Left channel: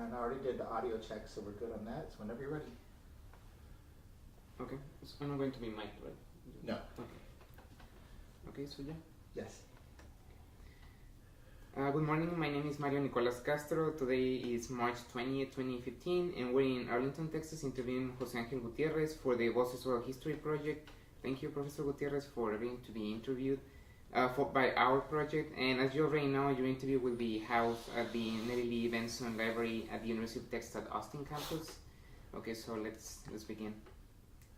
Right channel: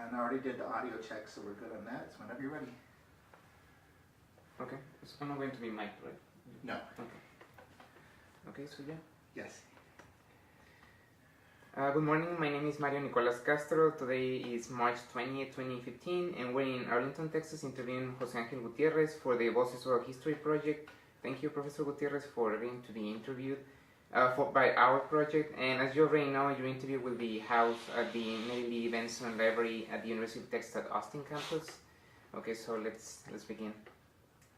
And I already did the audio check, so we're good on that. So whenever you're ready. Okay, so I'm not going to be mic'd, right? No. Okay, so yeah. Yes. Good morning, my name is Mario Nicolas Castro. Today is March 20th, 2015, and we're in Arlington, Texas, interviewing José Ángel Gutiérrez for the Voces Oral History Project. Thank you, Professor Gutiérrez, for agreeing to be interviewed by our project. And as you already know, your interview will be housed at the Nelly Benson Library at the University of Texas at Austin campus. Okay, so let's begin.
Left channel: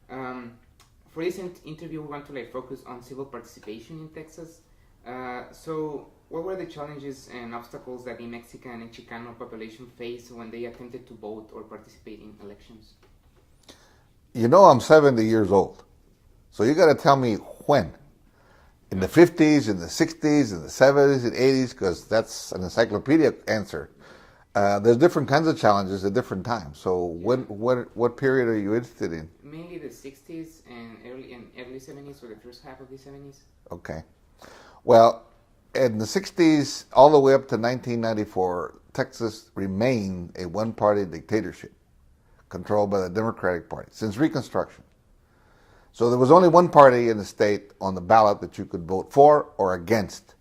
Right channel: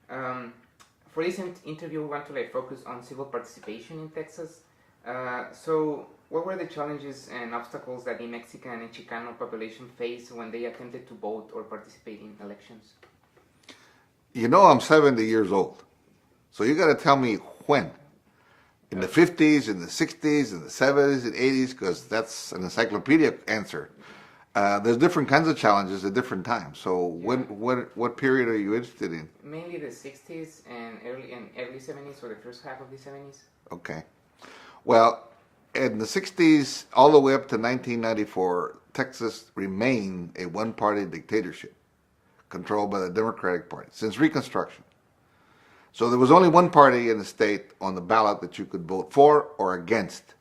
For this interview, we want to focus on civil participation in Texas. So what were the challenges and obstacles that the Mexican and Chicano population faced when they attempted to vote or participate in elections? You know, I'm 70 years old. So you got to tell me when. In the 50s, in the 60s, in the 70s, and 80s, because that's an encyclopedic answer. There's different kinds of challenges at different times. So what period are you interested in? Mainly the 60s and early 70s, or the first half of the 70s. Okay. Well, in the 60s, all the way up to 1994, Texas remained a one-party dictatorship controlled by the Democratic Party since Reconstruction. So there was only one party in the state on the ballot that you could vote for or against.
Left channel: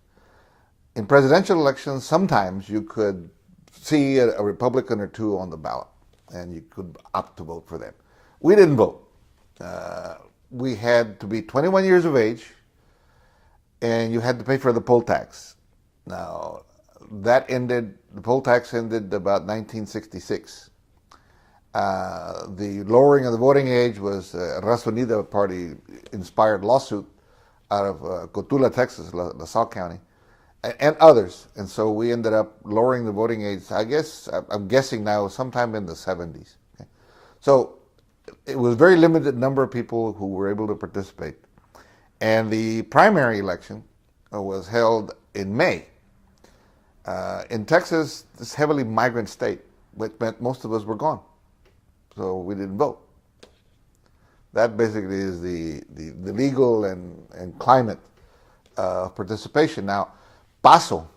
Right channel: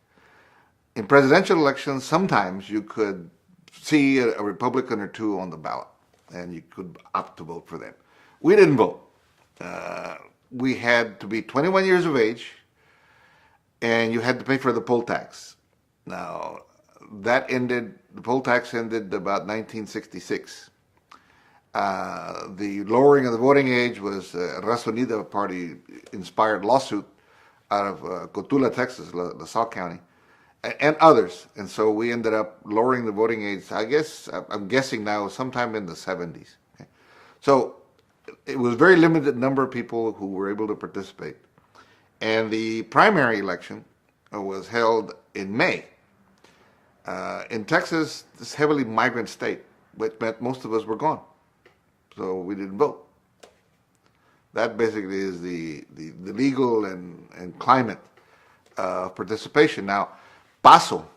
In presidential elections, sometimes you could see a Republican or two on the ballot, and you could opt to vote for them. We didn't vote. We had to be 21 years of age, and you had to pay for the poll tax. Now, the poll tax ended about 1966. The lowering of the voting age was a Raza Unida party-inspired lawsuit out of Cotula, Texas, La Salle County, and others. And so we ended up lowering the voting age, I'm guessing now, sometime in the 70s. Okay? So it was a very limited number of people who were able to participate. And the primary election was held in May. In Texas, this heavily migrant state, which meant most of us were gone. So we didn't vote. That basically is the legal and climate participation. Now, PASO,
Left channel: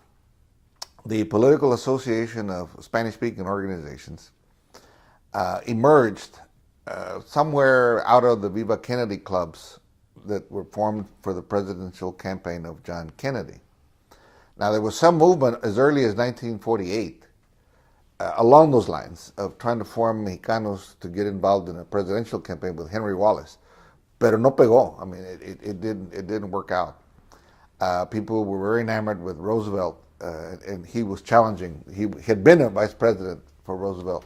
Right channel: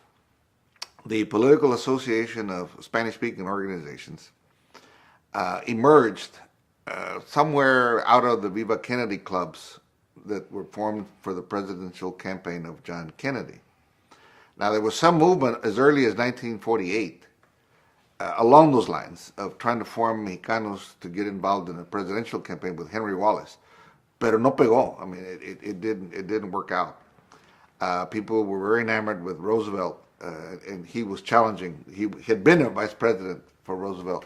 the Political Association of Spanish-Speaking Organizations, emerged somewhere out of the Viva Kennedy clubs that were formed for the presidential campaign of John Kennedy. Now, there was some movement as early as 1948 along those lines of trying to form Mexicanos to get involved in a presidential campaign with Henry Wallace. Pero no pegó. I mean, it didn't work out. People were very enamored with Roosevelt, and he was challenging. He had been a vice president for Roosevelt,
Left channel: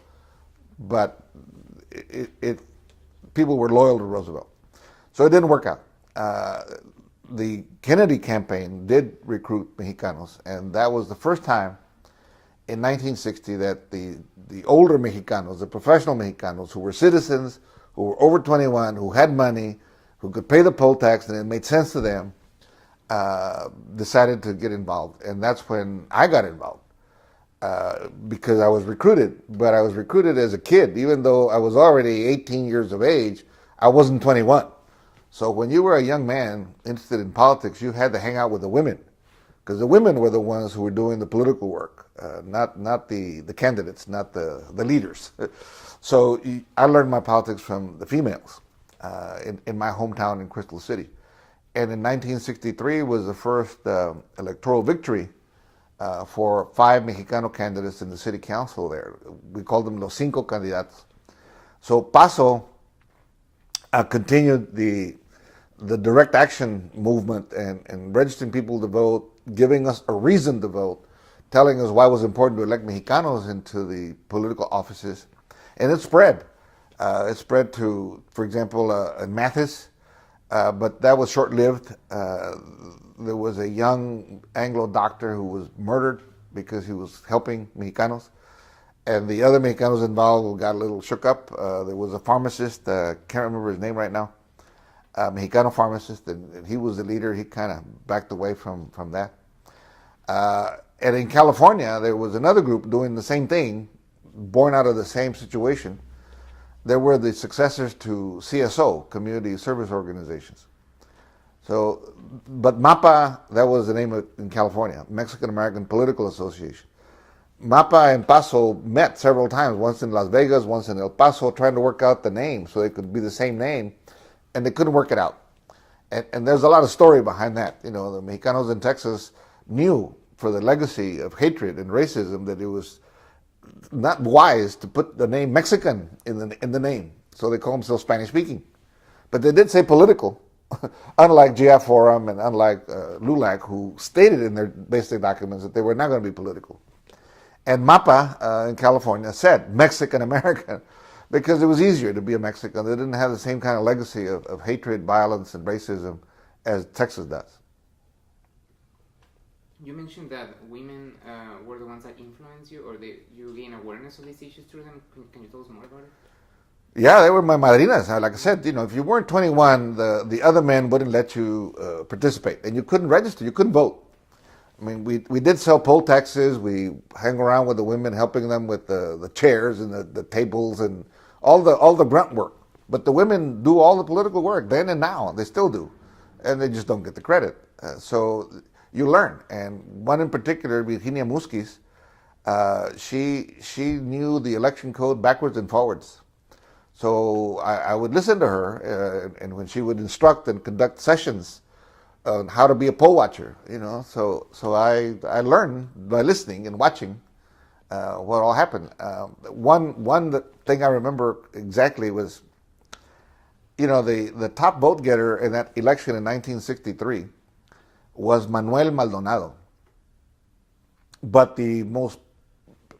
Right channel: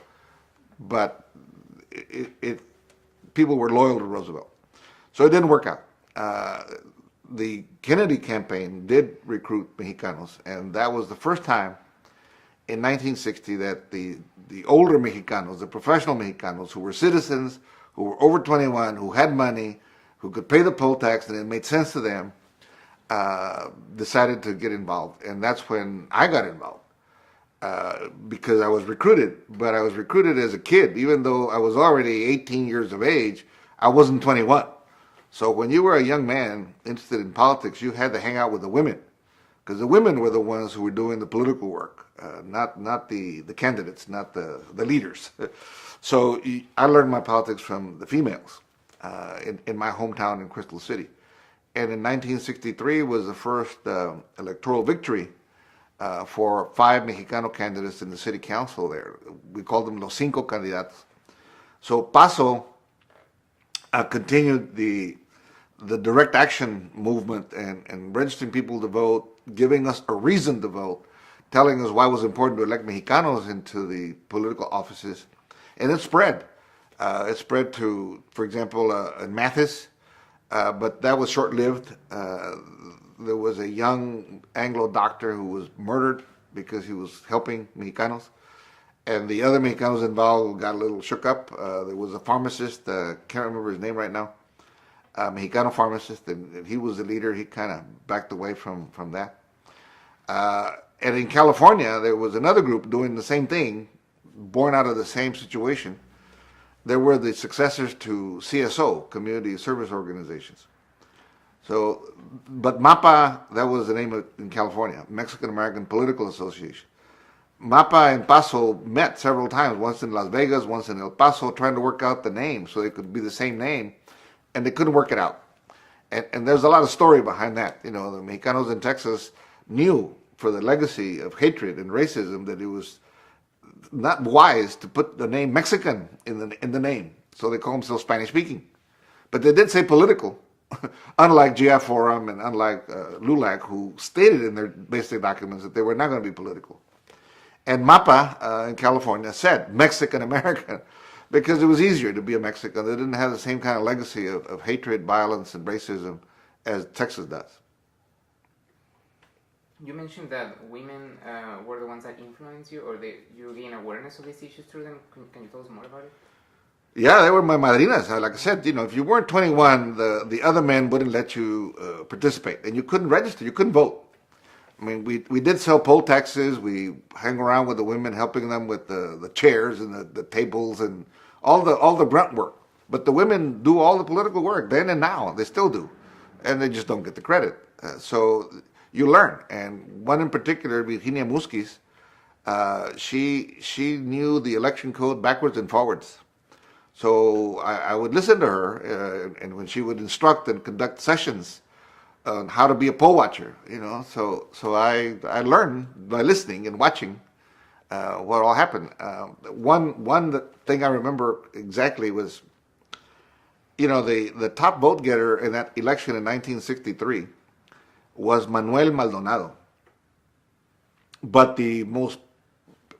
but people were loyal to Roosevelt. So it didn't work out. The Kennedy campaign did recruit Mexicanos, and that was the first time in 1960 that the older Mexicanos, the professional Mexicanos who were citizens, who were over 21, who had money, who could pay the poll tax and it made sense to them, decided to get involved. And that's when I got involved because I was recruited. But I was recruited as a kid. Even though I was already 18 years of age, I wasn't 21. So when you were a young man interested in politics, you had to hang out with the women, because the women were the ones who were doing the political work, not the candidates, not the leaders. So I learned my politics from the females in my hometown in Crystal City. And in 1963 was the first electoral victory for 5 Mexicano candidates in the city council there. We called them Los Cinco Candidatos. So PASO continued the direct action movement and registering people to vote, giving us a reason to vote, telling us why it was important to elect Mexicanos into the political offices. And it spread. It spread to, for example, in Mathis, but that was short-lived. There was a young Anglo doctor who was murdered because he was helping Mexicanos. And the other Mexicanos involved got a little shook up. There was a pharmacist, can't remember his name right now, Mexicano pharmacist, and he was the leader. He kind of backed away from that. And in California, there was another group doing the same thing, born out of the same situation. There were the successors to CSO, Community Service Organizations. So, but MAPA, that was the name in California, Mexican American Political Association. Mapa and Paso met several times, once in Las Vegas, once in El Paso, trying to work out the name so they could be the same name, and they couldn't work it out. And there's a lot of story behind that. The Mexicanos in Texas knew, for the legacy of hatred and racism, that it was not wise to put the name Mexican in the name. So they call themselves Spanish speaking. But they did say political, unlike GF Forum and unlike LULAC, who stated in their basic documents that they were not going to be political. And MAPA in California said Mexican American because it was easier to be a Mexican. They didn't have the same kind of legacy of hatred, violence, and racism as Texas does. You mentioned that women were the ones that influenced you, or you gain awareness of these issues through them. Can you tell us more about it? Yeah, they were my madrinas. Like I said, if you weren't 21, the other men wouldn't let you participate, and you couldn't register, you couldn't vote. I mean, we did sell poll taxes. We hang around with the women, helping them with the chairs and the tables and all the grunt work. But the women do all the political work then and now. They still do, and they just don't get the credit. So you learn. And one in particular, Virginia Musquiz, she knew the election code backwards and forwards. So I would listen to her, and when she would instruct and conduct sessions on how to be a poll watcher, So I learned by listening and watching what all happened. One thing I remember exactly was, the top vote getter in that election in 1963 was Manuel Maldonado. But the most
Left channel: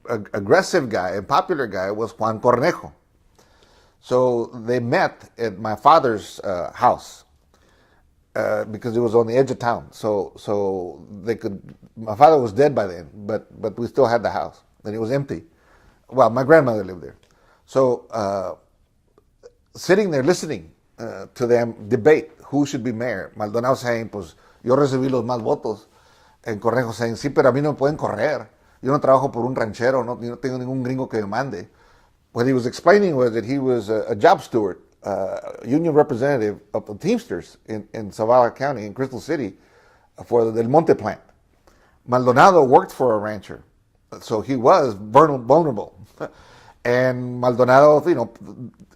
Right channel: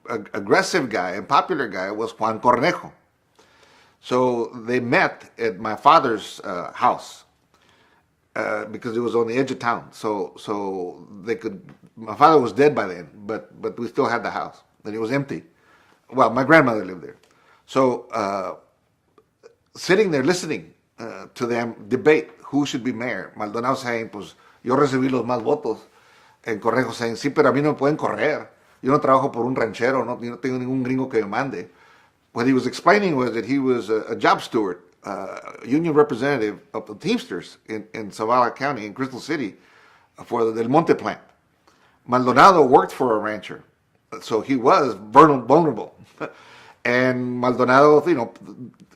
aggressive guy and popular guy was Juan Cornejo. So they met at my father's house because it was on the edge of town. So they could. My father was dead by then, but we still had the house, and it was empty. Well, my grandmother lived there. So sitting there listening to them debate who should be mayor, Maldonado saying, pues yo recibí los más votos, and Cornejo saying, sí, pero a mí no me pueden correr. Yo no trabajo por un ranchero, no tengo ningún gringo que me mande. What he was explaining was that he was a job steward, union representative of the Teamsters in Zavala County, in Crystal City, for the Del Monte plant. Maldonado worked for a rancher, so he was vulnerable. And Maldonado,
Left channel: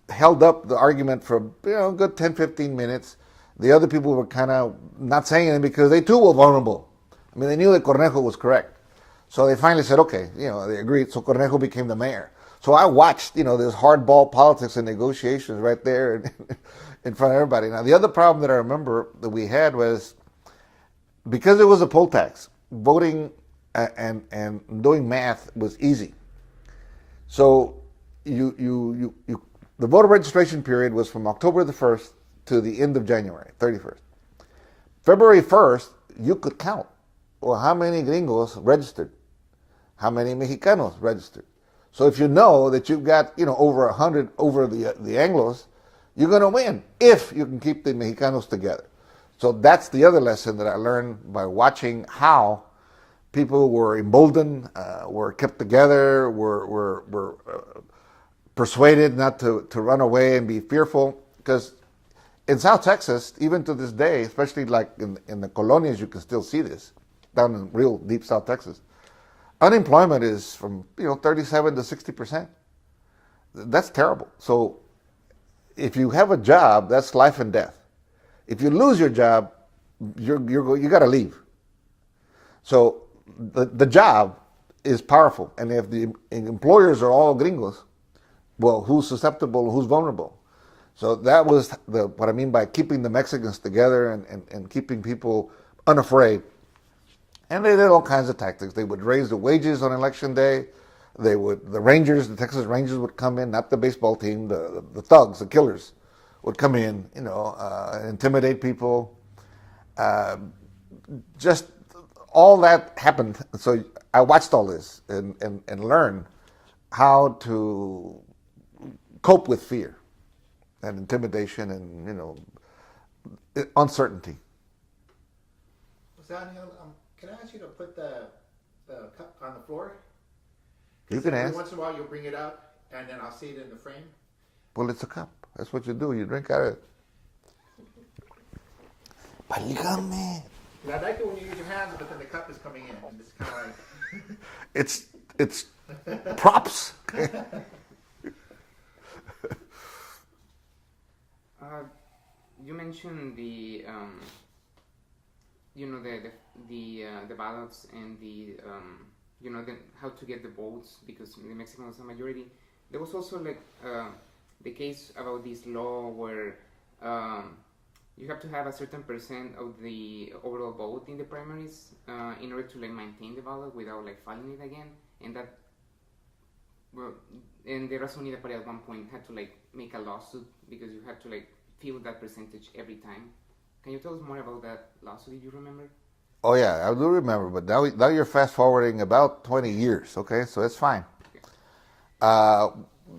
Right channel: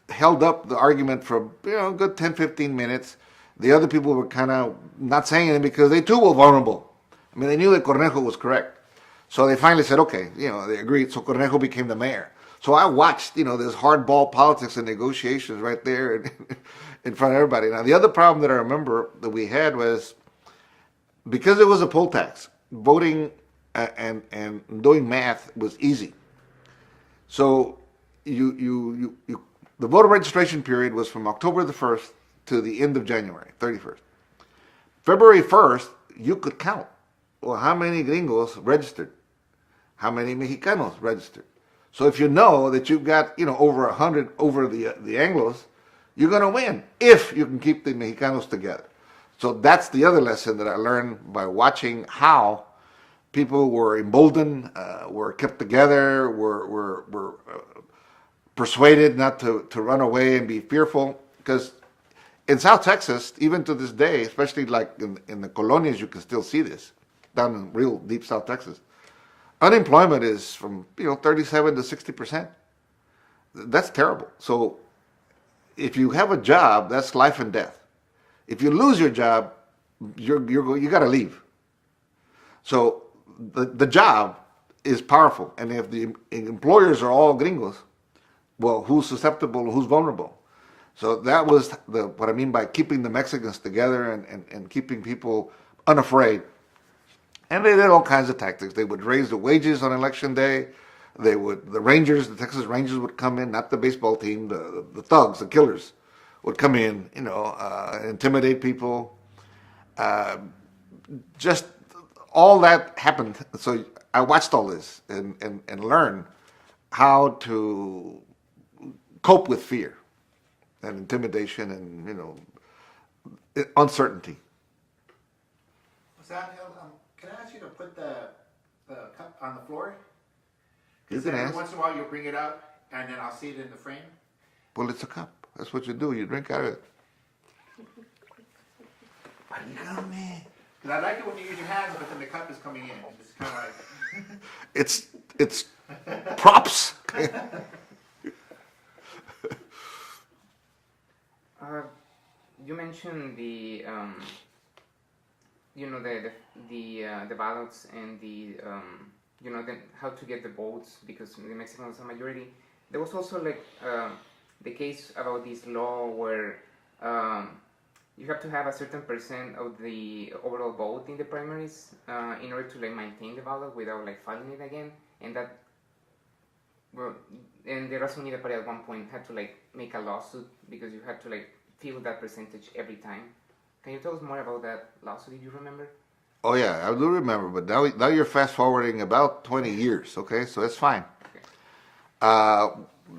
held up the argument for a good 10, 15 minutes. The other people were kind of not saying anything because they too were vulnerable. I mean, they knew that Cornejo was correct. So they finally said, okay, they agreed. So Cornejo became the mayor. So I watched, this hardball politics and negotiations right there in front of everybody. Now, the other problem that I remember that we had was because it was a poll tax, voting and doing math was easy. So the voter registration period was from October the 1st to the end of January, 31st. February 1st, you could count. Well, how many gringos registered? How many Mexicanos registered? So if you know that you've got, over 100 over the Anglos, you're going to win if you can keep the Mexicanos together. So that's the other lesson that I learned by watching how people were emboldened, were kept together, were persuaded not to run away and be fearful. Because in South Texas, even to this day, especially like in the colonias, you can still see this, down in real deep South Texas. Unemployment is from 37 to 60%. That's terrible. So if you have a job, that's life and death. If you lose your job, you got to leave. So the job is powerful, and if the employers are all gringos, well, who's susceptible, who's vulnerable? So that was what I mean by keeping the Mexicans together and keeping people unafraid. And they did all kinds of tactics. They would raise the wages on election day. The Texas Rangers would come in, not the baseball team, the thugs, the killers would come in, intimidate people. Just all that happened. So I watched all this and learned how to cope with fear and intimidation and, uncertainty. Ángel, can I ask you to put the cup on the floor? You Because can every ask. once in a while you'll bring it up, and then I'll see it in the frame. Well, it's a cup. That's what you do. You drink out of it. Válgame. But I like it when you use your hands, but then the cup is coming in, and it's kind of like It's props. You mentioned the the ballots and the how to get the votes because the Mexicans are a majority. There was also like the case about this law where you have to have a certain percent of the overall vote in the primaries in order to like maintain the ballot without like filing it again, and that. Well, and the Raza Unida Party at one point had to like make a lawsuit because you had to like fill that percentage every time. Can you tell us more about that lawsuit? Did you remember? Oh yeah, I do remember, but now you're fast forwarding about 20 years. Okay, so it's fine. Okay.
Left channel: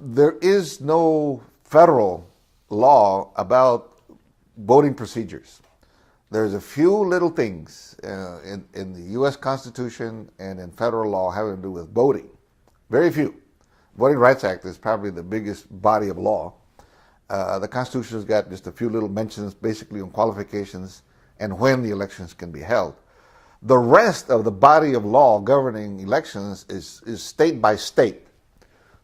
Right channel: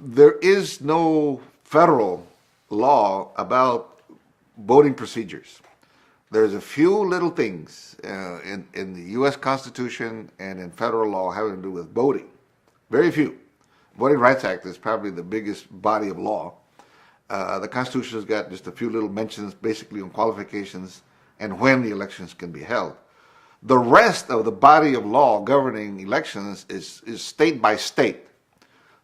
There is no federal law about voting procedures. There's a few little things in the U.S. Constitution and in federal law having to do with voting. Very few. Voting Rights Act is probably the biggest body of law. The Constitution's got just a few little mentions basically on qualifications and when the elections can be held. The rest of the body of law governing elections is state by state.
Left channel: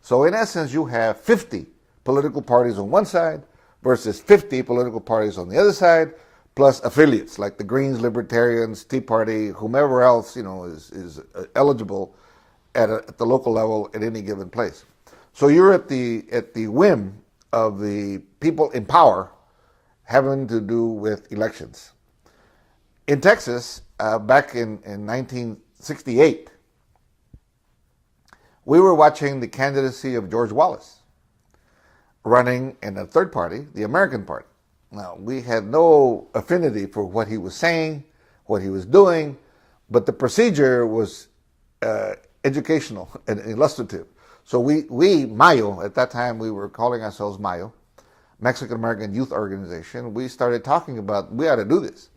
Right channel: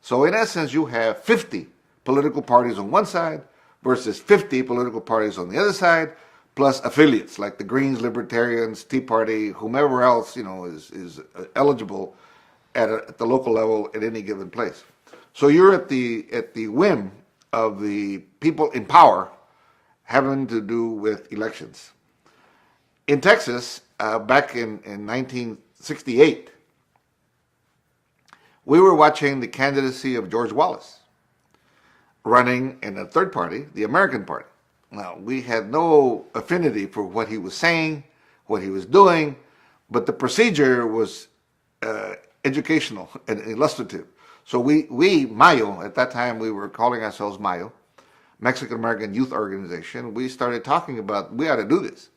So in essence, you have 50 political parties on one side versus 50 political parties on the other side, plus affiliates like the Greens, Libertarians, Tea Party, whomever else is eligible at the local level at any given place. So you're at the whim of the people in power having to do with elections. In Texas, back in 1968, we were watching the candidacy of George Wallace running in a third party, the American Party. Now, we had no affinity for what he was saying, what he was doing, but the procedure was educational and illustrative. So we Mayo, at that time we were calling ourselves Mayo, Mexican American Youth Organization, we started talking about we ought to do this,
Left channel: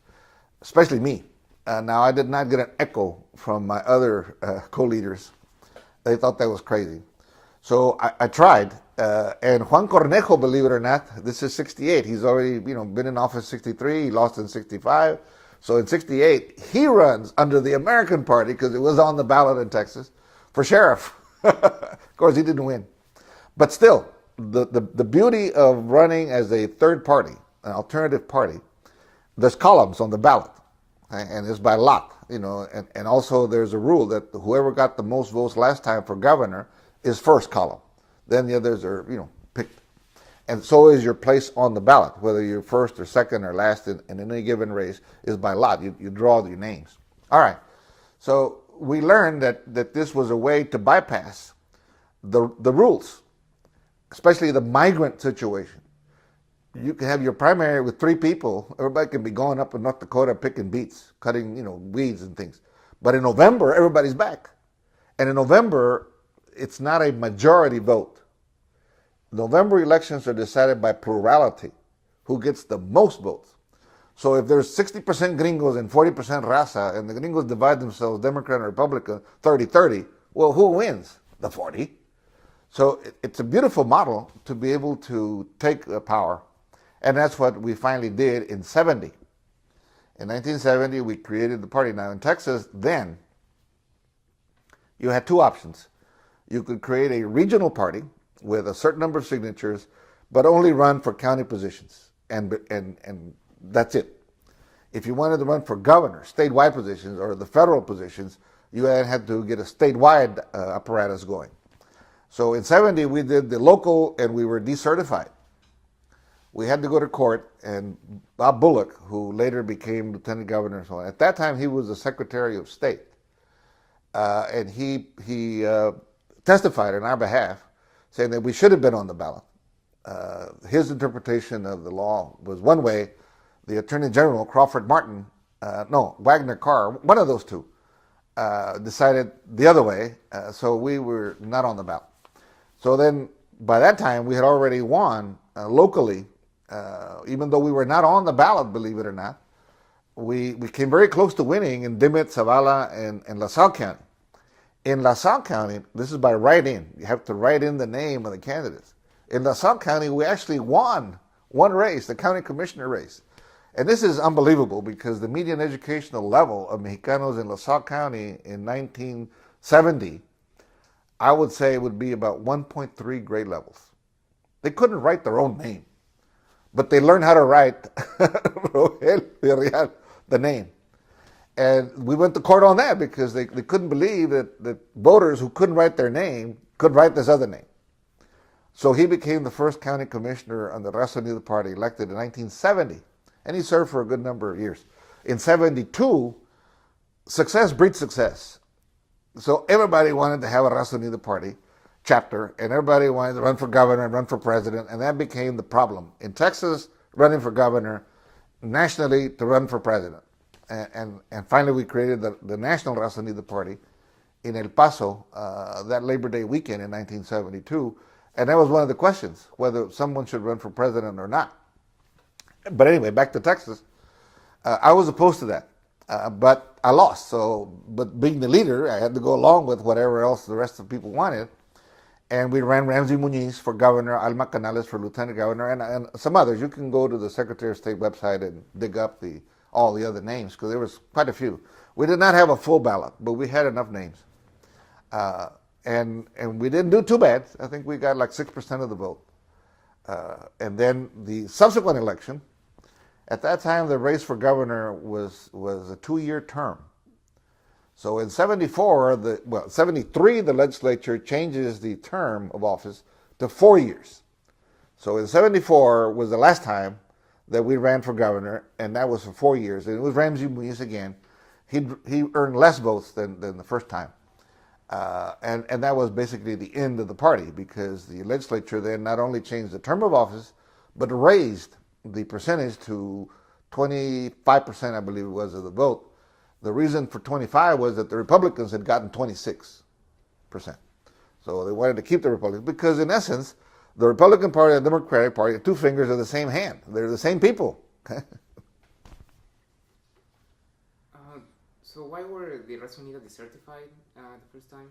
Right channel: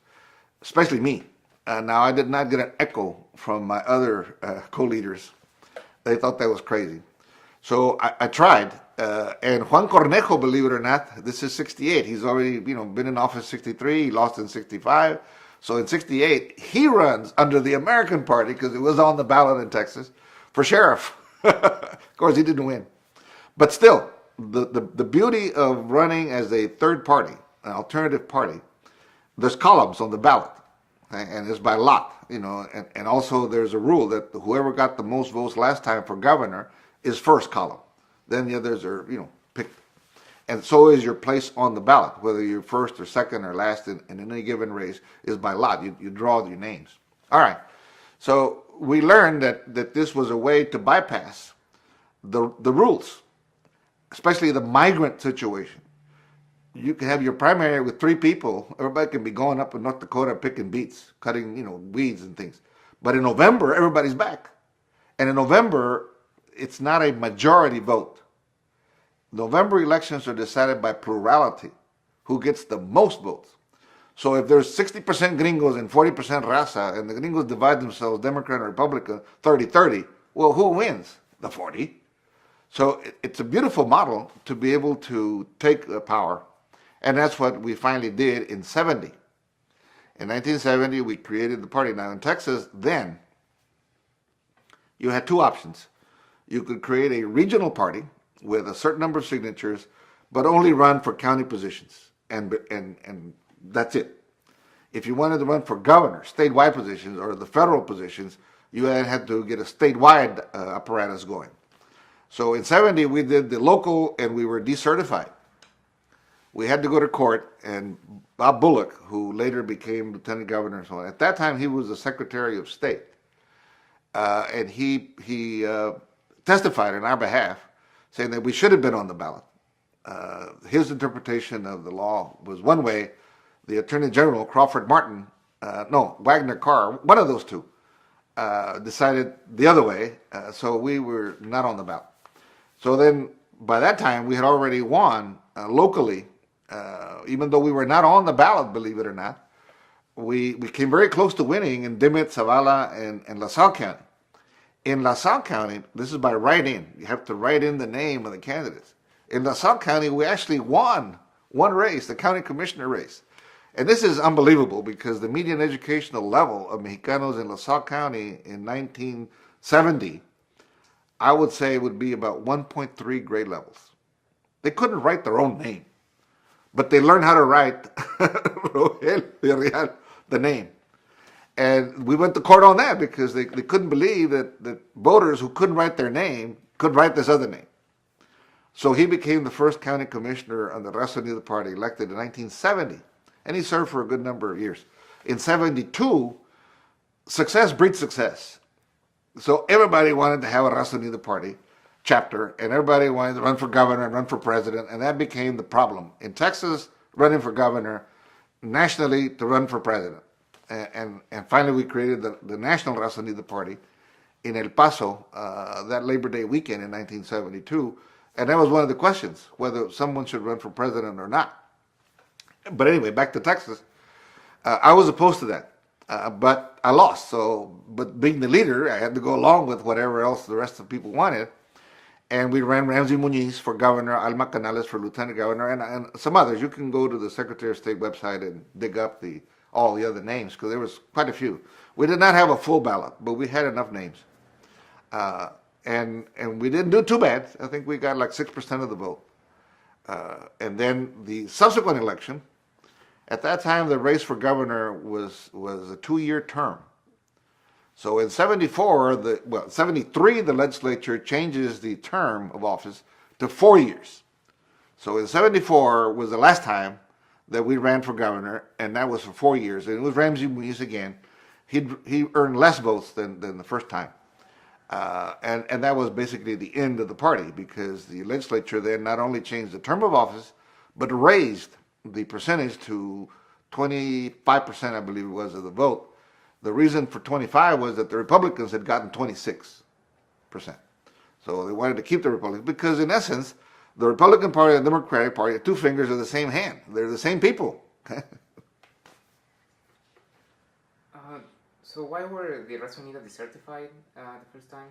especially me. Now I did not get an echo from my other co-leaders. They thought that was crazy. So I tried, and Juan Cornejo, believe it or not, this is 68. He's already been in office 63, he lost in 65. So in 68, he runs under the American Party, because it was on the ballot in Texas, for sheriff. Of course, he didn't win. But still, the beauty of running as a third party, an alternative party, there's columns on the ballot, and it's by lot, and also there's a rule that whoever got the most votes last time for governor is first column. Then the others are, picked. And so is your place on the ballot, whether you're first or second or last in any given race is by lot. You draw your names. All right. So we learned that this was a way to bypass the rules, especially the migrant situation. You can have your primary with 3 people. Everybody can be going up in North Dakota picking beets, cutting, weeds and things. But in November, everybody's back. And in November, it's not a majority vote. November elections are decided by plurality, who gets the most votes. So if there's 60% gringos and 40% raza, and the gringos divide themselves, Democrat and Republican, 30-30, well, who wins? The 40. So it's a beautiful model to be able to take the power. And that's what we finally did in 70. In 1970, we created the party. Now in Texas, then, you had 2 options. You could create a regional party with a certain number of signatures, but only run for county positions, and that's it. If you wanted to run for governor, statewide positions, or the federal positions, you had to get a statewide apparatus going. So in 70, we did the local, and we were decertified. We had to go to court, and Bob Bullock, who later became lieutenant governor and so on, at that time he was the Secretary of State, and he testified on our behalf, saying that we should have been on the ballot. His interpretation of the law was one way. The Attorney General, Crawford Martin, Wagner Carr, one of those 2, decided the other way, so we were not on the ballot. So then, by that time, we had already won locally, even though we were not on the ballot, believe it or not. We came very close to winning in Dimmitt, Zavala, and LaSalle County. In LaSalle County, this is by write-in. You have to write in the name of the candidates. In LaSalle County, we actually won one race, the county commissioner race. And this is unbelievable because the median educational level of Mexicanos in LaSalle County in 70, I would say it would be about 1.3 grade levels. They couldn't write their own name, but they learned how to write Rogel Villarreal, the name. And we went to court on that because they couldn't believe that voters who couldn't write their name could write this other name. So he became the first county commissioner on the Raza Unida Party, elected in 1970. And he served for a good number of years. In 72, success breeds success. So everybody wanted to have a Raza Unida Party chapter, and everybody wanted to run for governor and run for president, and that became the problem. In Texas, running for governor, nationally, to run for president. And finally, we created the National Raza Unida Party in El Paso that Labor Day weekend in 1972. And that was one of the questions, whether someone should run for president or not. But anyway, back to Texas. I was opposed to that, but I lost. But being the leader, I had to go along with whatever else the rest of the people wanted. And we ran Ramsey Muñiz for governor, Alma Canales for lieutenant governor, and some others. You can go to the Secretary of State website and dig up all the other names, because there was quite a few. We did not have a full ballot, but we had enough names. And we didn't do too bad. I think we got like 6% of the vote. And then the subsequent election, at that time the race for governor was a 2-year term. So in 73, the legislature changes the term of office to 4 years. So in 74 was the last time that we ran for governor, and that was for 4 years. And it was Ramsey Muñiz again. He earned less votes than the first time. And that was basically the end of the party, because the legislature then not only changed the term of office, but raised the percentage to 25%, I believe it was, of the vote. The reason for 25 was that the Republicans had gotten 26%. So they wanted to keep the Republicans, because in essence, the Republican Party and the Democratic Party, two fingers are the same hand. They're the same people. So why were the Raza Unida decertified the first time?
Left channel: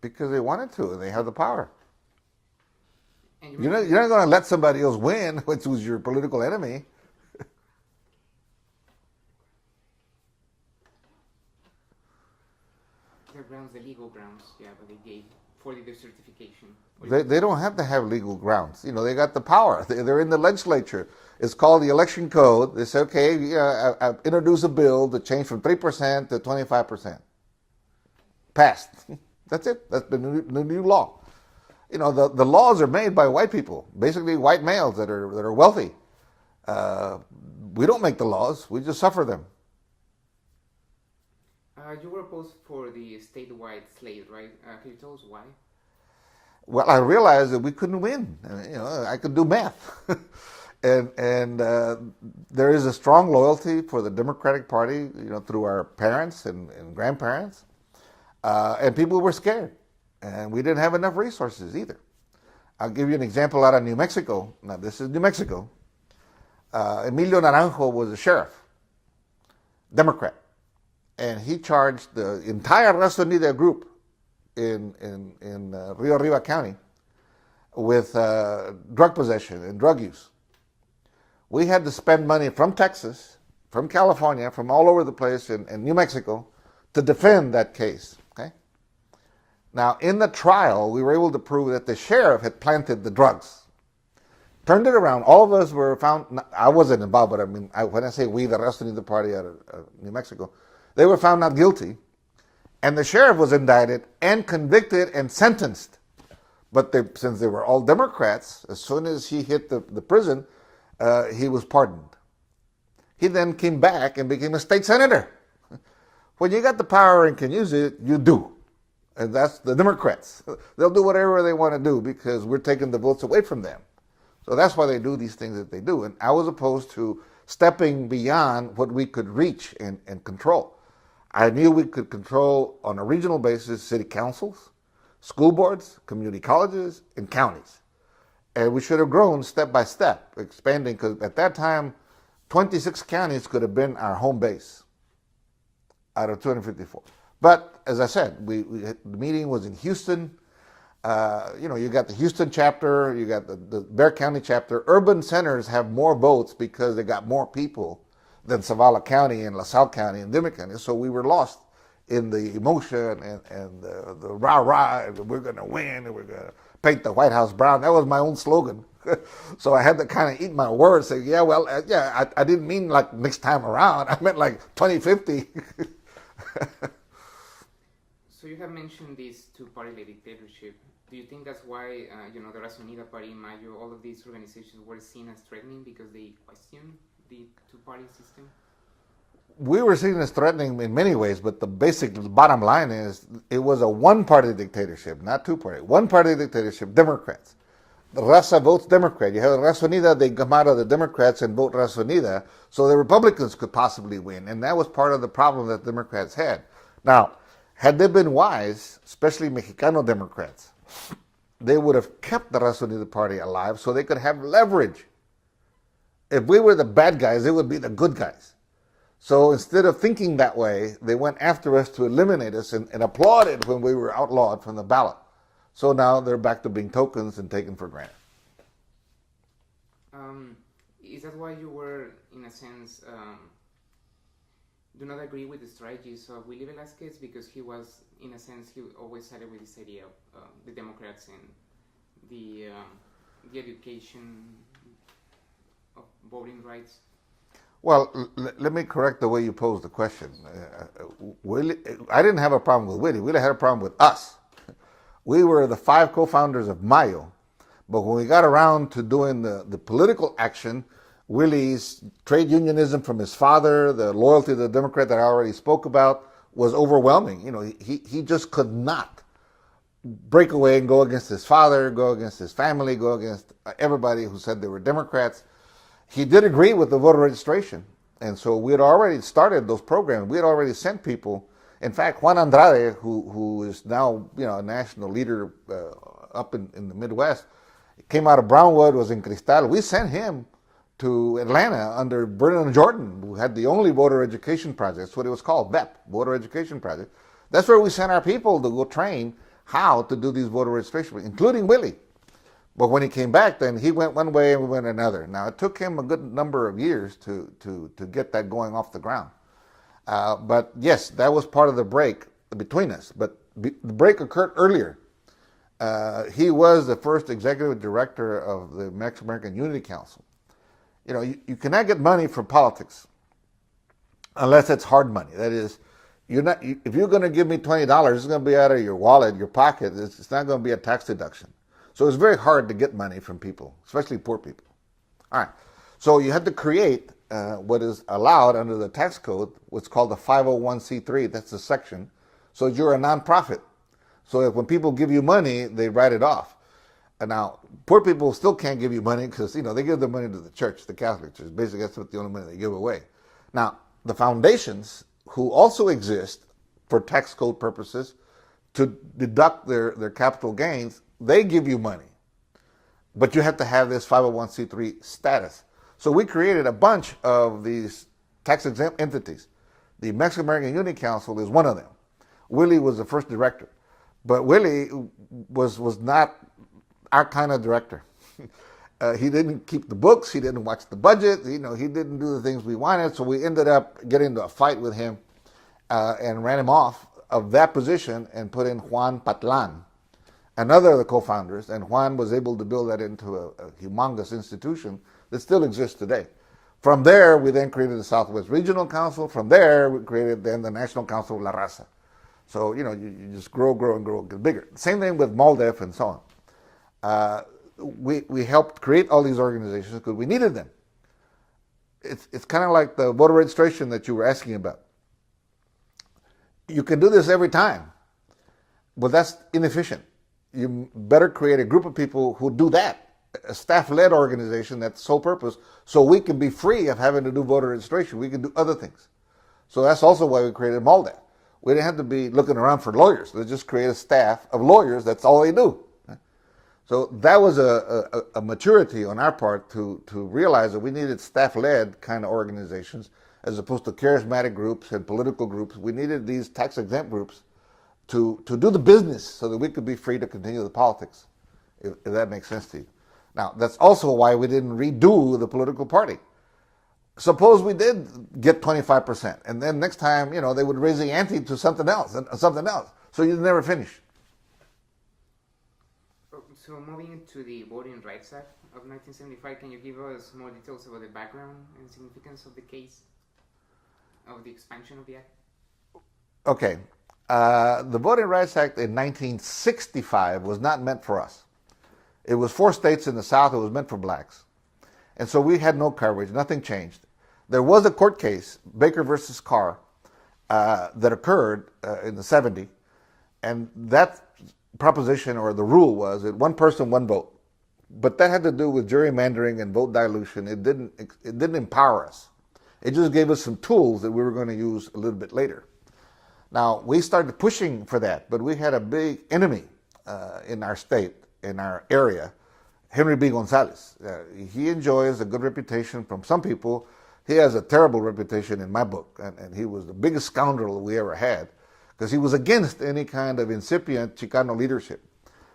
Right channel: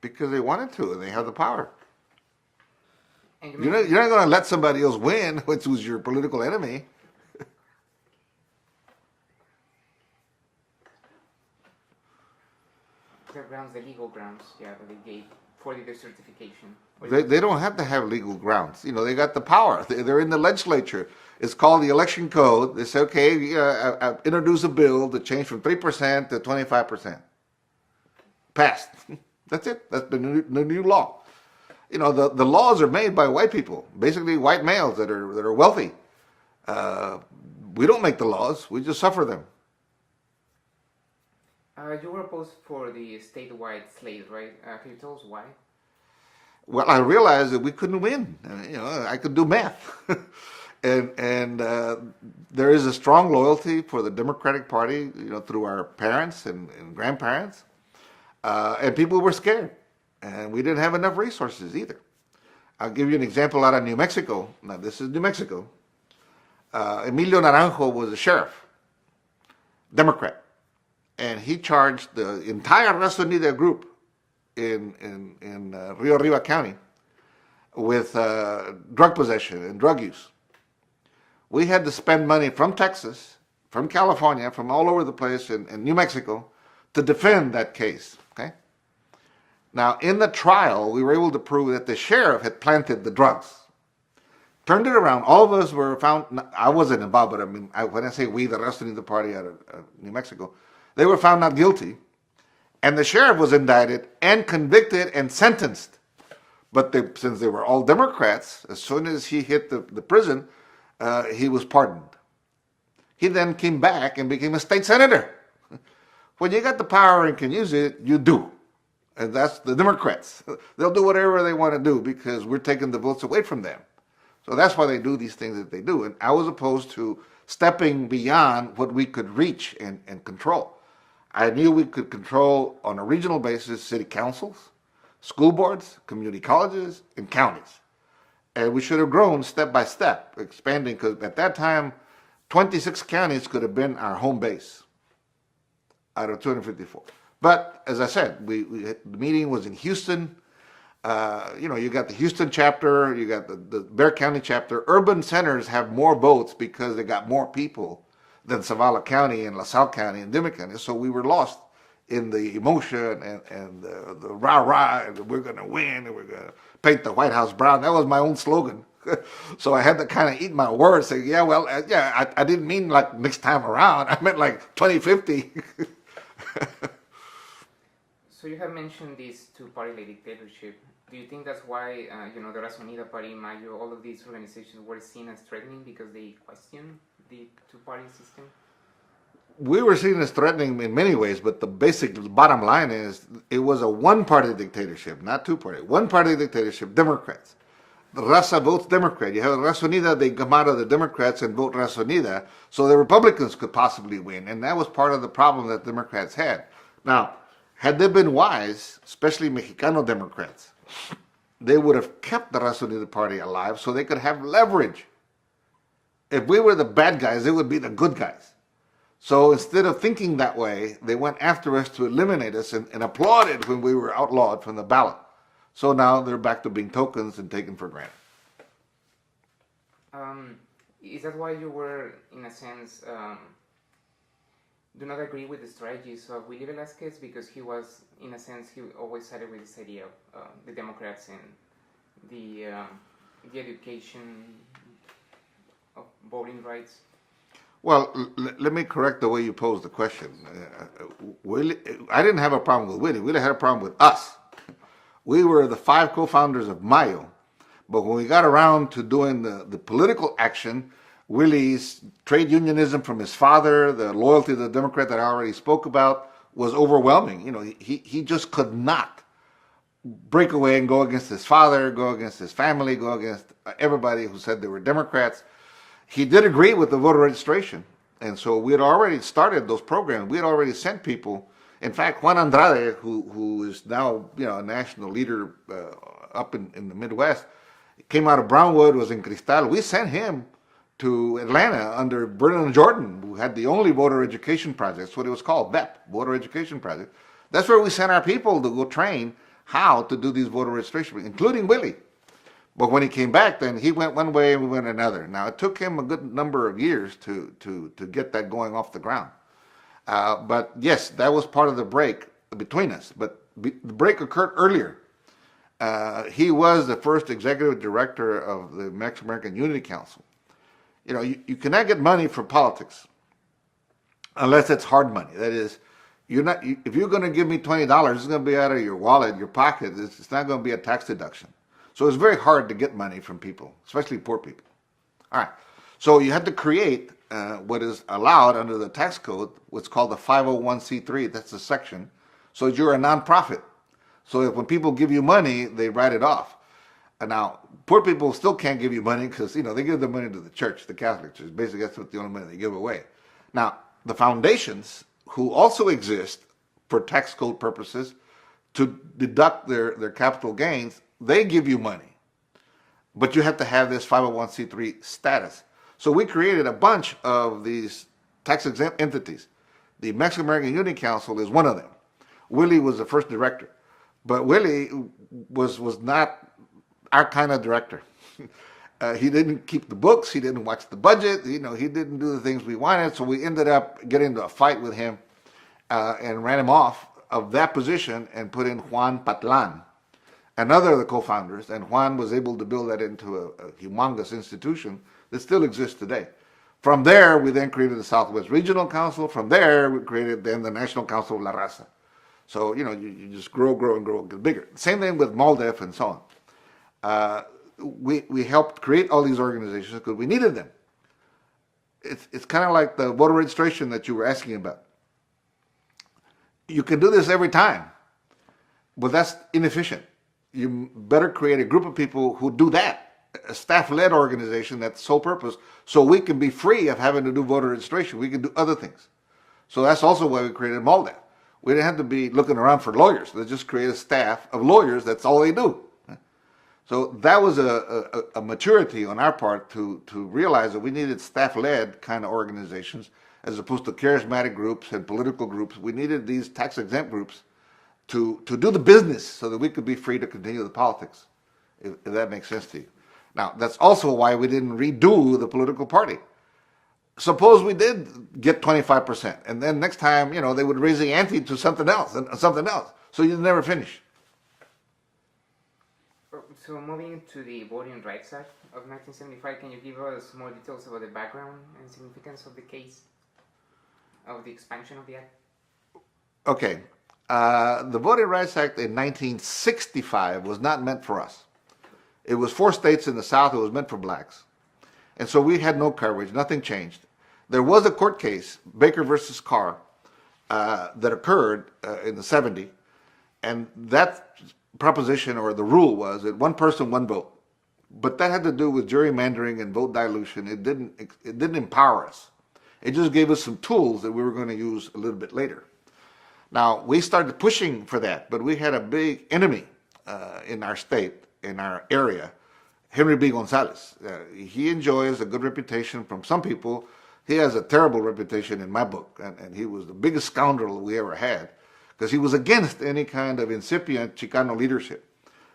Because they wanted to, and they have the power. And You're not going to let somebody else win, which was your political enemy. The grounds, the legal grounds, that they gave for the decertification. They don't have to have legal grounds. They got the power. They're in the legislature. It's called the election code. They say, okay, I introduce a bill to change from 3% to 25%. Passed. That's it. That's the new law. The laws are made by white people, basically white males that are wealthy. We don't make the laws. We just suffer them. You were opposed for the statewide slate, right? Can you tell us why? Well, I realized that we couldn't win. I could do math. And there is a strong loyalty for the Democratic Party, through our parents and grandparents. And people were scared. And we didn't have enough resources either. I'll give you an example out of New Mexico. Now, this is New Mexico. Emilio Naranjo was a sheriff, Democrat. And he charged the entire Raza Unida group in Rio Arriba County with drug possession and drug use. We had to spend money from Texas, from California, from all over the place in New Mexico to defend that case. Okay. Now, in the trial, we were able to prove that the sheriff had planted the drugs. Turned it around. All of us were found. I wasn't involved, but when I say we, the Raza Unida Party out of New Mexico, they were found not guilty, and the sheriff was indicted and convicted and sentenced. But since they were all Democrats, as soon as he hit the prison, he was pardoned. He then came back and became a state senator. When you got the power and can use it, you do. And that's the Democrats. They'll do whatever they want to do because we're taking the votes away from them. So that's why they do these things that they do. And I was opposed to stepping beyond what we could reach and control. I knew we could control on a regional basis city councils, school boards, community colleges, and counties. And we should have grown step by step, expanding, because at that time, 26 counties could have been our home base out of 254. But as I said, the meeting was in Houston. You got the Houston chapter, you got the Bexar County chapter. Urban centers have more votes because they got more people than Zavala County and LaSalle County and Dimmitt County. So we were lost in the emotion and the rah-rah, and we're going to win, and we're going to paint the White House brown. That was my own slogan. So I had to kind of eat my words, say, yeah, well, I didn't mean like next time around. I meant like 2050. So you have mentioned this two-party dictatorship. Do you think that's why, the Raza Unida Party, Mayo, all of these organizations were seen as threatening because they question the two-party system? We were seen as threatening in many ways, but the bottom line is it was a one-party dictatorship, not two-party. One-party dictatorship, Democrats. The Raza votes Democrat. You have the Raza Unida, they come out of the Democrats and vote Raza Unida, so the Republicans could possibly win, and that was part of the problem that Democrats had. Now, had they been wise, especially Mexicano Democrats, they would have kept the Raza Unida Party alive so they could have leverage. If we were the bad guys, they would be the good guys. So instead of thinking that way, they went after us to eliminate us and applauded when we were outlawed from the ballot. So now they're back to being tokens and taken for granted. Is that why you were, in a sense, do not agree with the strategies of Willie Velasquez? Because he was, in a sense, he always sided with this idea of the Democrats and the education of voting rights. Well, let me correct the way you posed the question. Willie, I didn't have a problem with Willie. Willie had a problem with us. We were the 5 co-founders of Mayo, but when we got around to doing the political action, Willie's trade unionism from his father, the loyalty to the Democrat that I already spoke about, was overwhelming. He just could not break away and go against his father, go against his family, go against everybody who said they were Democrats. He did agree with the voter registration, and so we had already started those programs. We had already sent people. In fact, Juan Andrade, who is now a national leader up in the Midwest, came out of Brownwood, was in Cristal. We sent him to Atlanta under Vernon Jordan, who had the only voter education project. That's what it was called, VEP, Voter Education Project. That's where we sent our people to go train how to do these voter registration, including Willie. But when he came back, then he went one way and we went another. Now, it took him a good number of years to get that going off the ground. But yes, that was part of the break between us. But the break occurred earlier. He was the first executive director of the Mexican Unity Council. You cannot get money from politics unless it's hard money. That is, if you're going to give me $20, it's going to be out of your wallet, your pocket. It's not going to be a tax deduction. So it's very hard to get money from people, especially poor people. All right. So you had to create what is allowed under the tax code, what's called the 501c3. That's the section. So you're a nonprofit. So if when people give you money, they write it off. And now, poor people still can't give you money because, they give the money to the church, the Catholic Church. Basically, that's what the only money they give away. Now, the foundations, who also exist for tax code purposes to deduct their capital gains, they give you money. But you have to have this 501c3 status. So we created a bunch of these tax-exempt entities. The Mexican Unity Council is one of them. Willie was the first director. But Willie was not our kind of director. He didn't keep the books. He didn't watch the budget. He didn't do the things we wanted. So we ended up getting into a fight with him and ran him off of that position and put in Juan Patlan, another of the co-founders. And Juan was able to build that into a humongous institution that still exists today. From there, we then created the Southwest Regional Council. From there, we created then the National Council of La Raza. So, you just grow and grow, get bigger. Same thing with MOLDEF and so on. We helped create all these organizations because we needed them. It's kind of like the voter registration that you were asking about. You can do this every time, but that's inefficient. You better create a group of people who do that, a staff-led organization that's sole purpose, so we can be free of having to do voter registration. We can do other things. So that's also why we created MOLDEF. We didn't have to be looking around for lawyers. Let's just create a staff of lawyers. That's all they do. So that was a maturity on our part to realize that we needed staff-led kind of organizations as opposed to charismatic groups and political groups. We needed these tax-exempt groups to do the business so that we could be free to continue the politics, if that makes sense to you. Now, that's also why we didn't redo the political party. suppose we did get 25%, and then next time, they would raise the ante to something else and something else. So you never finish. So moving to the Voting Rights Act of 1975, can you give us more details about the background and significance of the case, of the expansion of the act? Okay. The Voting Rights Act in 1965 was not meant for us. It was 4 states in the South. It was meant for blacks. And so we had no coverage. Nothing changed. There was a court case, Baker versus Carr, that occurred in the 70s. And that proposition, or the rule, was that one person, one vote. But that had to do with gerrymandering and vote dilution. It didn't empower us. It just gave us some tools that we were going to use a little bit later. Now, we started pushing for that, but we had a big enemy in our state, in our area, Henry B. Gonzalez. He enjoys a good reputation from some people. He has a terrible reputation in my book, and he was the biggest scoundrel we ever had, because he was against any kind of incipient Chicano leadership.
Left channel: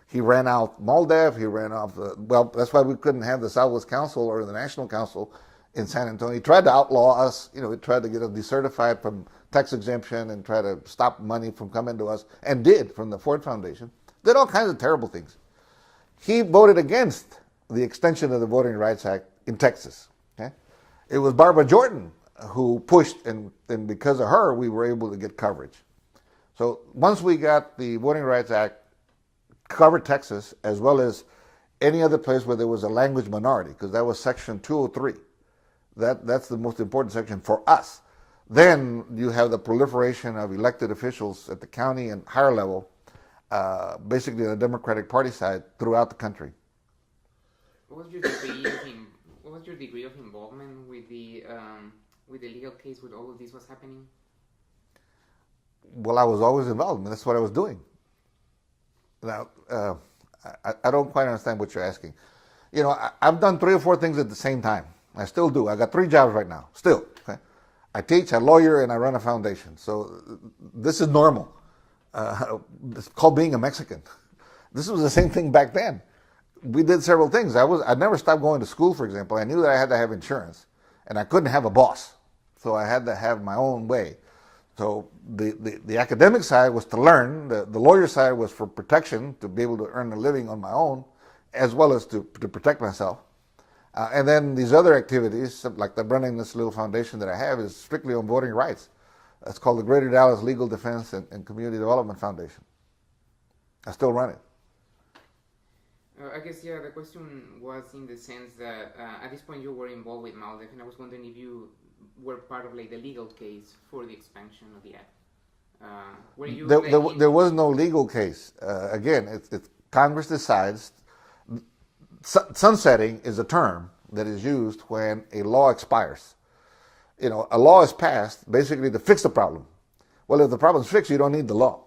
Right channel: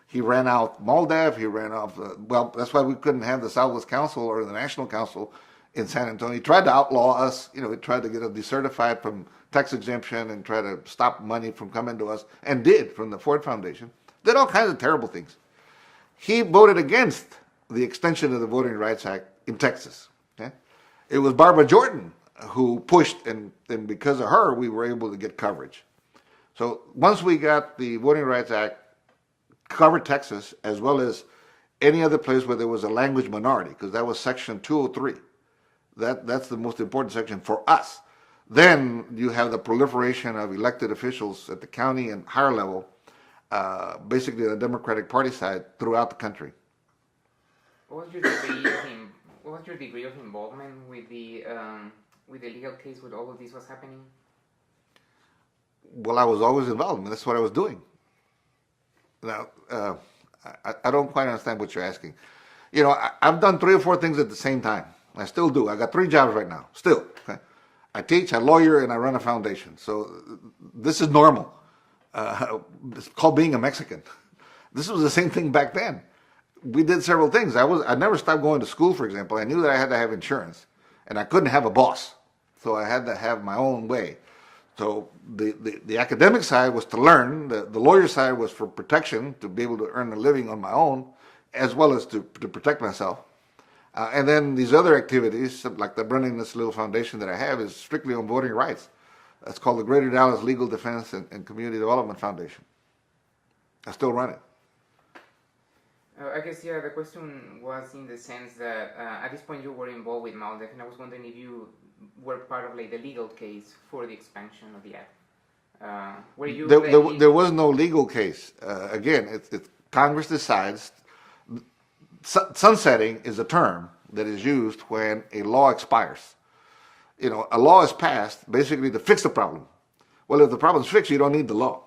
He ran out MALDEF, he ran off, well, that's why we couldn't have the Southwest Council or the National Council in San Antonio. He tried to outlaw us, he tried to get us decertified from tax exemption and try to stop money from coming to us, and did, from the Ford Foundation. Did all kinds of terrible things. He voted against the extension of the Voting Rights Act in Texas. Okay? It was Barbara Jordan who pushed, and because of her, we were able to get coverage. So once we got the Voting Rights Act covered Texas, as well as any other place where there was a language minority, because that was Section 203. That's the most important section for us. Then you have the proliferation of elected officials at the county and higher level, basically the Democratic Party side, throughout the country. What was your degree of involvement with the legal case when all of this was happening? Well, I was always involved, and that's what I was doing. Now, I don't quite understand what you're asking. I've done 3 or 4 things at the same time. I still do. I got 3 jobs right now, still. Okay? I teach, I lawyer, and I run a foundation. So this is normal. It's called being a Mexican. This was the same thing back then. We did several things. I never stopped going to school, for example. I knew that I had to have insurance, and I couldn't have a boss. So I had to have my own way. So the academic side was to learn. The lawyer side was for protection, to be able to earn a living on my own, as well as to protect myself. And then these other activities, like running this little foundation that I have, is strictly on voting rights. It's called the Greater Dallas Legal Defense and Community Development Foundation. I still run it. I guess, the question was in the sense that at this point you were involved with MALDEF, and I was wondering if you were part of the legal case for the expansion of the act. Were you there was no legal case. Again, it's Congress decides. Sunsetting is a term that is used when a law expires. A law is passed basically to fix the problem. Well, if the problem's fixed, you don't need the law.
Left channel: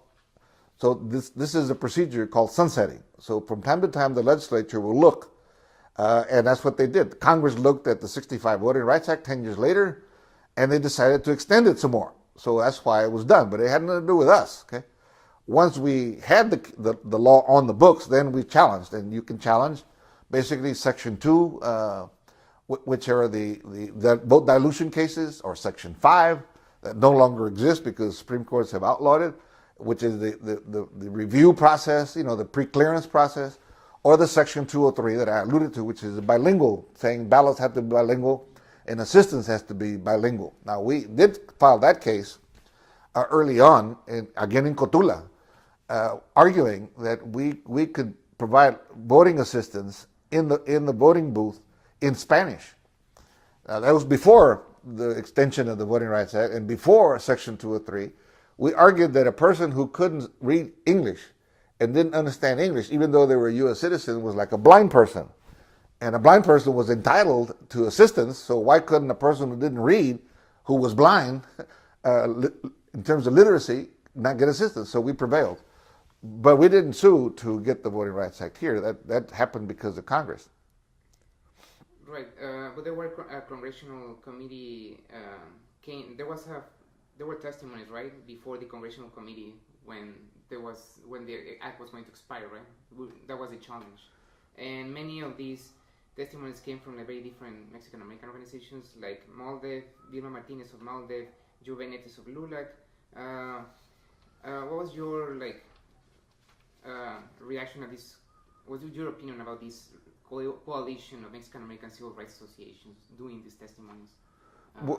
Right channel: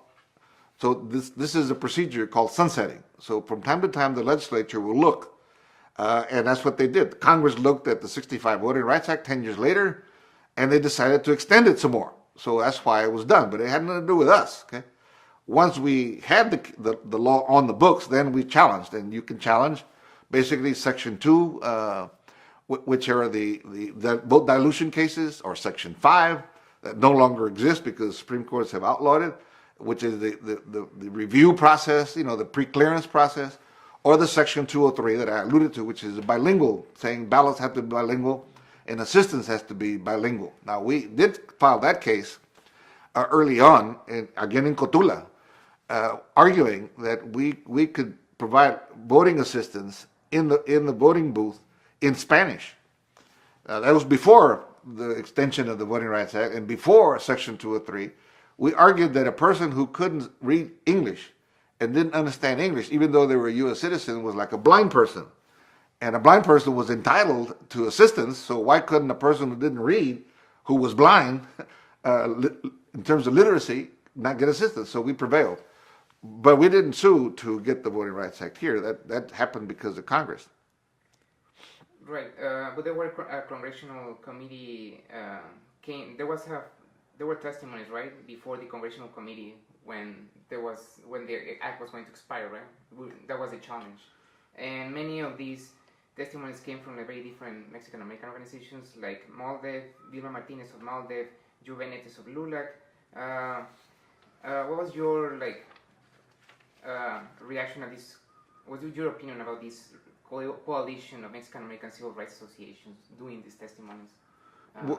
So this is a procedure called sunsetting. So from time to time, the legislature will look, and that's what they did. Congress looked at the 65 Voting Rights Act 10 years later, and they decided to extend it some more. So that's why it was done, but it had nothing to do with us. Okay. Once we had the law on the books, then we challenged, and you can challenge basically Section 2, which are the vote dilution cases, or Section 5 that no longer exist because Supreme Courts have outlawed it, which is the review process, the pre-clearance process, or the Section 203 that I alluded to, which is bilingual, saying ballots have to be bilingual and assistance has to be bilingual. Now, we did file that case early on, again in Cotula, arguing that we could provide voting assistance in the voting booth in Spanish. That was before the extension of the Voting Rights Act and before Section 203. We argued that a person who couldn't read English and didn't understand English, even though they were a U.S. citizen, was like a blind person. And a blind person was entitled to assistance, so why couldn't a person who didn't read, who was blind, in terms of literacy, not get assistance? So we prevailed. But we didn't sue to get the Voting Rights Act here. That happened because of Congress. Right, but there were a congressional committee there were testimonies, right, before the congressional committee when the act was going to expire, right? That was a challenge, and many of these testimonies came from like very different Mexican American organizations like MALDEF, Vilma Martinez of MALDEF, Joe Benetes of LULAC. What was your reaction at this? What was your opinion about this coalition of Mexican American civil rights associations doing these testimonies?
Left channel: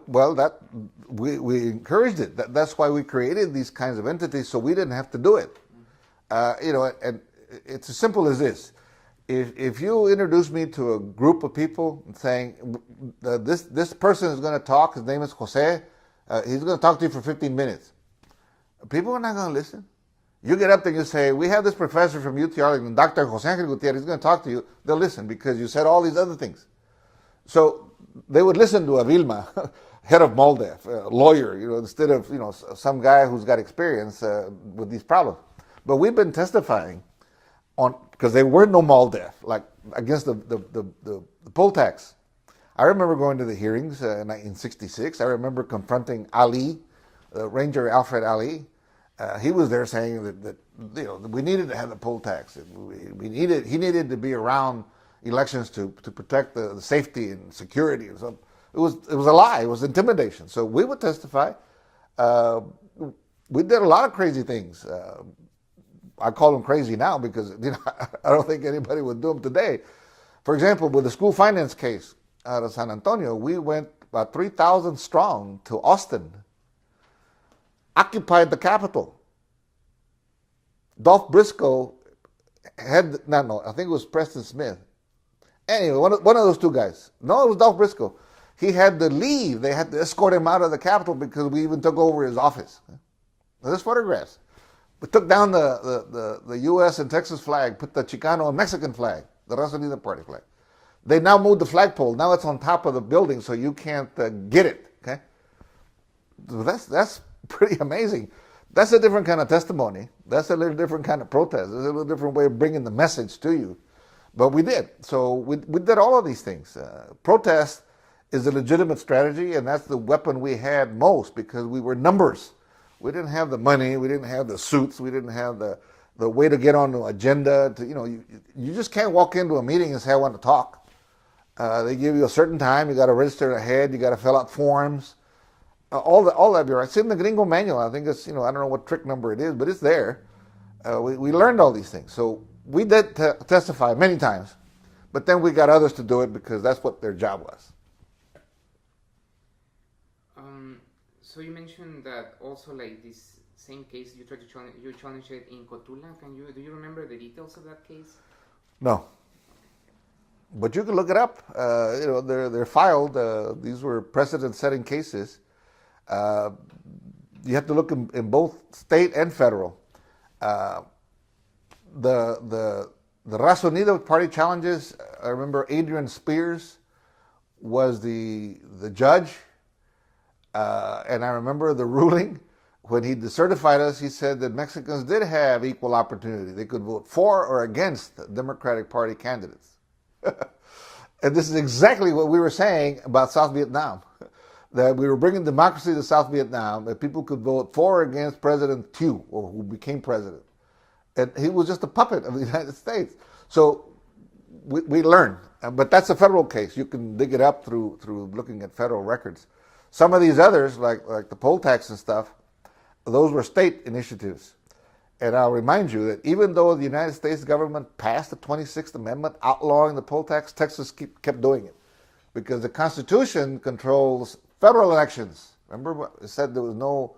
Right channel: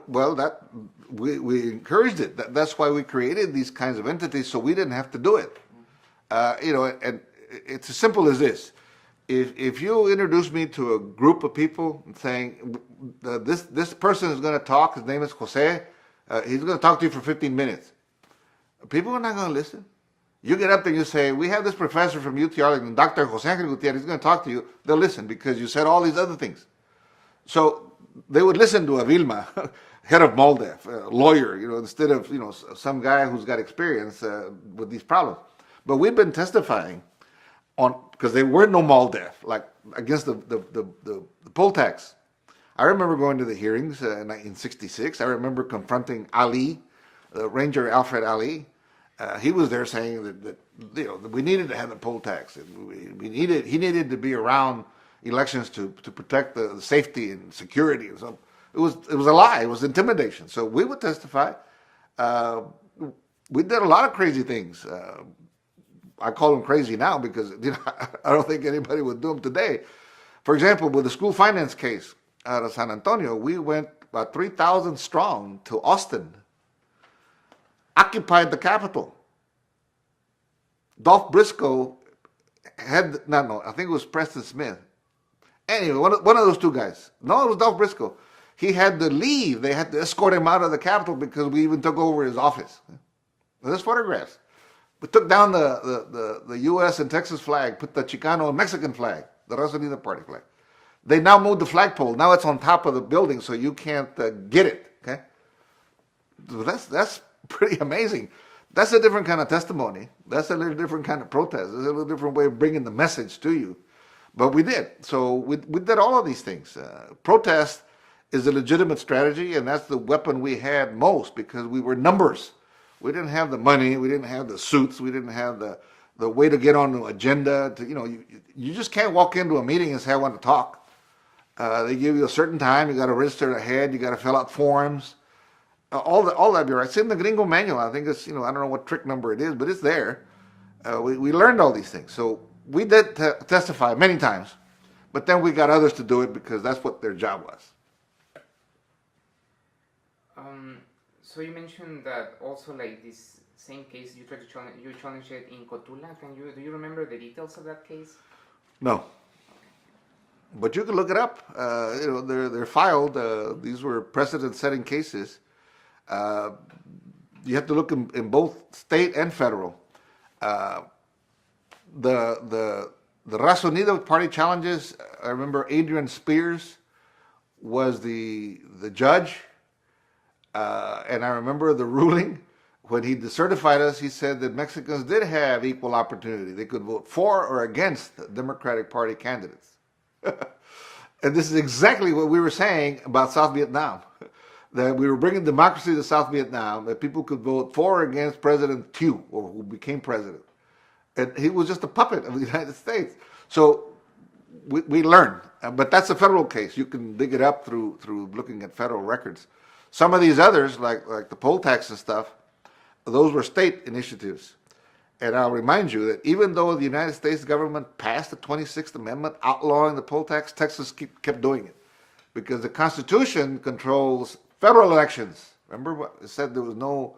Well, that we encouraged it. That's why we created these kinds of entities, so we didn't have to do it. And it's as simple as this. If you introduce me to a group of people saying this person is going to talk, his name is José, he's going to talk to you for 15 minutes. People are not going to listen. You get up there and you say, we have this professor from UT Arlington, Dr. José Ángel Gutiérrez, he's going to talk to you. They'll listen because you said all these other things. So they would listen to a Vilma, head of MALDEF, a lawyer, instead of, some guy who's got experience with these problems. But we've been testifying because there were no MALDEF, like against the poll tax. I remember going to the hearings in 1966. I remember confronting Ali, Ranger Alfred Ali. He was there saying that we needed to have the poll tax. He needed to be around elections to protect the safety and security. So it was a lie. It was intimidation. So we would testify. We did a lot of crazy things. I call them crazy now because I don't think anybody would do them today. For example, with the school finance case out of San Antonio, we went about 3,000 strong to Austin, occupied the Capitol. Dolph Briscoe I think it was Preston Smith. Anyway, one of those two guys. No, it was Dolph Briscoe. He had to leave. They had to escort him out of the Capitol because we even took over his office. There's photographs. We took down the U.S. and Texas flag, put the Chicano and Mexican flag, the Raza Unida Party flag. They now moved the flagpole. Now it's on top of the building, so you can't get it. Okay, so that's pretty amazing. That's a different kind of testimony. That's a little different kind of protest. It's a little different way of bringing the message to you. But we did. So we did all of these things. Protest is a legitimate strategy, and that's the weapon we had most because we were numbers. We didn't have the money. We didn't have the suits. We didn't have the way to get on the agenda. You just can't walk into a meeting and say, I want to talk. They give you a certain time. You got to register ahead. You got to fill out forms. All that be right. It's in the Gringo manual. I think it's, I don't know what trick number it is, but it's there. We learned all these things. So we did testify many times, but then we got others to do it because that's what their job was. So you mentioned that also like this same case you tried to challenge it in Cotula. Do you remember the details of that case? No. But you can look it up. They're filed. These were precedent-setting cases. You have to look in both state and federal. The Raza Unida party challenges. I remember Adrian Spears was the judge, and I remember the ruling when he decertified us. He said that Mexicans did have equal opportunity; they could vote for or against the Democratic Party candidates. And this is exactly what we were saying about South Vietnam, that we were bringing democracy to South Vietnam, that people could vote for or against President Thieu, or who became president. And he was just a puppet of the United States. So we learned. But that's a federal case. You can dig it up through looking at federal records. Some of these others, like the poll tax and stuff, those were state initiatives. And I'll remind you that even though the United States government passed the 26th Amendment outlawing the poll tax, Texas kept doing it. Because the Constitution controls federal elections. Remember what it said? There was no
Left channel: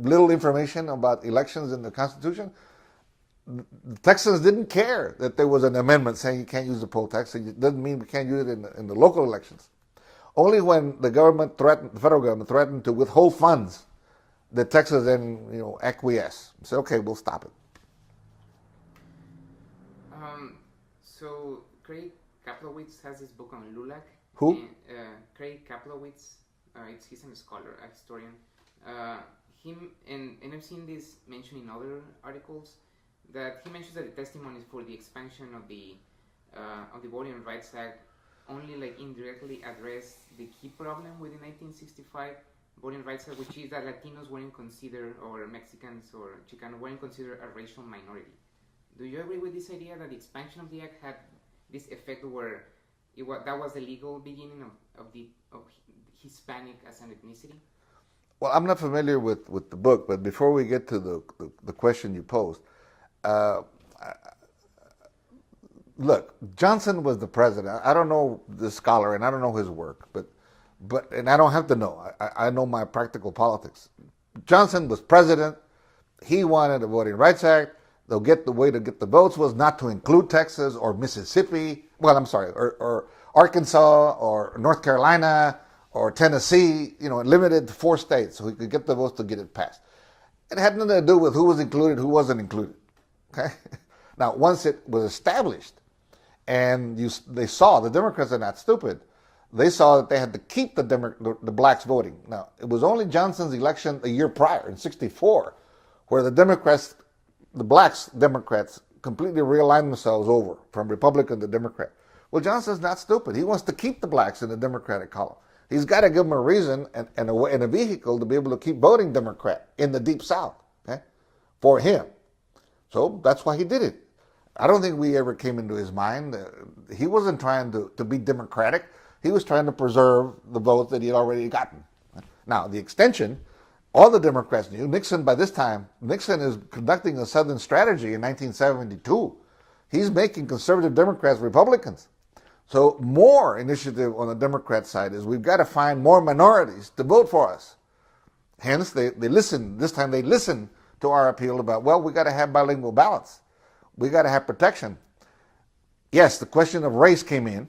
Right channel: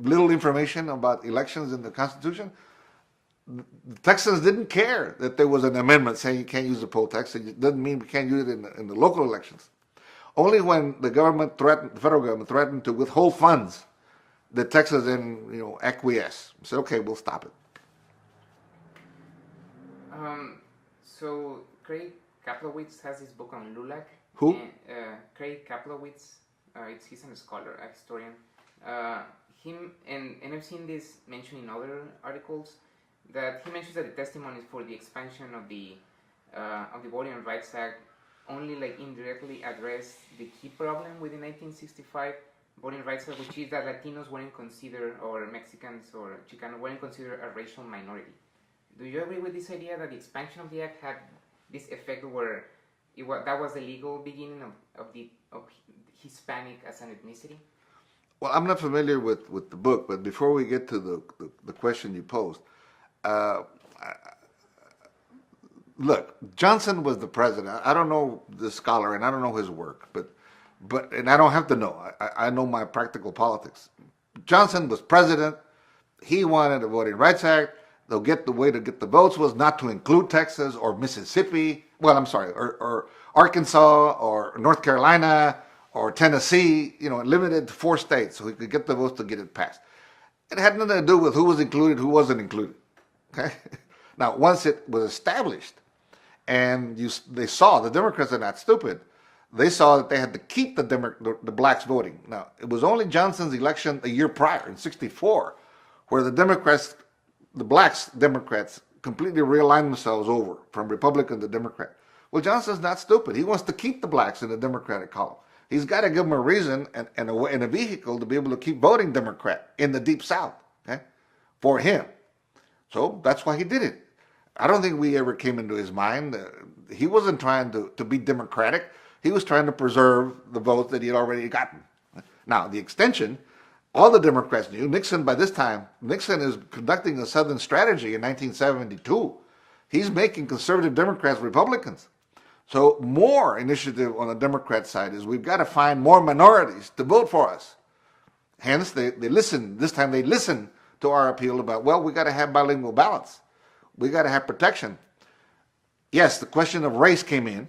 little information about elections in the Constitution. The Texans didn't care that there was an amendment saying you can't use the poll tax. It doesn't mean we can't use it in the local elections. Only when the federal government threatened to withhold funds, the Texas then acquiesce. Say, okay, we'll stop it. So Craig Kaplowitz has this book on LULAC. Who? Craig Kaplowitz. He's a scholar, a historian. And I've seen this mentioned in other articles that he mentions that the testimonies for the expansion of the Voting Rights Act only indirectly address the key problem with the 1965 Voting Rights Act, which is that Latinos weren't considered, or Mexicans or Chicano weren't considered a racial minority. Do you agree with this idea that the expansion of the act had this effect where that was the legal beginning of Hispanic as an ethnicity? Well, I'm not familiar with the book, but before we get to the question you posed, look, Johnson was the president. I don't know the scholar and I don't know his work, but and I don't have to know. I know my practical politics. Johnson was president. He wanted a Voting Rights Act. The way to get the votes was not to include Texas or Mississippi. Well, I'm sorry, or Arkansas or North Carolina or Tennessee. Limited to 4 states so he could get the votes to get it passed. It had nothing to do with who was included, who wasn't included. Okay. Now, once it was established, and they saw the Democrats are not stupid. They saw that they had to keep the blacks voting. Now, it was only Johnson's election a year prior in '64 where the blacks Democrats completely realigned themselves over from Republican to Democrat. Well, Johnson's not stupid. He wants to keep the blacks in the Democratic column. He's got to give them a reason and a vehicle to be able to keep voting Democrat in the Deep South, okay, for him. So that's why he did it. I don't think we ever came into his mind. He wasn't trying to be democratic. He was trying to preserve the votes that he had already gotten. Now, the extension, all the Democrats knew. By this time, Nixon is conducting a Southern strategy in 1972. He's making conservative Democrats Republicans. So more initiative on the Democrat side is we've got to find more minorities to vote for us. Hence, they listened. This time they listened to our appeal about, well, we got to have bilingual ballots. We got to have protection. Yes, the question of race came in,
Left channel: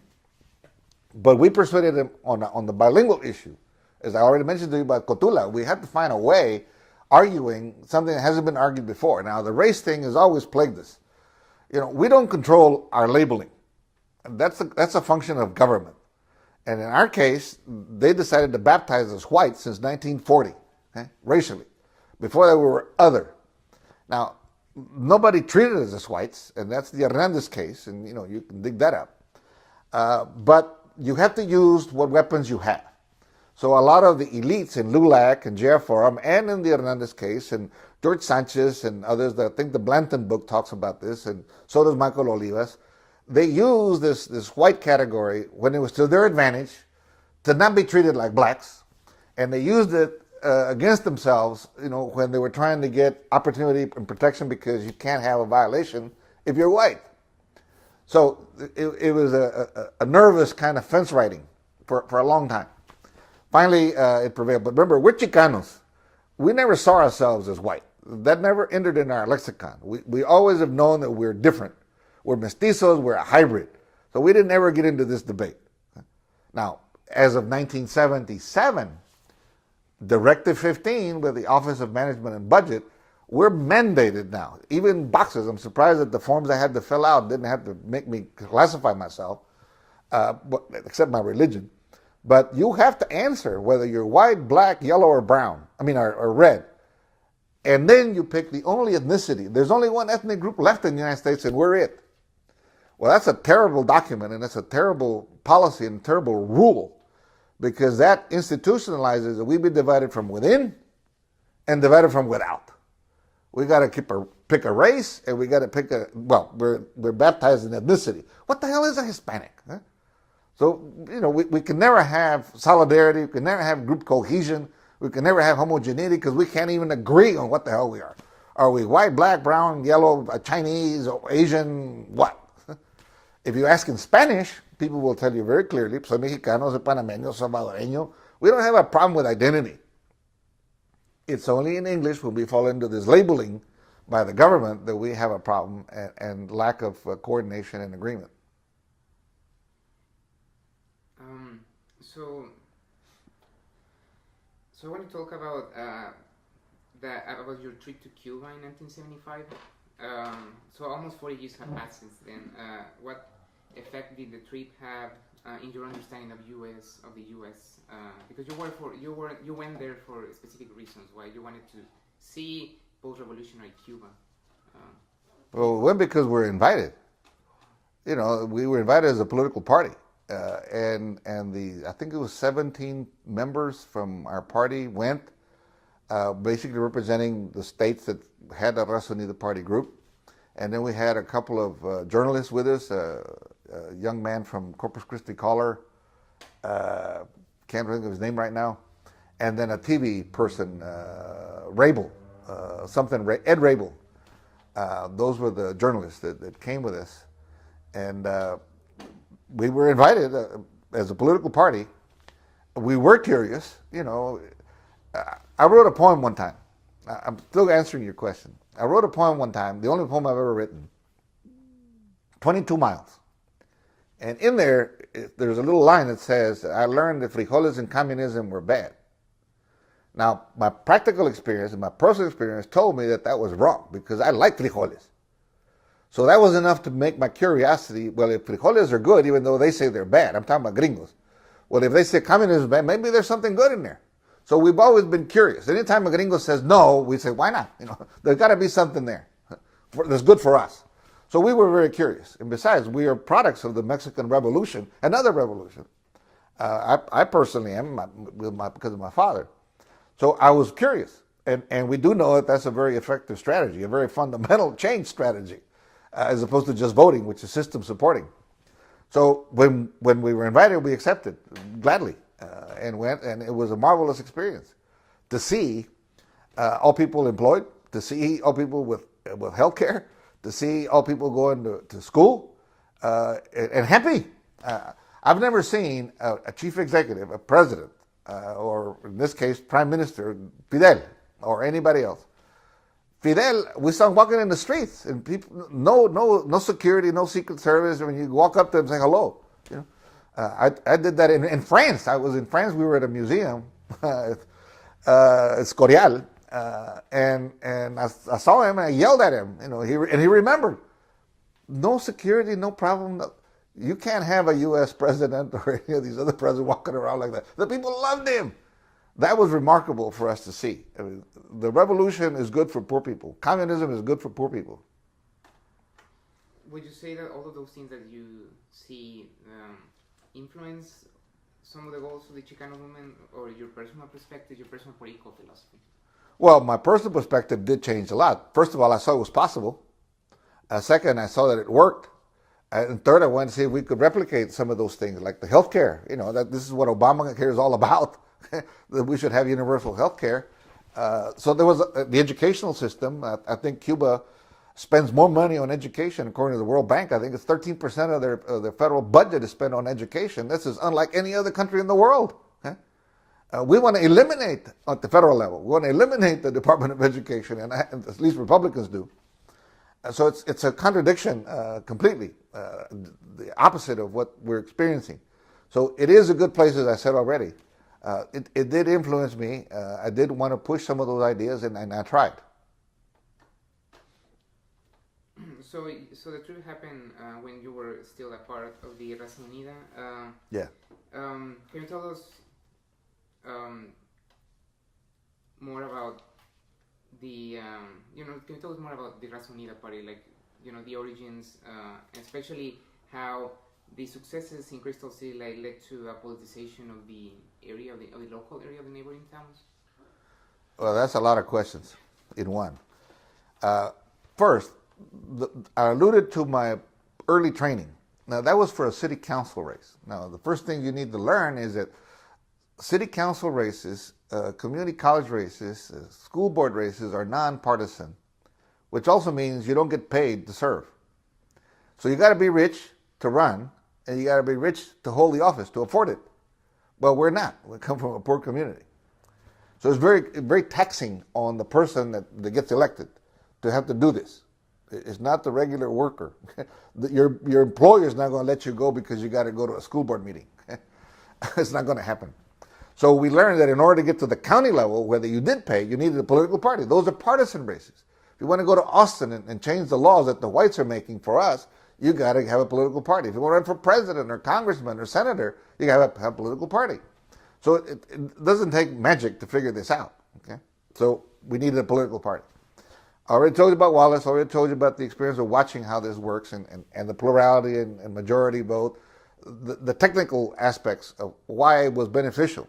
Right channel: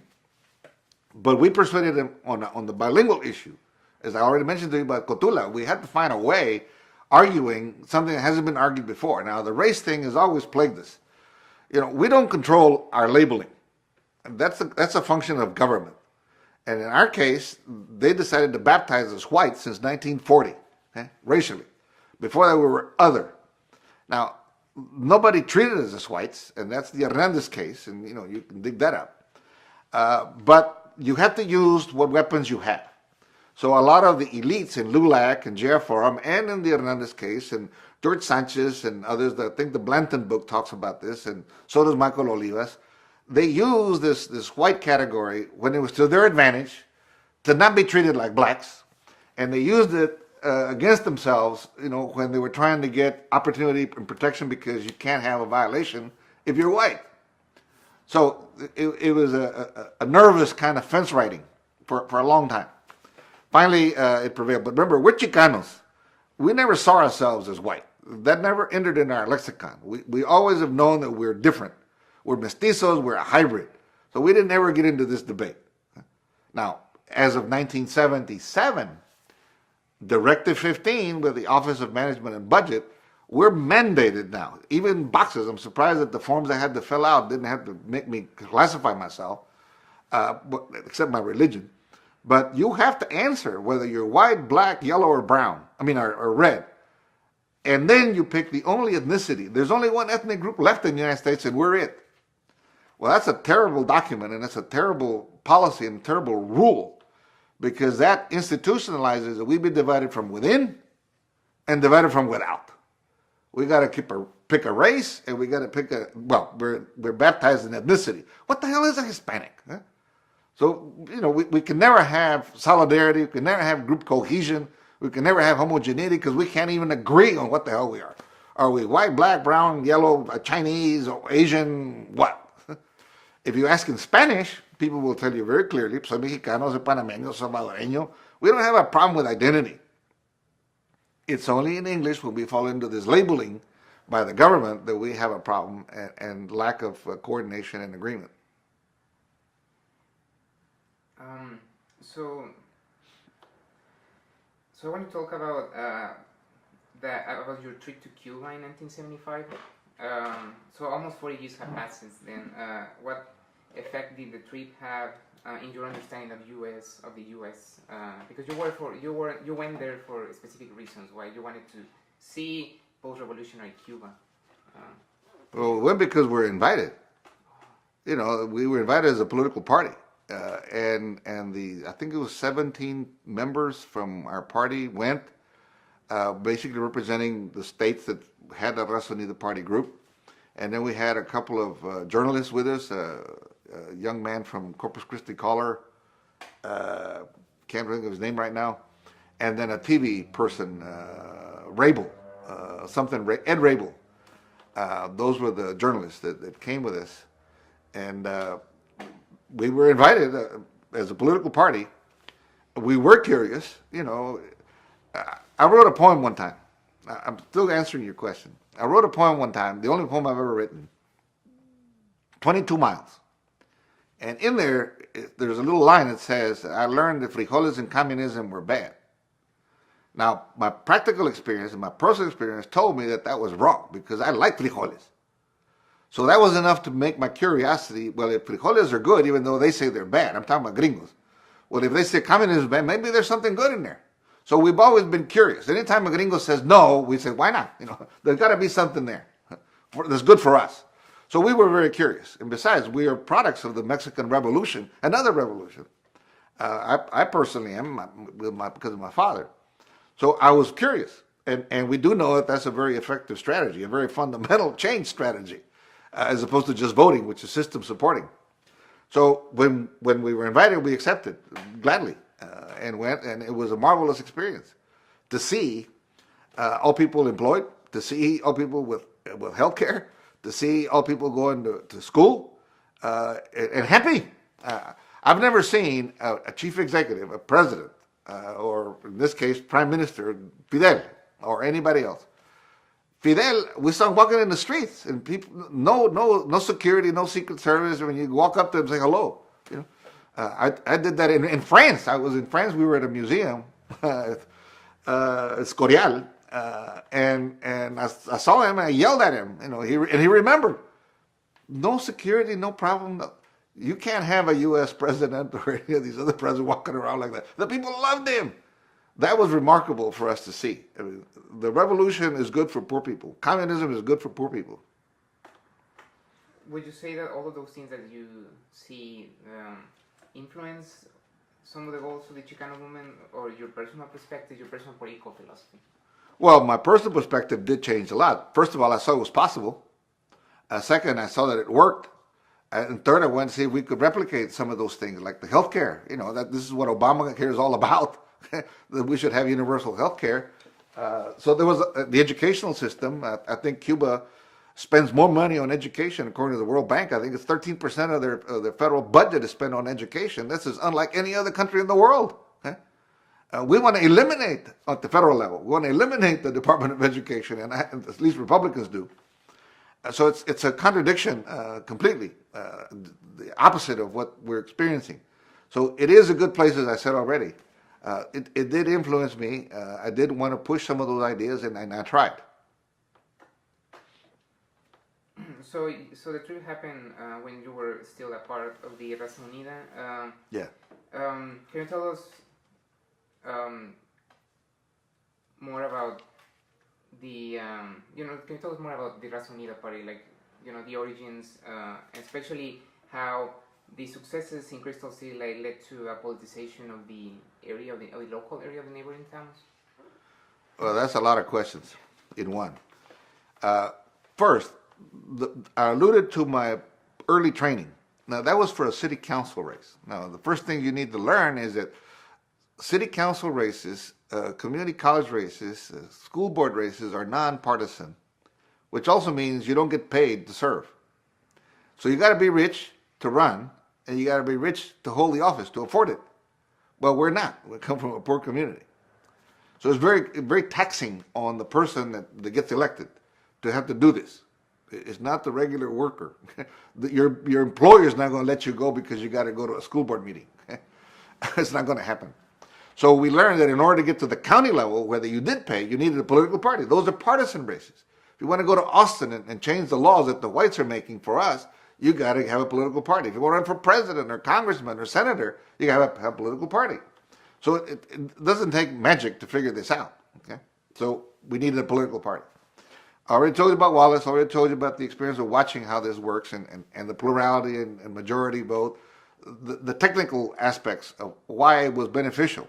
but we persuaded him on the bilingual issue. As I already mentioned to you about Cotula, we had to find a way arguing something that hasn't been argued before. Now, the race thing has always plagued us. We don't control our labeling. That's a function of government. And in our case, they decided to baptize us white since 1940, racially. Before that, we were other. Now, nobody treated us as whites, and that's the Hernandez case, and you can dig that up. But you have to use what weapons you have. So a lot of the elites in LULAC and JR Forum and in the Hernandez case and George Sanchez and others, I think the Blanton book talks about this, and so does Michael Olivas, they use this white category when it was to their advantage to not be treated like blacks, and they used it against themselves, when they were trying to get opportunity and protection because you can't have a violation if you're white. So it was a nervous kind of fence riding for a long time. Finally, it prevailed. But remember, we're Chicanos. We never saw ourselves as white. That never entered in our lexicon. We always have known that we're different. We're mestizos, we're a hybrid. So we didn't ever get into this debate. Now, as of 1977, Directive 15 with the Office of Management and Budget, we're mandated now. Even boxes, I'm surprised that the forms I had to fill out didn't have to make me classify myself, except my religion. But you have to answer whether you're white, black, yellow, or brown. Or red. And then you pick the only ethnicity. There's only one ethnic group left in the United States, and we're it. Well, that's a terrible document, and it's a terrible policy and a terrible rule, because that institutionalizes that we be divided from within and divided from without. We got to pick a race, and we got to we're baptized in ethnicity. What the hell is a Hispanic? Huh? So, we can never have solidarity, we can never have group cohesion, we can never have homogeneity because we can't even agree on what the hell we are. Are we white, black, brown, yellow, Chinese, or Asian, what? If you ask in Spanish, people will tell you very clearly, soy mexicano, soy panameño, salvadoreño. We don't have a problem with identity. It's only in English when we fall into this labeling by the government that we have a problem and lack of coordination and agreement. So I want to talk about about your trip to Cuba in 1975. So almost 40 years have passed since then. What effect did the trip have in your understanding of the U.S.? Because you went there for specific reasons. Why you wanted to see post-revolutionary Cuba? Well, we went because we're invited. We were invited as a political party. And I think it was 17 members from our party went, basically representing the states that had a Raza Unida party group. And then we had a couple of journalists with us, a young man from Corpus Christi caller. Can't think of his name right now. And then a TV person, Rabel, Ed Rabel. Those were the journalists that came with us. And we were invited as a political party. We were curious, you know. I wrote a poem one time. I'm still answering your question. I wrote a poem one time, the only poem I've ever written, 22 miles. And in there, there's a little line that says, I learned that frijoles and communism were bad. Now, my practical experience and my personal experience told me that that was wrong because I like frijoles. So that was enough to make my curiosity, well, if frijoles are good, even though they say they're bad, I'm talking about gringos. Well, if they say communism is bad, maybe there's something good in there. So we've always been curious. Anytime a gringo says no, we say, why not? You know, there's got to be something there that's good for us. So we were very curious. And besides, we are products of the Mexican Revolution, another revolution. I personally am, because of my father. So I was curious. And we do know that that's a very effective strategy, a very fundamental change strategy, as opposed to just voting, which is system supporting. So when we were invited, we accepted gladly and went, and it was a marvelous experience to see all people employed, to see all people with health care, to see all people going to school and happy. I've never seen a chief executive, a president, or in this case, Prime Minister Fidel, or anybody else. Fidel, we saw him walking in the streets, and people, no security, no Secret Service. When you walk up to him and say hello, you know? I did that in France. I was in France. We were at a museum, Escorial, and I saw him and I yelled at him. You know, he remembered. No security, no problem. You can't have a U.S. president or any of these other presidents walking around like that. The people loved him. That was remarkable for us to see. I mean, the revolution is good for poor people. Communism is good for poor people. Would you say that all of those things that you see influence some of the goals of the Chicano movement, or your personal perspective, your personal political philosophy? Well, my personal perspective did change a lot. First of all, I saw it was possible. Second, I saw that it worked. And third, I wanted to see if we could replicate some of those things, like the health care. You know, that this is what Obamacare is all about, that we should have universal health care. So there was the educational system. I think Cuba spends more money on education, according to the World Bank. I think it's 13% of their federal budget is spent on education. This is unlike any other country in the world. We want to eliminate, at the federal level, we want to eliminate the Department of Education, and at least Republicans do. So it's a contradiction completely, the opposite of what we're experiencing. So it is a good place, as I said already. It did influence me. I did want to push some of those ideas, and I tried. So the trip happened when you were still a part of the Raza Unida. Yeah. Can you tell us more about the can you tell us more about the Raza Unida party, like, you know, the origins, especially how the successes in Crystal City led to a politicization of the area, of the local area of the neighboring towns? Well, that's a lot of questions in one. First, I alluded to my early training. Now, that was for a city council race. Now, the first thing you need to learn is that city council races, community college races, school board races are nonpartisan, which also means you don't get paid to serve. So you got to be rich to run, and you got to be rich to hold the office, to afford it. Well, we're not. We come from a poor community. So it's very, very taxing on the person that gets elected to have to do this. It's not the regular worker. Your employer's not going to let you go because you got to go to a school board meeting. It's not going to happen. So we learned that in order to get to the county level, whether you did pay, you needed a political party. Those are partisan races. If you want to go to Austin and change the laws that the whites are making for us, you got to have a political party. If you want to run for president or congressman or senator, you got to have a political party. So it doesn't take magic to figure this out. Okay? So we needed a political party. I already told you about Wallace. I already told you about the experience of watching how this works and the plurality and majority vote, the technical aspects of why it was beneficial.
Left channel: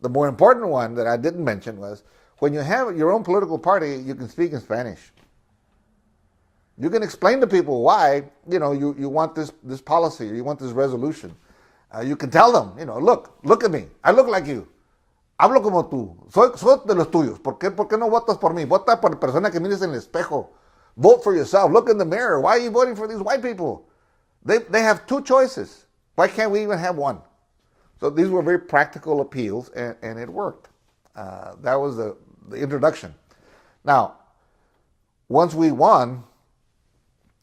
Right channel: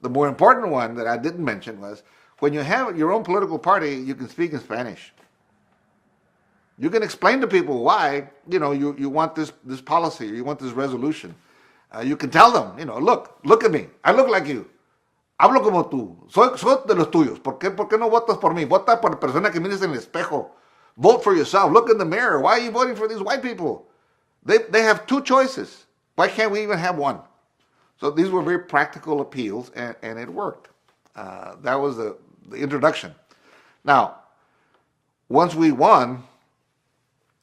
The more important one that I didn't mention was when you have your own political party, you can speak in Spanish. You can explain to people why, you want this policy or you want this resolution. You can tell them, look at me. I look like you. Hablo como tú. Soy de los tuyos. ¿Por qué no votas por mí? Vota por la persona que mires en el espejo. Vote for yourself. Look in the mirror. Why are you voting for these white people? They have two choices. Why can't we even have one? So these were very practical appeals, and it worked. That was the introduction. Now, once we won,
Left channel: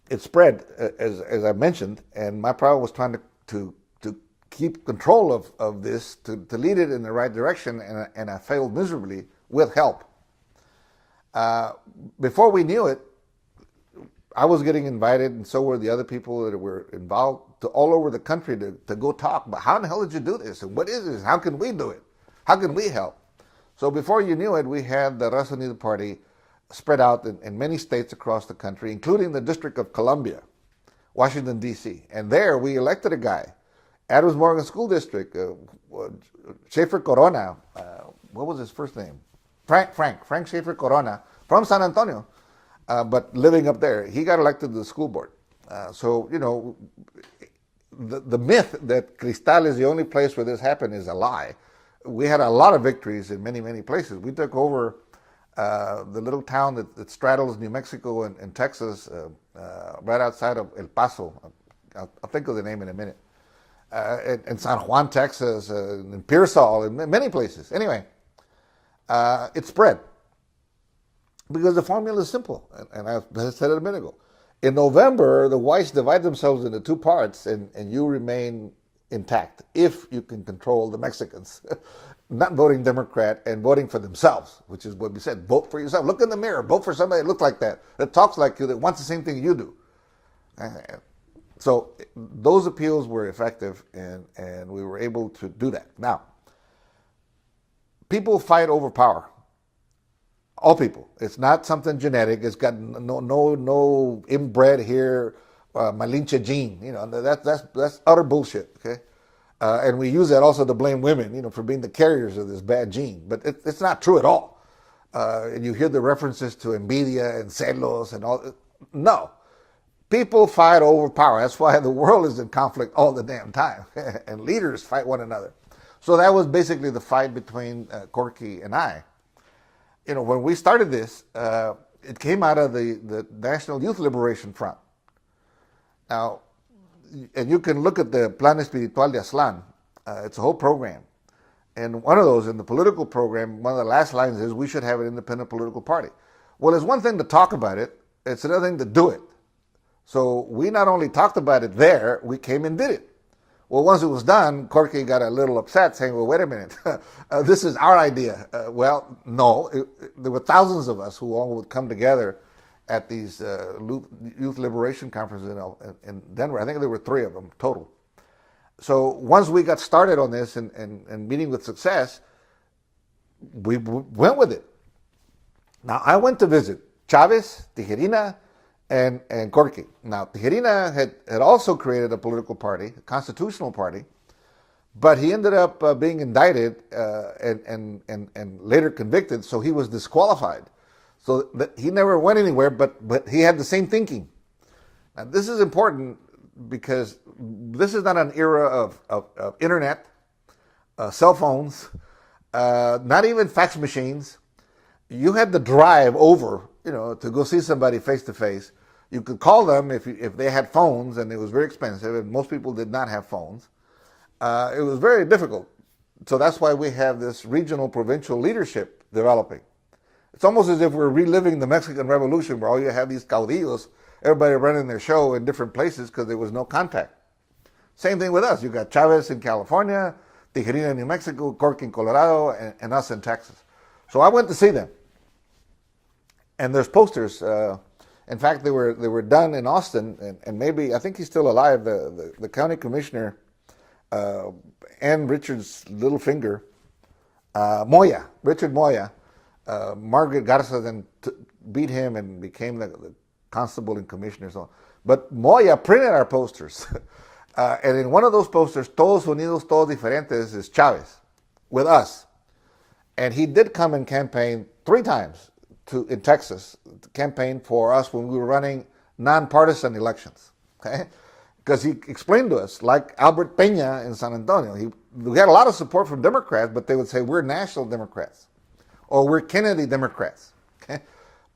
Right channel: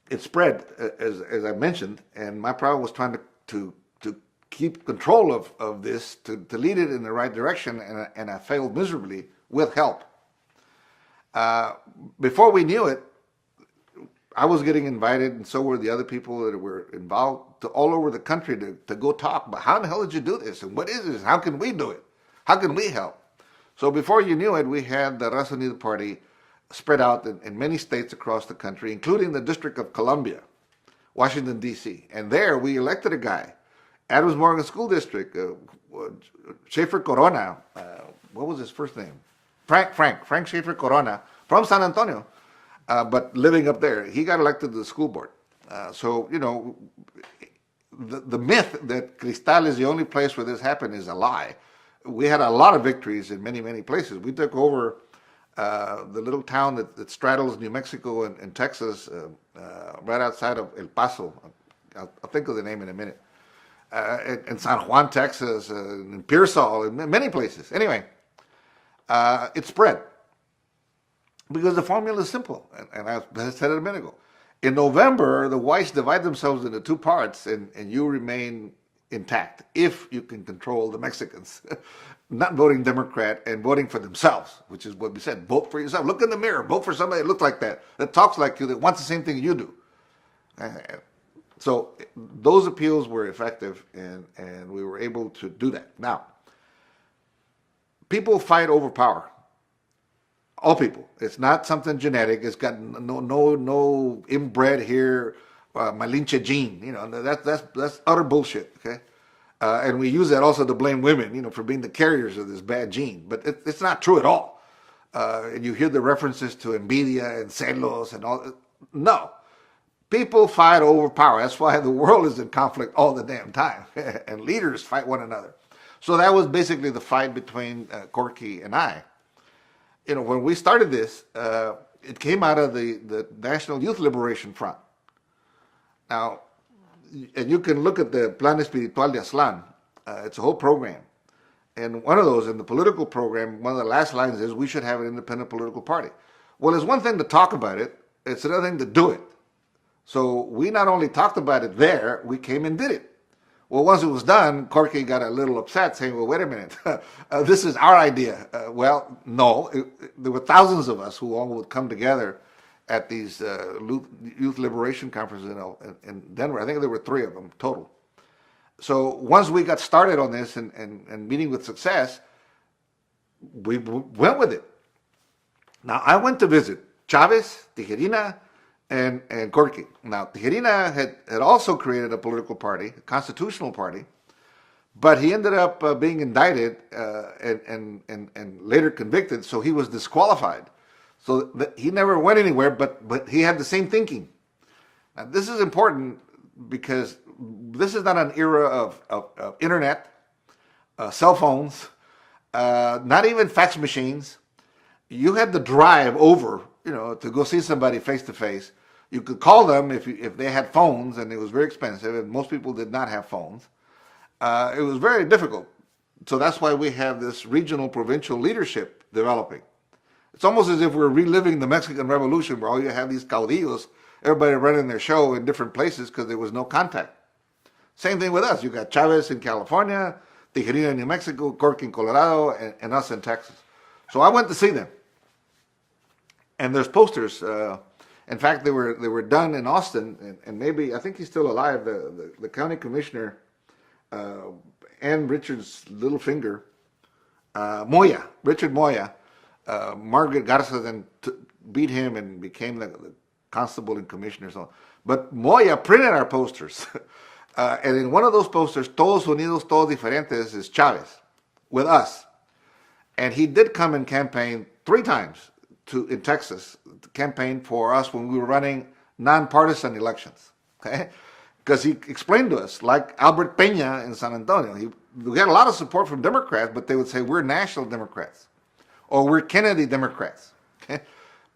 it spread, as I mentioned, and my problem was trying to keep control of this, to lead it in the right direction, and I failed miserably with help. Before we knew it, I was getting invited, and so were the other people that were involved, to all over the country to go talk. But how in the hell did you do this? And what is this? How can we do it? How can we help? So before you knew it, we had the Raza Unida Party spread out in many states across the country, including the District of Columbia, Washington, D.C. And there we elected a guy, Adams Morgan School District, Schaefer Corona, what was his first name? Frank Schaefer Corona, from San Antonio, but living up there. He got elected to the school board. The myth that Cristal is the only place where this happened is a lie. We had a lot of victories in many, many places. We took over the little town that straddles New Mexico and Texas, right outside of El Paso. I'll think of the name in a minute. In San Juan, Texas, in Pearsall, and many places. Anyway, it spread because the formula is simple, and I said it a minute ago. In November, the whites divide themselves into two parts, and you remain intact if you can control the Mexicans, not voting Democrat and voting for themselves, which is what we said. Vote for yourself. Look in the mirror. Vote for somebody that looks like that talks like you, that wants the same thing you do. So those appeals were effective, and we were able to do that. Now, people fight over power. All people. It's not something genetic. It's got no inbred here, Malinche gene. That's utter bullshit. Okay, and we use that also to blame women, for being the carriers of this bad gene. But it's not true at all. And you hear the references to envidia and celos and all. No. People fight over power. That's why the world is in conflict all the damn time. And leaders fight one another. So that was basically the fight between Corky and I. When we started this, it came out of the National Youth Liberation Front. Now, and you can look at the Plan Espiritual de Aztlán. It's a whole program. And one of those, in the political program, one of the last lines is, we should have an independent political party. Well, it's one thing to talk about it. It's another thing to do it. So we not only talked about it there, we came and did it. Well, once it was done, Corky got a little upset, saying, well, wait a minute, this is our idea. Well, no, there were thousands of us who all would come together at these youth liberation conferences in Denver. I think there were 3 of them total. So once we got started on this and meeting with success, we went with it. Now, I went to visit Chavez, Tijerina, and Corky. Now, Tijerina had also created a political party, a constitutional party, but he ended up being indicted and later convicted, so he was disqualified. So he never went anywhere, but he had the same thinking. Now, this is important because this is not an era of internet, cell phones, not even fax machines. You had to drive over, to go see somebody face to face. You could call them if they had phones, and it was very expensive, and most people did not have phones. It was very difficult. So that's why we have this regional provincial leadership developing. It's almost as if we're reliving the Mexican Revolution, where all you have these caudillos, everybody running their show in different places because there was no contact. Same thing with us. You got Chavez in California, Tijerina in New Mexico, Corky in Colorado, and us in Texas. So I went to see them. And there's posters. In fact, they were done in Austin, and maybe, I think he's still alive, the county commissioner, Ann Richards' little finger, Richard Moya. Margaret Garza then beat him and became the constable and commissioner. So, but Moya printed our posters. And in one of those posters, Todos Unidos, Todos Diferentes, is Chavez with us. And he did come and campaign 3 times in Texas, to campaign for us when we were running nonpartisan elections. Okay? Because he explained to us, like Albert Peña in San Antonio, we got a lot of support from Democrats, but they would say we're national Democrats or we're Kennedy Democrats. Okay?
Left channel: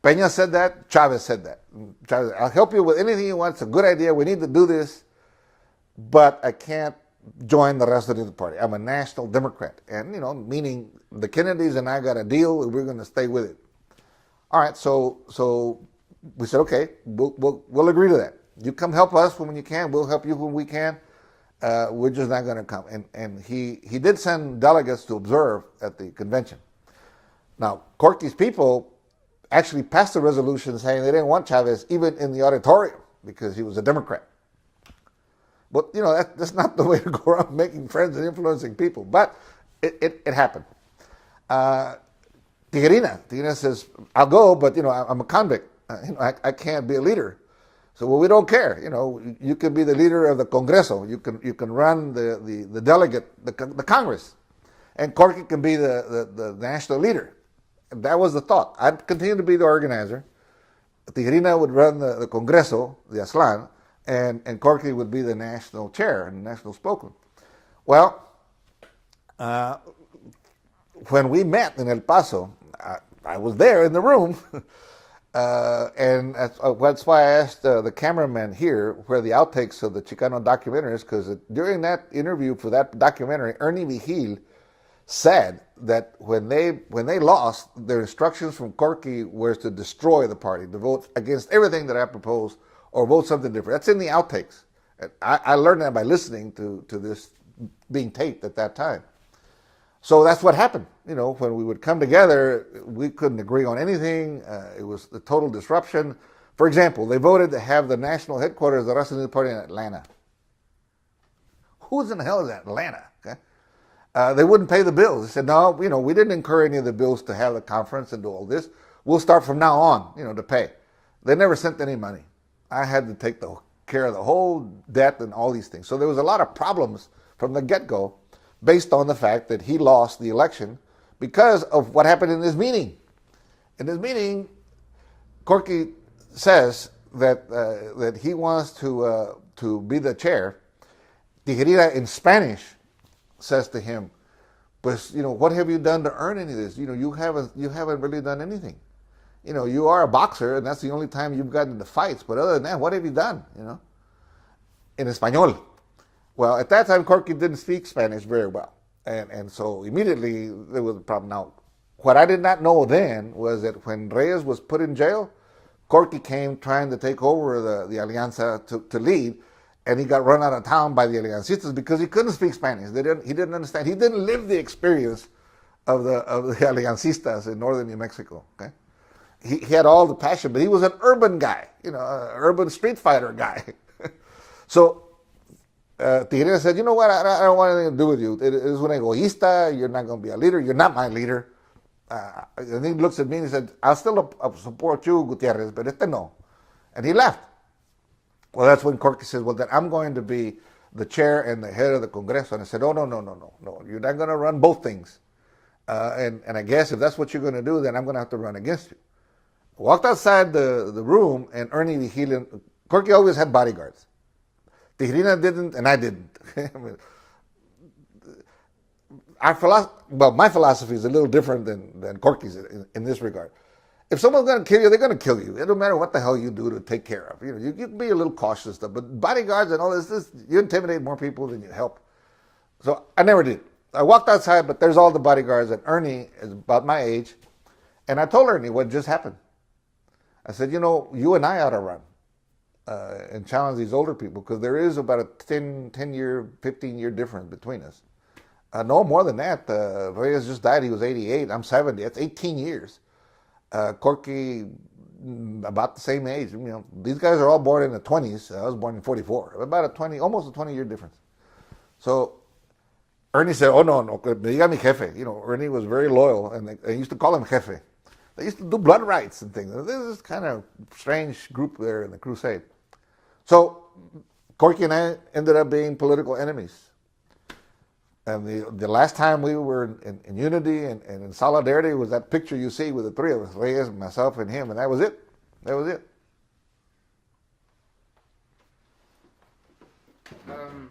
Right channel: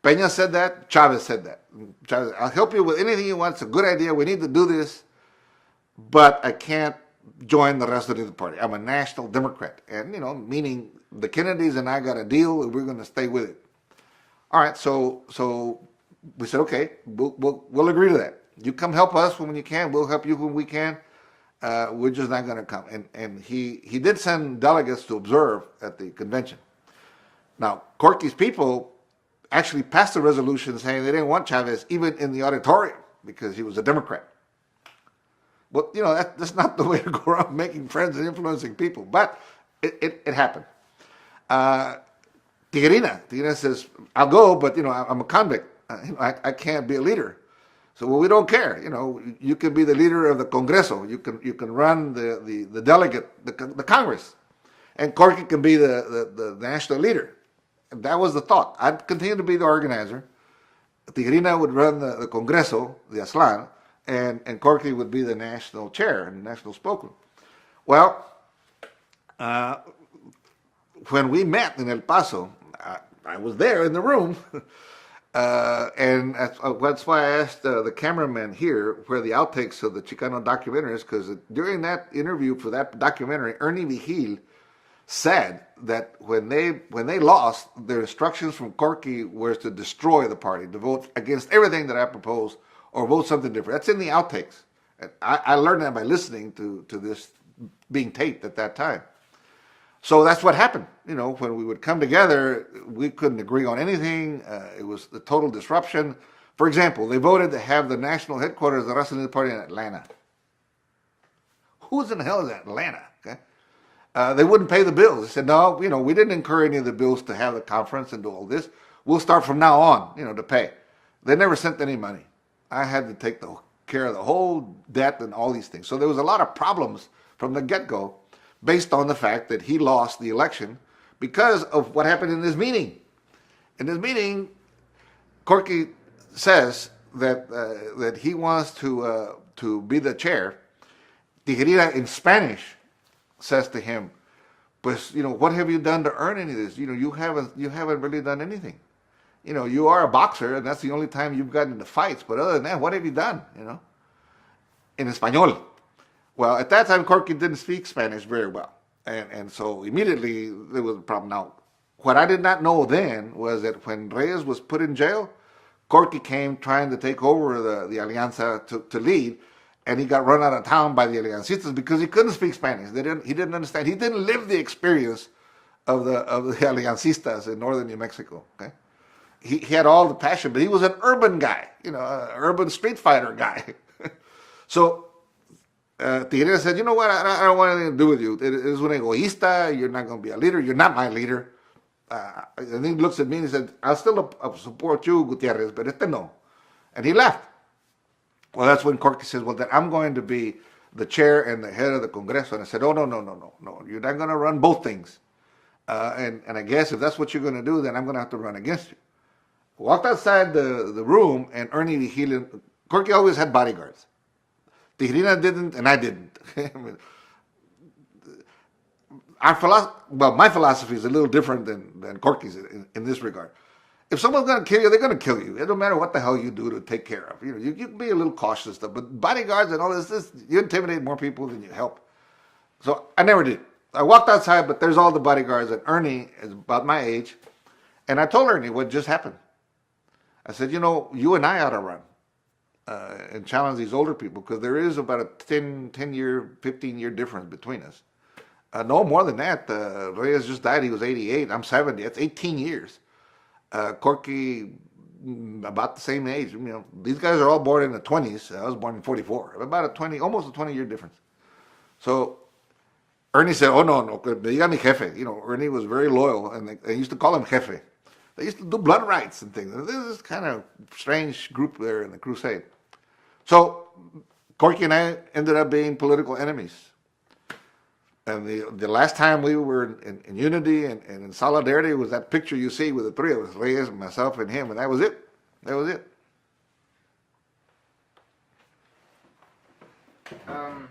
Peña said that, Chavez said that. Chavez, I'll help you with anything you want. It's a good idea. We need to do this, but I can't join the rest of the party. I'm a national Democrat, and meaning the Kennedys and I got a deal, and we're going to stay with it. All right, so we said, okay, we'll agree to that. You come help us when you can. We'll help you when we can. We're just not going to come. And he did send delegates to observe at the convention. Now, Corky's people actually passed a resolution saying they didn't want Chavez even in the auditorium because he was a Democrat. But, that's not the way to go around making friends and influencing people. But it happened. Tijerina says, I'll go, but, I'm a convict. I can't be a leader. So we don't care. You can be the leader of the Congreso. You can run the delegate, the Congress. And Corky can be the national leader. And that was the thought. I'd continue to be the organizer. Tijerina would run the Congreso, the Aslan, and Corky would be the national chair and the national spokesman. Well, when we met in El Paso, I was there in the room. And that's why I asked the cameraman here where the outtakes of the Chicano documentary is, because during that interview for that documentary, Ernie Vigil said that when they lost, their instructions from Corky was to destroy the party, to vote against everything that I proposed or vote something different. That's in the outtakes. I learned that by listening to this being taped at that time. So that's what happened. When we would come together, we couldn't agree on anything. It was a total disruption. For example, they voted to have the national headquarters of the Raza Unida Party in Atlanta. Who's in the hell is Atlanta? Okay? They wouldn't pay the bills. They said, no, we didn't incur any of the bills to have the conference and do all this. We'll start from now on, to pay. They never sent any money. I had to take care of the whole debt and all these things. So there was a lot of problems from the get-go based on the fact that he lost the election because of what happened in this meeting. In this meeting, Corky says that he wants to be the chair. Tijerina in Spanish says to him, "Pues, what have you done to earn any of this? You haven't really done anything. You are a boxer, and that's the only time you've gotten into fights. But other than that, what have you done? In Espanol." Well, at that time, Corky didn't speak Spanish very well. And so immediately there was a problem. Now, what I did not know then was that when Reyes was put in jail, Corky came trying to take over the Alianza to lead, and he got run out of town by the Aliancistas because he couldn't speak Spanish. He didn't understand. He didn't live the experience of the Aliancistas in northern New Mexico. Okay, he had all the passion, but he was an urban guy, an urban street fighter guy. So Tijerina said, "You know what? I don't want anything to do with you. It is un egoísta. You're not going to be a leader. You're not my leader." And he looks at me and he said, "I'll still support you, Gutiérrez, but no." And he left. Well, that's when Corky says, "Well, then I'm going to be the chair and the head of the Congreso." And I said, "Oh, no. You're not going to run both things. And I guess if that's what you're going to do, then I'm going to have to run against you." I walked outside the room, and Ernie Vigil, Corky always had bodyguards. Tijerina didn't, and I didn't. My philosophy is a little different than Corky's in this regard. If someone's going to kill you, they're going to kill you. It don't matter what the hell you do to take care of. You can be a little cautious stuff, but bodyguards and all this, you intimidate more people than you help. So I never did. I walked outside, but there's all the bodyguards, and Ernie is about my age. And I told Ernie what just happened. I said, you and I ought to run and challenge these older people, because there is about a 10-year, 15-year difference between us. No more than that. Reyes just died. He was 88. I'm 70. That's 18 years. Corky, about the same age. These guys are all born in the 20s. I was born in 44. About almost a 20-year difference. So Ernie said, "Oh, no, diga mi jefe." Ernie was very loyal, and they used to call him jefe. They used to do blood rights and things. This is kind of strange group there in the crusade. So Corky and I ended up being political enemies. And the last time we were in unity and in solidarity was that picture you see with the three of us, Reyes, myself, and him, and that was it. That was it. Um,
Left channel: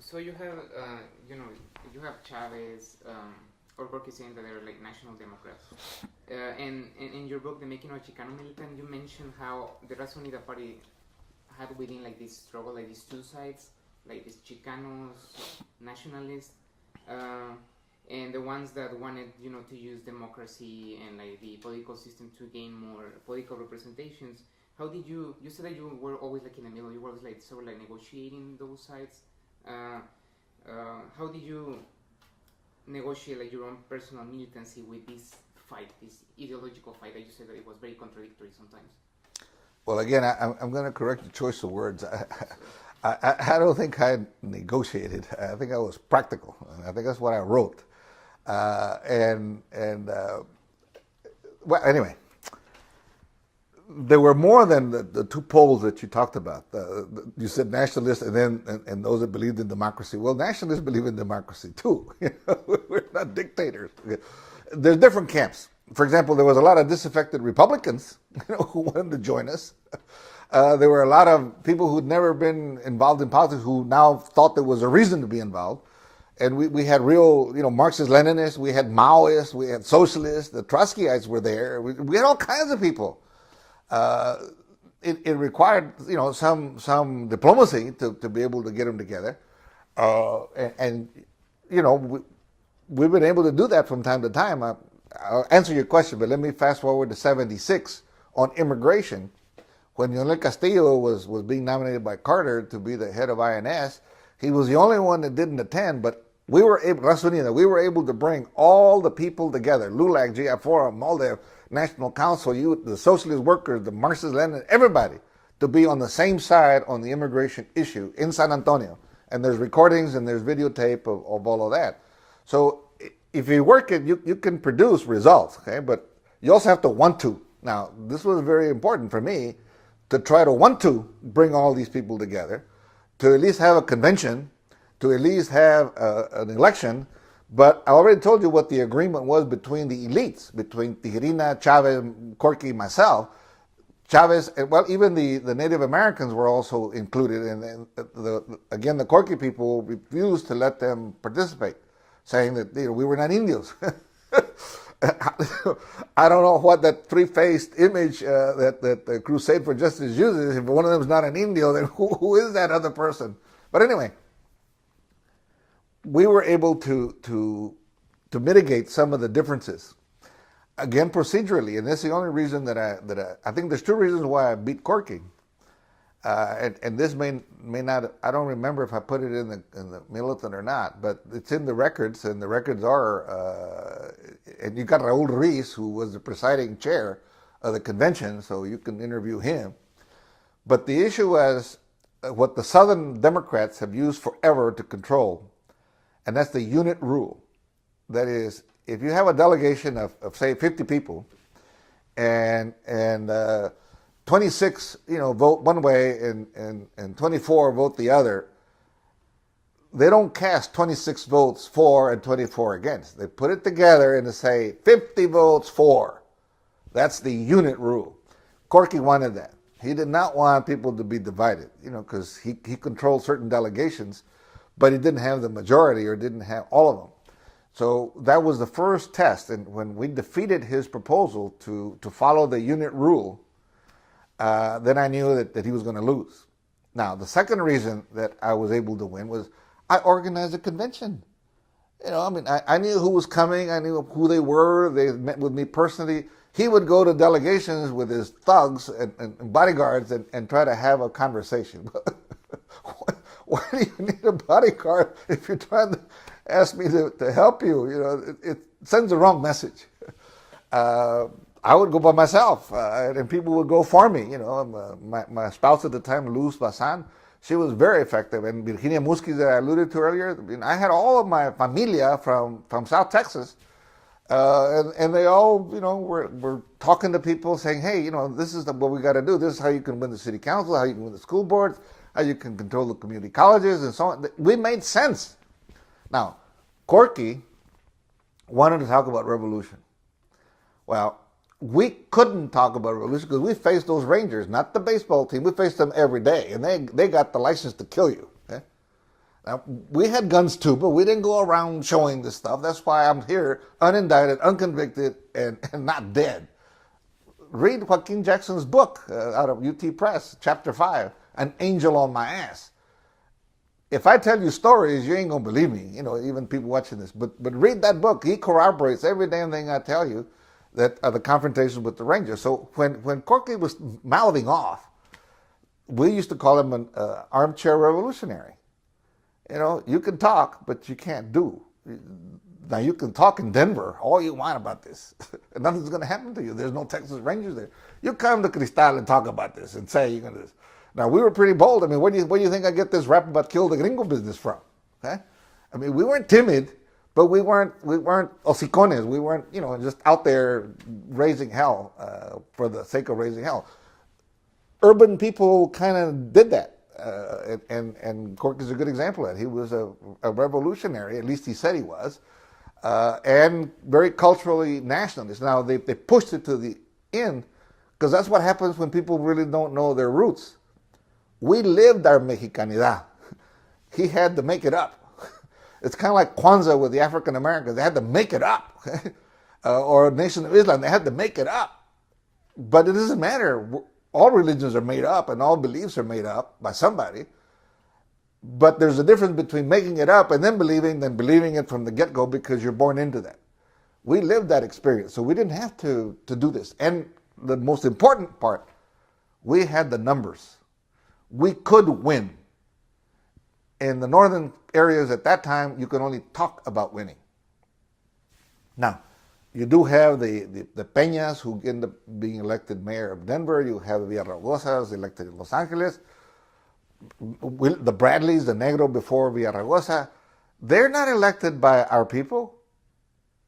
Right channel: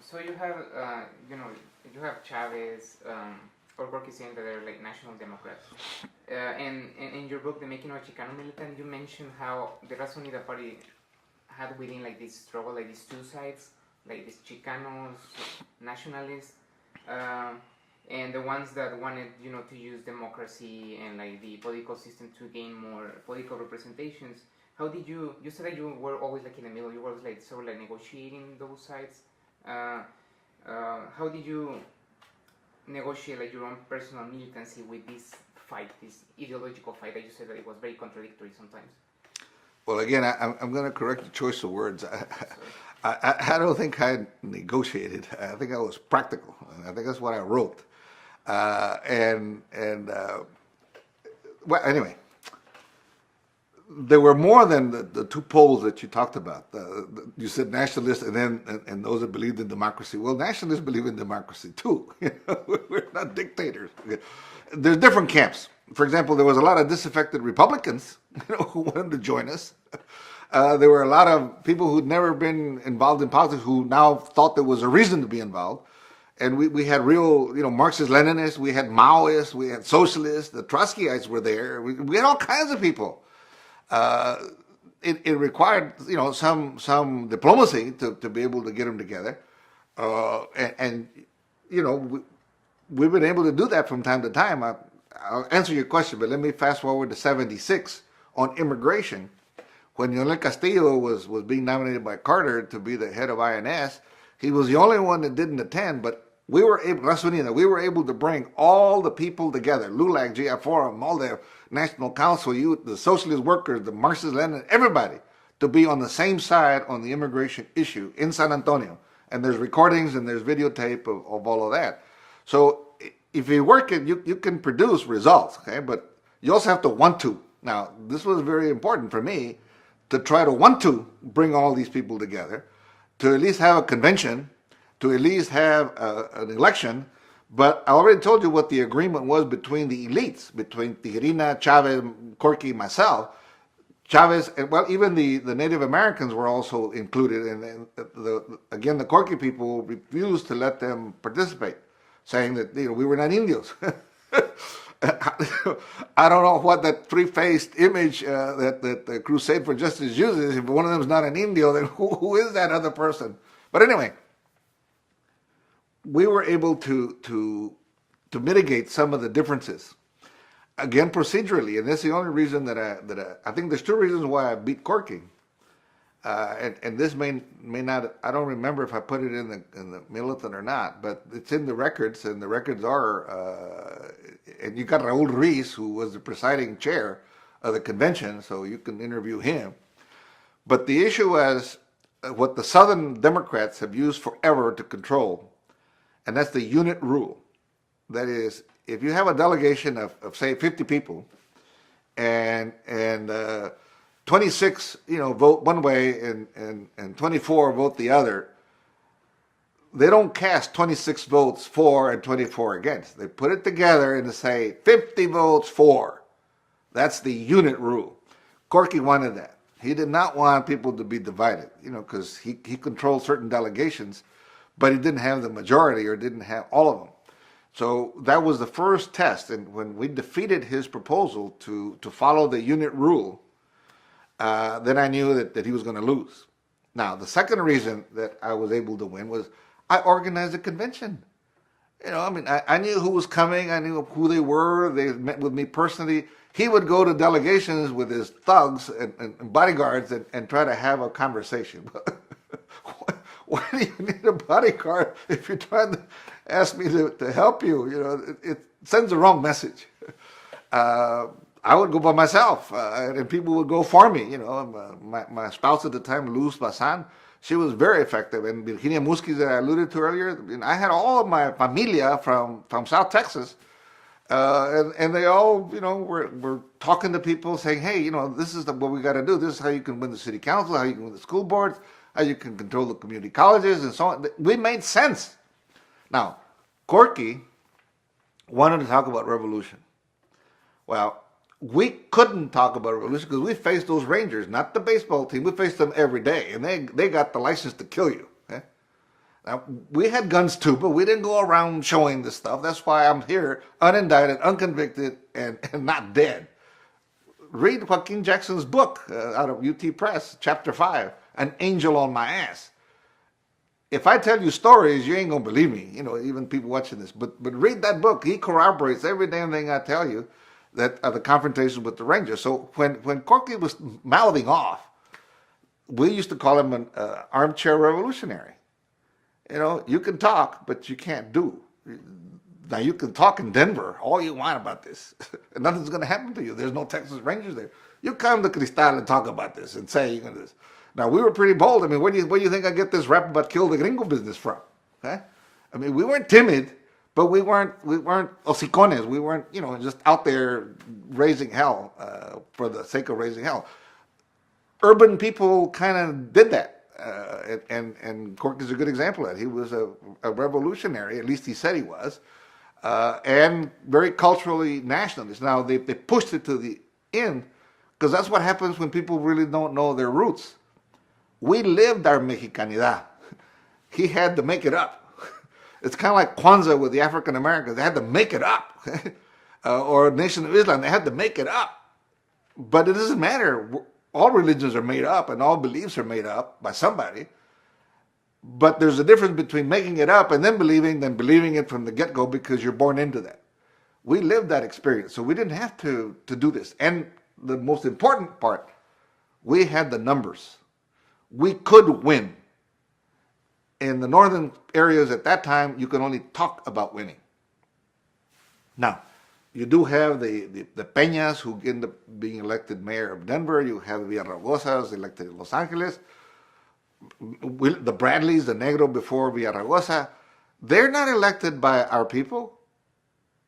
so you have, you have Chavez, or Borges saying that they're like national Democrats. And in your book, The Making of a Chicano Militant, you mentioned how the Raza Unida party had within like this struggle, like these two sides, like these Chicanos, nationalists, and the ones that wanted, to use democracy and like the political system to gain more political representations. How did you said that you were always like in the middle, you were like sort of like negotiating those sides. How did you negotiate like your own personal militancy with this fight, this ideological fight that you said that it was very contradictory sometimes? Well, again, I'm going to correct the choice of words. I don't think I negotiated. I think I was practical. I think that's what I wrote. Well, anyway, there were more than the two poles that you talked about. You said nationalists and those that believed in democracy. Well, nationalists believe in democracy too. We're not dictators. There's different camps. For example, there was a lot of disaffected Republicans, who wanted to join us. There were a lot of people who'd never been involved in politics who now thought there was a reason to be involved. And we had real, Marxist-Leninists, we had Maoists, we had socialists, the Trotskyites were there. We had all kinds of people. It required, some diplomacy to be able to get them together. We've been able to do that from time to time. I'll answer your question, but let me fast forward to 76 on immigration. When Leonel Castillo was being nominated by Carter to be the head of INS, he was the only one that didn't attend, but we were able to bring all the people together, LULAC, GI Forum, all the National Council, the socialist workers, the Marxist-Lenin, everybody, to be on the same side on the immigration issue in San Antonio. And there's recordings and there's videotape of all of that. So if you work it, you can produce results, okay? But you also have to want to. Now, this was very important for me to try to want to bring all these people together, to at least have a convention, to at least have an election. But I already told you what the agreement was between the elites, between Tijerina, Chavez, Corky, myself. Chavez, well, even the Native Americans were also included. And again, the Corky people refused to let them participate, saying that we were not Indios. I don't know what that three-faced image that the Crusade for Justice uses. If one of them is not an Indio, then who is that other person? But anyway, we were able to mitigate some of the differences. Again, procedurally, and that's the only reason that I think there's two reasons why I beat Corky. And this may not, I don't remember if I put it in the militant or not, but it's in the records, and the records are, and you got Raul Ruiz, who was the presiding chair of the convention, so you can interview him. But the issue was what the Southern Democrats have used forever to control, and that's the unit rule. That is, if you have a delegation of say 50 people, and 26, vote one way and 24 vote the other, they don't cast 26 votes for and 24 against. They put it together and they say 50 votes for. That's the unit rule. Corky wanted that. He did not want people to be divided, because he controlled certain delegations, but he didn't have the majority or didn't have all of them. So that was the first test. And when we defeated his proposal to follow the unit rule, then I knew that he was going to lose. Now, the second reason that I was able to win was I organized a convention. I knew who was coming. I knew who they were. They met with me personally. He would go to delegations with his thugs and bodyguards and try to have a conversation. Why do you need a bodyguard if you're trying to ask me to help you? It sends the wrong message. I would go by myself, and people would go for me. My spouse at the time, Luz Bazan, she was very effective. And Virginia Musquiz, that I alluded to earlier, I had all of my familia from South Texas, and they all, were talking to people, saying, hey, this is what we got to do. This is how you can win the city council, how you can win the school boards, how you can control the community colleges, and so on. We made sense. Now, Corky wanted to talk about revolution. Well, we couldn't talk about revolution because we faced those Rangers, not the baseball team. We faced them every day, and they got the license to kill you. Now, we had guns too, but we didn't go around showing this stuff. That's why I'm here, unindicted, unconvicted, and not dead. Read Joaquin Jackson's book out of UT Press, Chapter 5, An Angel on My Ass. If I tell you stories, you ain't going to believe me, even people watching this. But read that book. He corroborates every damn thing I tell you that are the confrontations with the Rangers. So when Corky was mouthing off, we used to call him an armchair revolutionary. You can talk, but you can't do. Now, you can talk in Denver all you want about this, and nothing's going to happen to you. There's no Texas Rangers there. You come to Cristal and talk about this and say, this. Now, we were pretty bold. I mean, where do you think I get this rap about kill the gringo business from? Huh? I mean, we weren't timid, but we weren't hocicones. We weren't, just out there raising hell for the sake of raising hell. Urban people kind of did that. And Cork is a good example of that. He was a revolutionary, at least he said he was, and very culturally nationalist. Now, they pushed it to the end, because that's what happens when people really don't know their roots. We lived our Mexicanidad. He had to make it up. It's kind of like Kwanzaa with the African Americans. They had to make it up. Or Nation of Islam, they had to make it up. But it doesn't matter. All religions are made up and all beliefs are made up by somebody. But there's a difference between making it up and then believing it from the get-go because you're born into that. We lived that experience, so we didn't have to do this. And the most important part, we had the numbers. We could win. In the northern areas at that time, you could only talk about winning. Now, you do have the Peñas who end up being elected mayor of Denver. You have Villaragosas elected in Los Angeles. The Bradleys, the Negro before Villaraigosa, they're not elected by our people.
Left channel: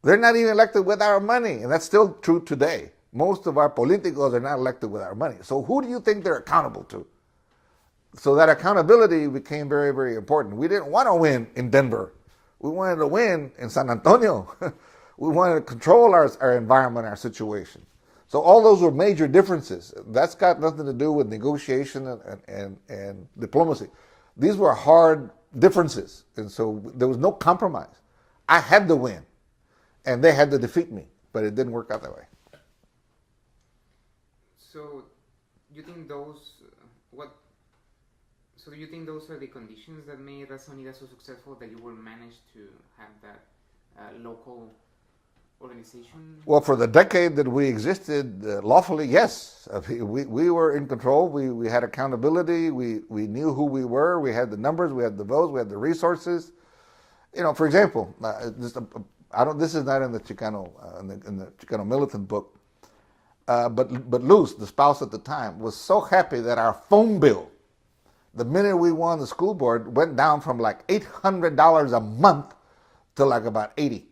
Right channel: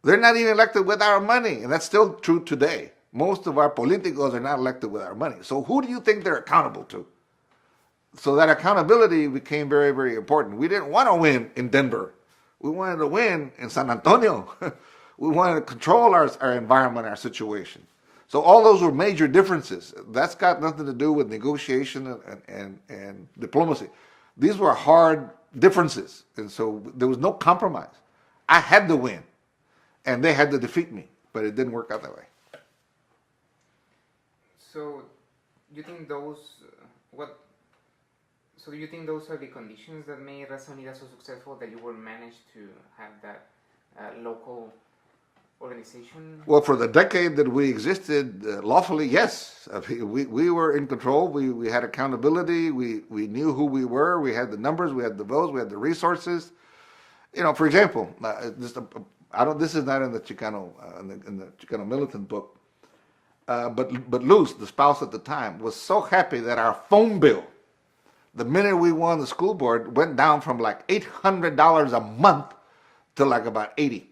They're not even elected with our money, and that's still true today. Most of our politicos are not elected with our money. So who do you think they're accountable to? So that accountability became very, very important. We didn't want to win in Denver. We wanted to win in San Antonio. We wanted to control our environment, our situation. So all those were major differences. That's got nothing to do with negotiation and diplomacy. These were hard differences. And so there was no compromise. I had to win. And they had to defeat me. But it didn't work out that way. So you think those... So do you think those are the conditions that made Raza Unida so successful, that you were managed to have that local organization? Well, for the decade that we existed lawfully, yes. We were in control. We had accountability. We knew who we were. We had the numbers. We had the votes. We had the resources. For example, this is not in the Chicano in the Chicano militant book, but Luz, the spouse at the time, was so happy that our phone bill, the minute we won the school board, went down from like $800 a month to like about $80.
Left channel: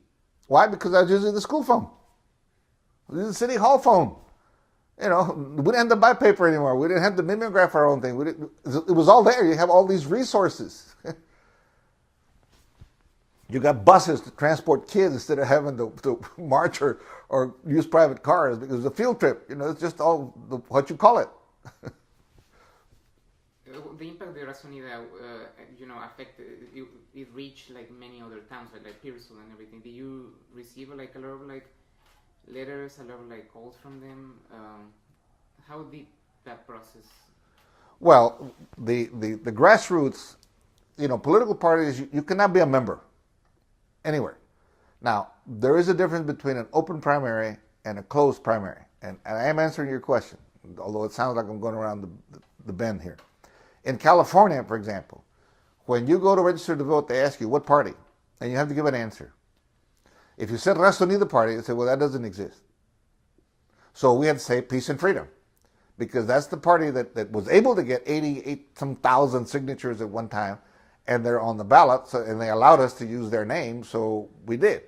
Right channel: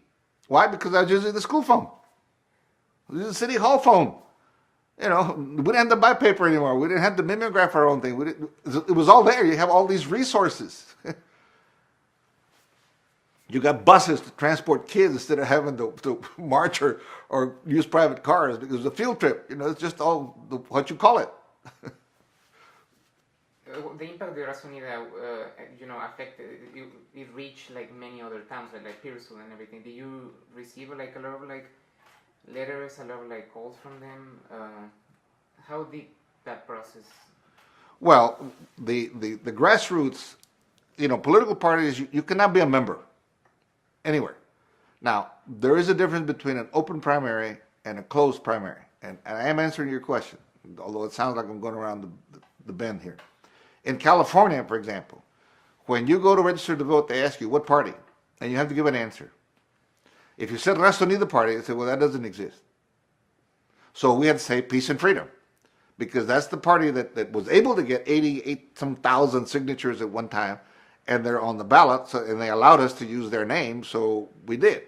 Why? Because I was using the school phone. I was using the city hall phone. We didn't have to buy paper anymore. We didn't have to mimeograph our own thing. It was all there. You have all these resources. You got buses to transport kids instead of having to march or use private cars. It was a field trip. It's just all what you call it. The impact of the Raza Unida, affected, it reached like many other towns, like Pearsall and everything. Did you receive like a lot of like letters, a lot of like calls from them? How did that process? Well, the grassroots, political parties, you cannot be a member anywhere. Now, there is a difference between an open primary and a closed primary. And I am answering your question, although it sounds like I'm going around the bend here. In California, for example, when you go to register to vote, they ask you what party, and you have to give an answer. If you said Raza Unida Party, they say, well, that doesn't exist. So we had to say peace and freedom, because that's the party that was able to get 88,000 signatures at one time, and they're on the ballot, and they allowed us to use their name, so we did.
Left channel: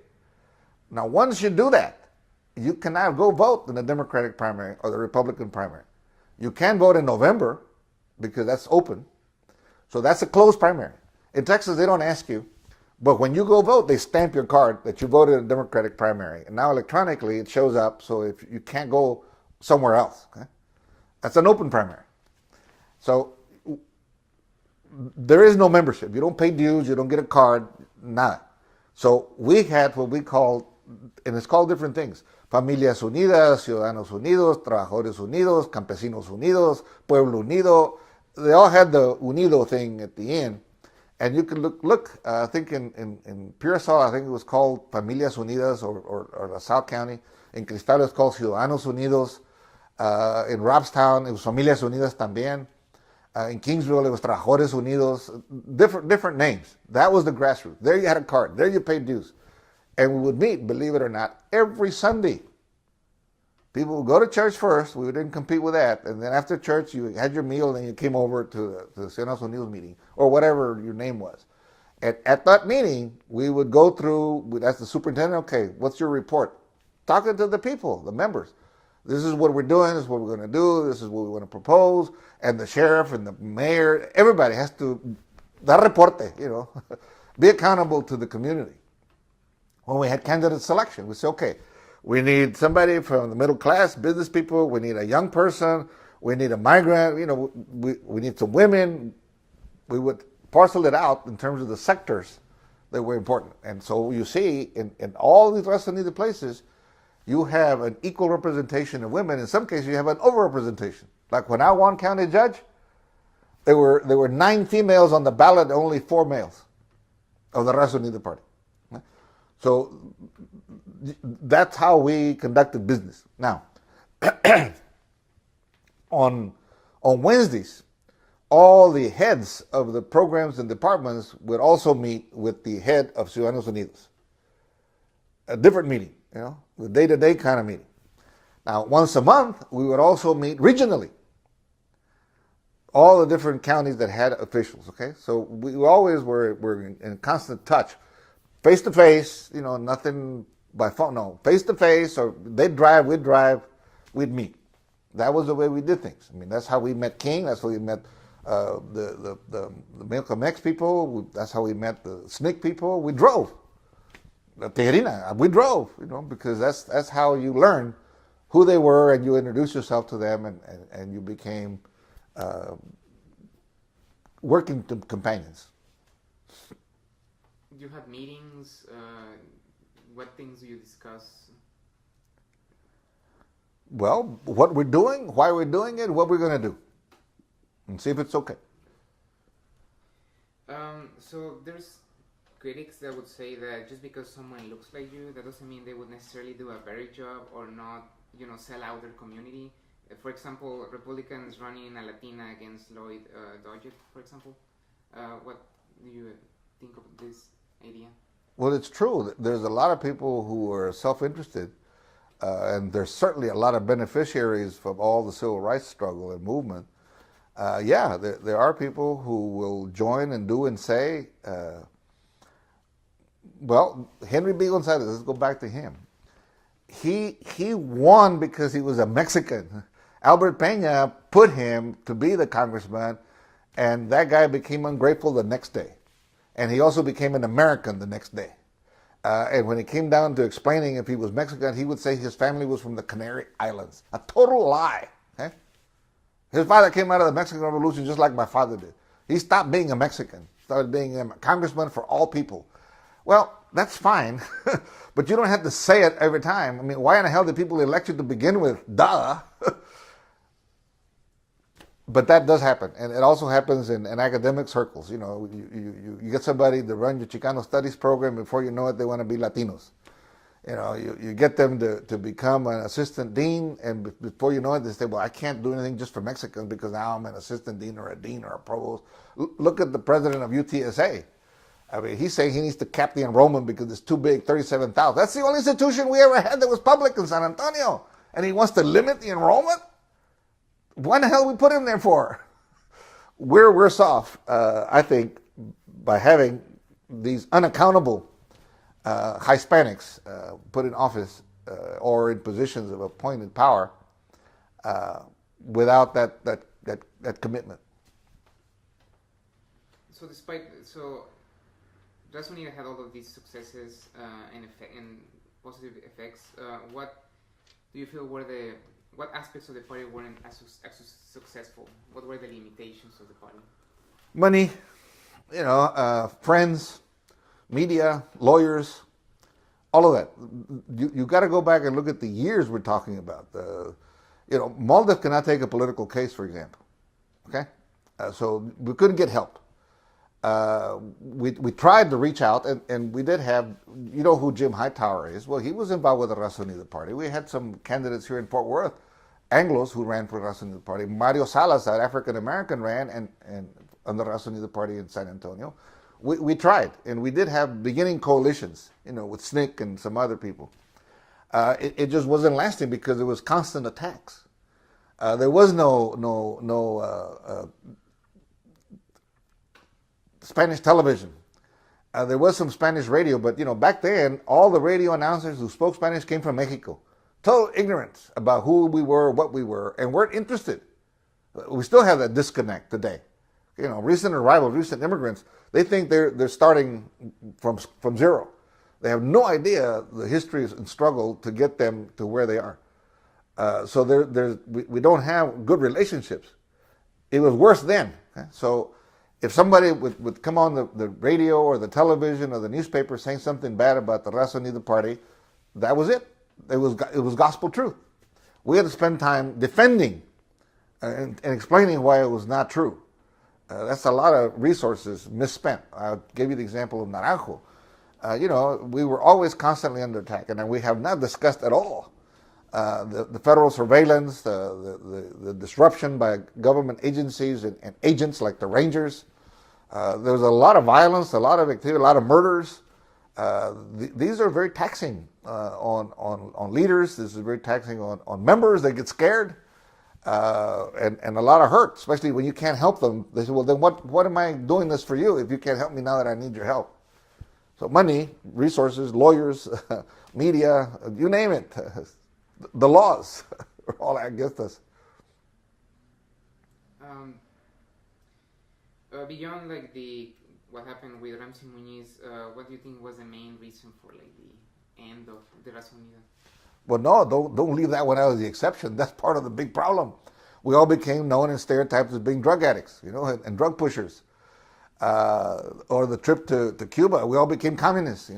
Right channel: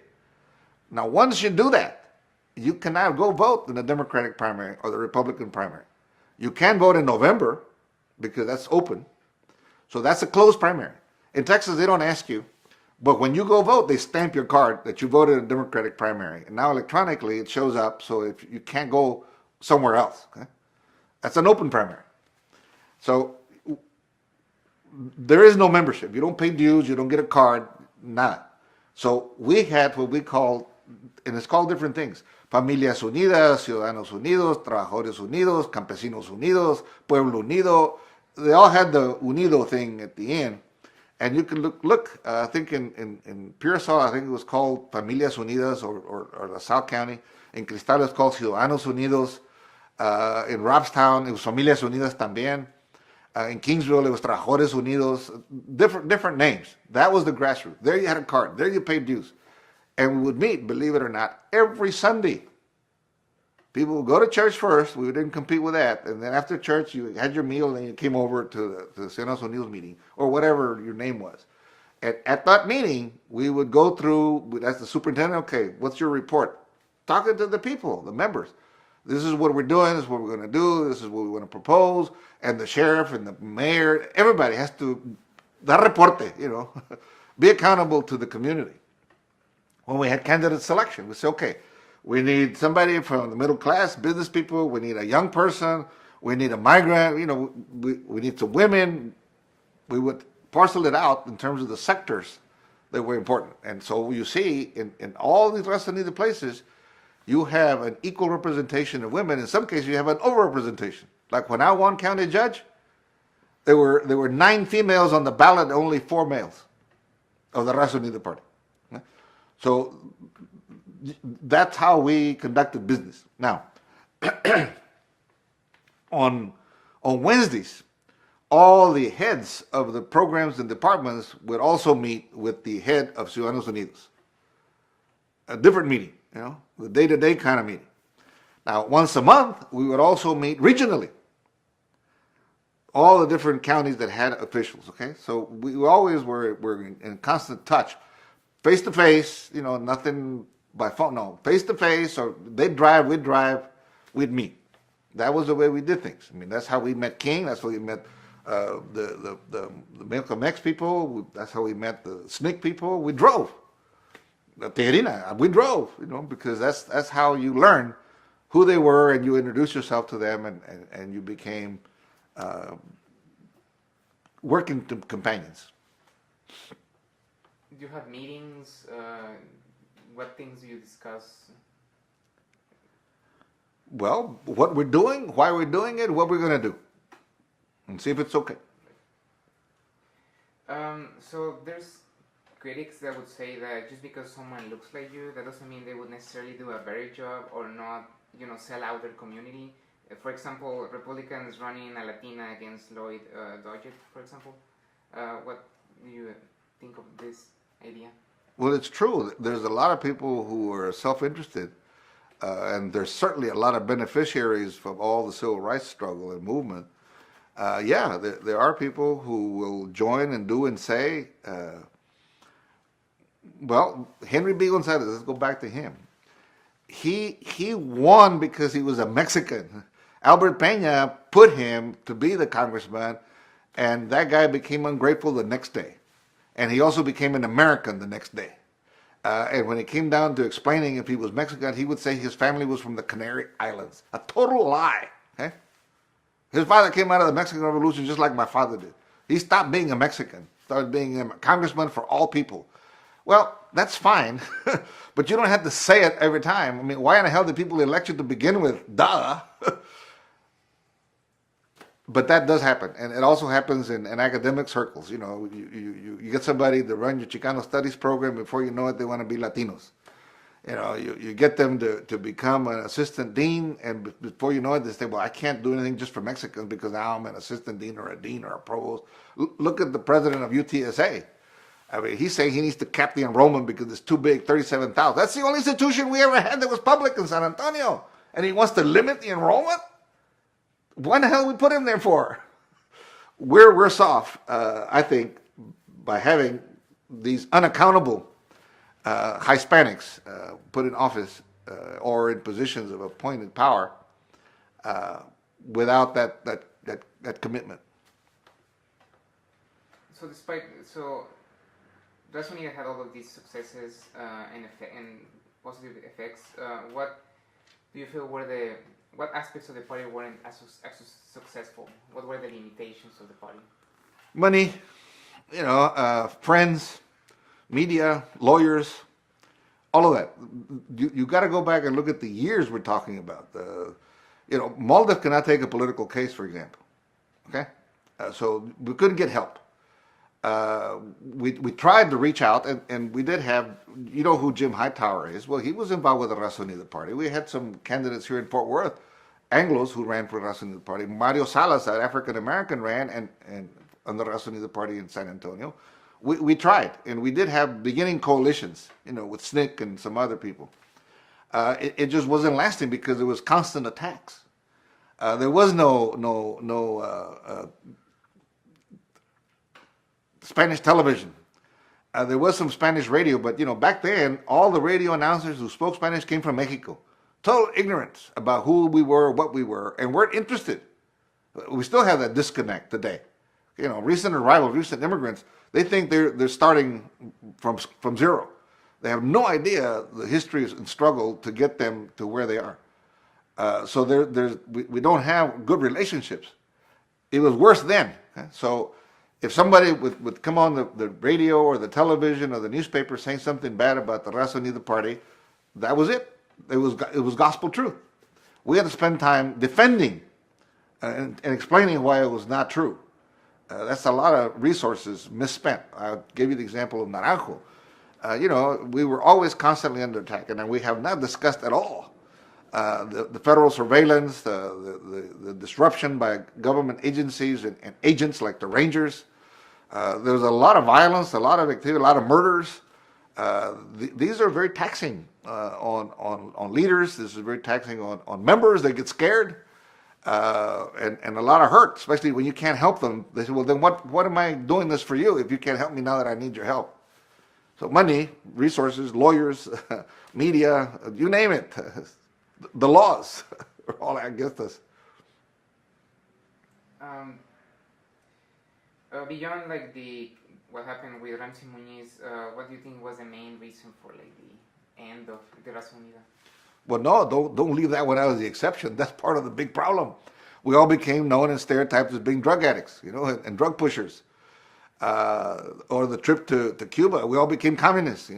Now, once you do that, you cannot go vote in the Democratic primary or the Republican primary. You can vote in November, because that's open. So that's a closed primary. In Texas, they don't ask you. But when you go vote, they stamp your card that you voted in a Democratic primary. And now electronically it shows up, so if you can't go somewhere else. Okay? That's an open primary. So there is no membership. You don't pay dues, you don't get a card, nada. So we had what we called, and it's called different things: Familias Unidas, Ciudadanos Unidos, Trabajadores Unidos, Campesinos Unidos, Pueblo Unido. They all had the Unido thing at the end. And you can look. I think in Pearsall, I think it was called Familias Unidas or LaSalle County. In Cristal, it was called Ciudadanos Unidos. In Robstown, it was Familias Unidas también. In Kingsville, it was Trabajadores Unidos. Different names. That was the grassroots. There you had a card. There you paid dues. And we would meet, believe it or not, every Sunday. People would go to church first. We didn't compete with that. And then after church, you had your meal, and then you came over to the Ciudadanos Unidos meeting, or whatever your name was. At that meeting, we would go through, as the superintendent, okay, what's your report? Talking to the people, the members. This is what we're doing, this is what we're going to do, this is what we want to propose. And the sheriff and the mayor, everybody has to dar reporte, be accountable to the community. When we had candidate selection, we said, okay, we need somebody from the middle class, business people, we need a young person, we need a migrant, we need some women. We would parcel it out in terms of the sectors that were important. And so you see, in all these less needed places, you have an equal representation of women. In some cases, you have an overrepresentation. Like when I won county judge, there were 9 females on the ballot and only 4 males of the Raza Unida party. So that's how we conducted business. Now, on Wednesdays, all the heads of the programs and departments would also meet with the head of Ciudadanos Unidos. A different meeting, the day-to-day kind of meeting. Now, once a month, we would also meet regionally. All the different counties that had officials, okay? So we always were in constant touch. Face-to-face, nothing by phone, no. Face-to-face, or they'd drive, we'd meet. That was the way we did things. I mean, that's how we met King, that's how we met the Milka X people, that's how we met the SNCC people. We drove. Tejerina, we drove, because that's how you learn who they were, and you introduce yourself to them, and you became working companions. Do you have meetings? What things do you discuss? Well, what we're doing, why we're doing it, what we're going to do, and see if it's okay. So there's critics that would say that just because someone looks like you, that doesn't mean they would necessarily do a better job or not, sell out their community. For example, Republicans running a Latina against Lloyd Doggett, for example. What do you think of this idea? Well, it's true. There's a lot of people who are self-interested, and there's certainly a lot of beneficiaries from all the civil rights struggle and movement. There are people who will join and do and say, Henry B. Gonzalez, let's go back to him. He won because he was a Mexican. Albert Peña put him to be the congressman, and that guy became ungrateful the next day. And he also became an American the next day. And when it came down to explaining if he was Mexican, he would say his family was from the Canary Islands. A total lie. His father came out of the Mexican Revolution just like my father did. He stopped being a Mexican, started being a congressman for all people. Well, that's fine, but you don't have to say it every time. I mean, why in the hell did people elect you to begin with? Duh! But that does happen, and it also happens in academic circles. You get somebody to run your Chicano studies program, before you know it, they want to be Latinos. You get them to become an assistant dean, and before you know it, they say, well, I can't do anything just for Mexicans because now I'm an assistant dean or a dean or a provost. Look at the president of UTSA. I mean, he's saying he needs to cap the enrollment because it's too big, 37,000. That's the only institution we ever had that was public in San Antonio. And he wants to limit the enrollment? What the hell we put in there for? We're worse off, I think, by having these unaccountable Hispanics put in office or in positions of appointed power without that commitment. So Raza Unida had all of these successes and positive effects. What do you feel what aspects of the party weren't as successful? What were the limitations of the party? Money, friends, media, lawyers, all of that. You got to go back and look at the years we're talking about. Maldiv cannot take a political case, for example. Okay, so we couldn't get help. We tried to reach out, and we did have, who Jim Hightower is? Well, he was involved with the Raza Unida party. We had some candidates here in Fort Worth, Anglos, who ran for the Raza Unida party. Mario Salas, that African-American, ran and on the Raza Unida party in San Antonio. We tried, and we did have beginning coalitions, with SNCC and some other people. It just wasn't lasting because there was constant attacks. There was no Spanish television. There was some Spanish radio, but back then, all the radio announcers who spoke Spanish came from Mexico. Total ignorance about who we were, what we were, and weren't interested. We still have that disconnect today. Recent arrivals, recent immigrants, they think they're starting from zero. They have no idea the history and struggle to get them to where they are. So we don't have good relationships. It was worse then. So if somebody would come on the radio or the television or the newspaper saying something bad about the Raza Unida party, that was it. It was gospel truth. We had to spend time defending and explaining why it was not true. That's a lot of resources misspent. I'll give you the example of Naranjo. We were always constantly under attack, and we have not discussed at all the federal surveillance, the disruption by government agencies and agents like the Rangers. There was a lot of violence, a lot of activity, a lot of murders. These are very taxing on leaders. This is very taxing on members. They get scared. And a lot of hurt, especially when you can't help them. They say, well, then what am I doing this for you if you can't help me now that I need your help? So money, resources, lawyers, media, you name it. The laws are all against us. Beyond what happened with Ramsey Muñiz, what do you think was the main reason for the end of the Raza Unida? Well, no, don't leave that one out of the exception. That's part of the big problem. We all became known and stereotyped as being drug addicts, and drug pushers. Or the trip to Cuba, we all became communists,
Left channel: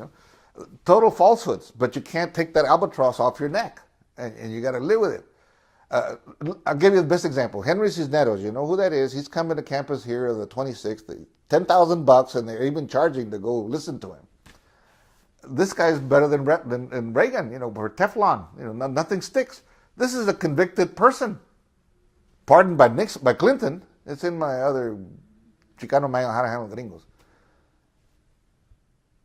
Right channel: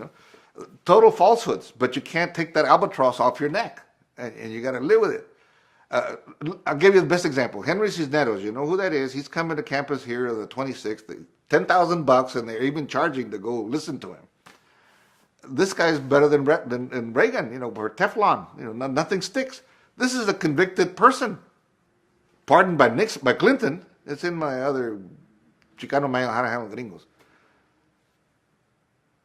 Total falsehoods, but you can't take that albatross off your neck, and you got to live with it. I'll give you the best example. Henry Cisneros, you know who that is? He's coming to campus here the 26th, $10,000, and they're even charging to go listen to him. This guy's better than Reagan, for Teflon. Nothing sticks. This is a convicted person, pardoned by Clinton. It's in my other Chicano Manual How to Handle Gringos.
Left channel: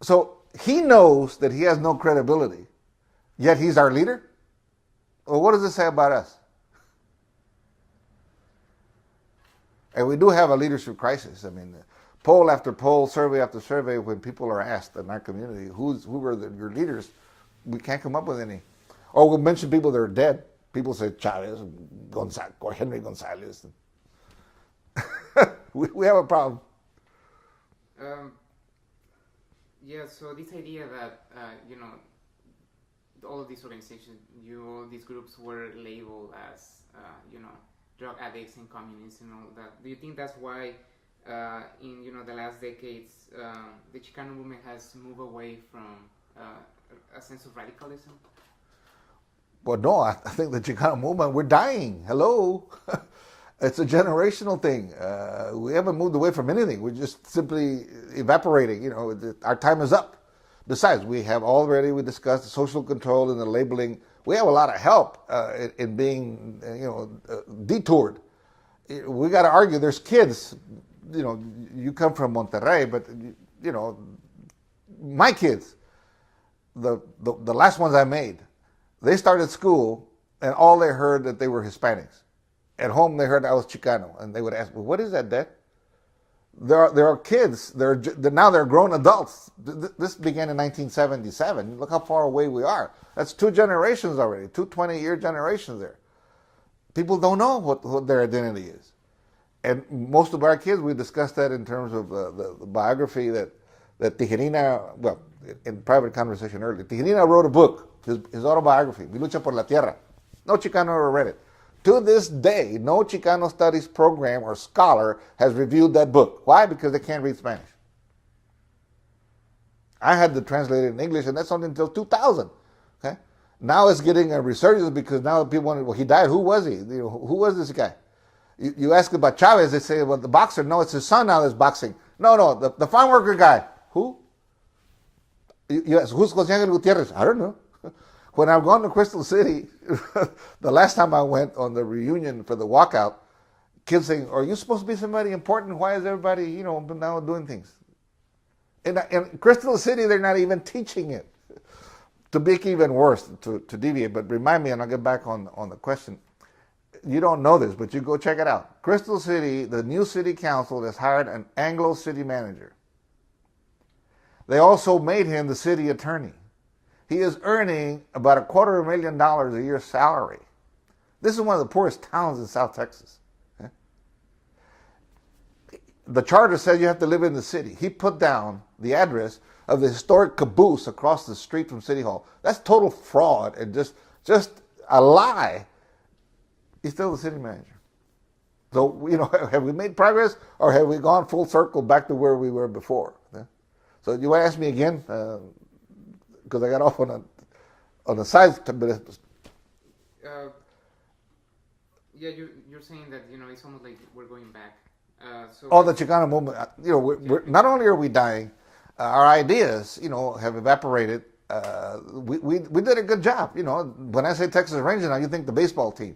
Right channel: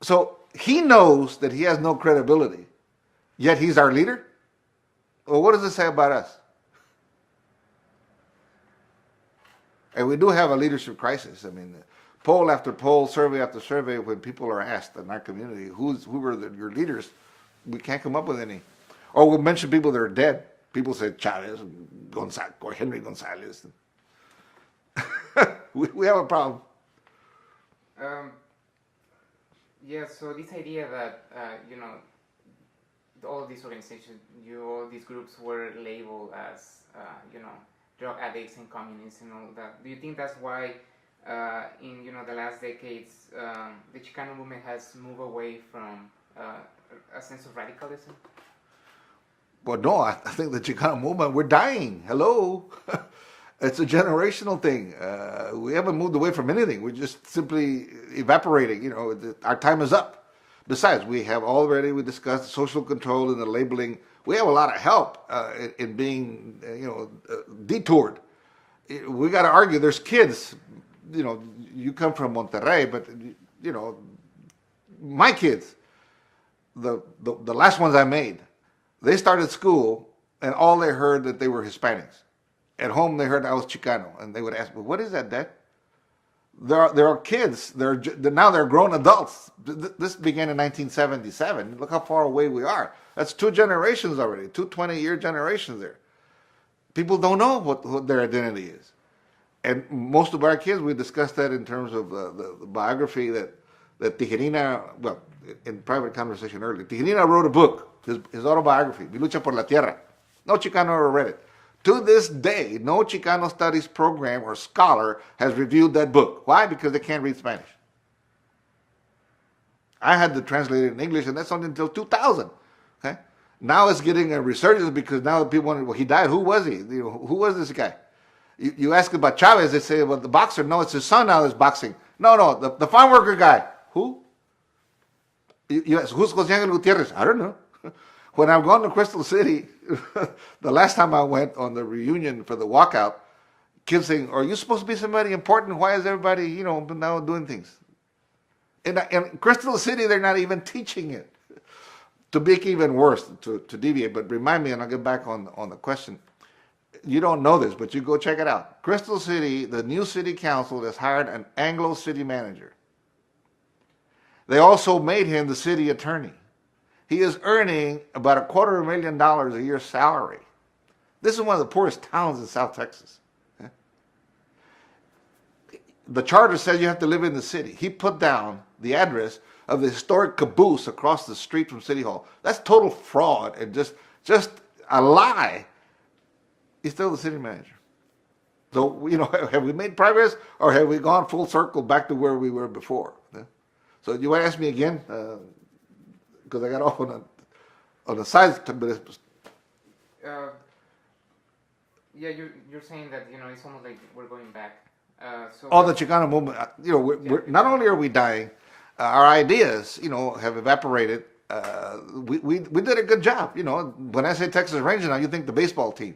So he knows that he has no credibility, yet he's our leader. Well, what does this say about us? And we do have a leadership crisis. Poll after poll, survey after survey, when people are asked in our community, who were your leaders, we can't come up with any. Or we'll mention people that are dead. People say Chavez, Gonzalez, or Henry Gonzalez. we have a problem. So this idea that, all of these organizations, all these groups were labeled as, drug addicts and communists and all of that. Do you think that's why in the last decades, the Chicano movement has moved away from a sense of radicalism? Well, no, I think the Chicano movement, we're dying. Hello. It's a generational thing. We haven't moved away from anything. We're just simply evaporating. Our time is up. Besides, we discussed the social control and the labeling. We have a lot of help in being, detoured. We got to argue. There's kids. You come from Monterrey, but my kids, the last ones I made, they started school and all they heard that they were Hispanics. At home they heard I was Chicano, and they would ask me, "What is that, Dad?" There are kids. Now they're grown adults. This began in 1977. Look how far away we are. That's 2 generations already. 2 20-year generations there. People don't know what their identity is. And most of our kids, we discussed that in terms of the biography that that Tijerina, well, in private conversation earlier, Tijerina wrote a book, his autobiography, Mi Lucha por la Tierra. No Chicano ever read it. To this day, no Chicano studies program or scholar has reviewed that book. Why? Because they can't read Spanish. I had to translate it in English, and that's only until 2000. Okay? Now it's getting a resurgence because now people wonder, well, he died. Who was he? Who was this guy? You ask about Chavez, they say, well, the boxer. No, it's his son now that's boxing. No, the farm worker guy. Who? You ask, who's José Ángel Gutiérrez? I don't know. When I've gone to Crystal City, the last time I went on the reunion for the walkout, kids saying, are you supposed to be somebody important? Why is everybody, now doing things? In Crystal City, they're not even teaching it. To make it even worse, to deviate, but remind me, and I'll get back on the question. You don't know this, but you go check it out. Crystal City, the new city council has hired an Anglo city manager. They also made him the city attorney. He is earning about $250,000 a year salary. This is one of the poorest towns in South Texas. The charter says you have to live in the city. He put down the address of the historic caboose across the street from City Hall. That's total fraud and just a lie. He's still the city manager. So, have we made progress or have we gone full circle back to where we were before? So you ask me again, because I got off on the side. Yeah, you're saying that it's almost like we're going back. The Chicano movement. We're not only are we dying, our ideas, have evaporated. We did a good job. When I say Texas Rangers now, you think the baseball team,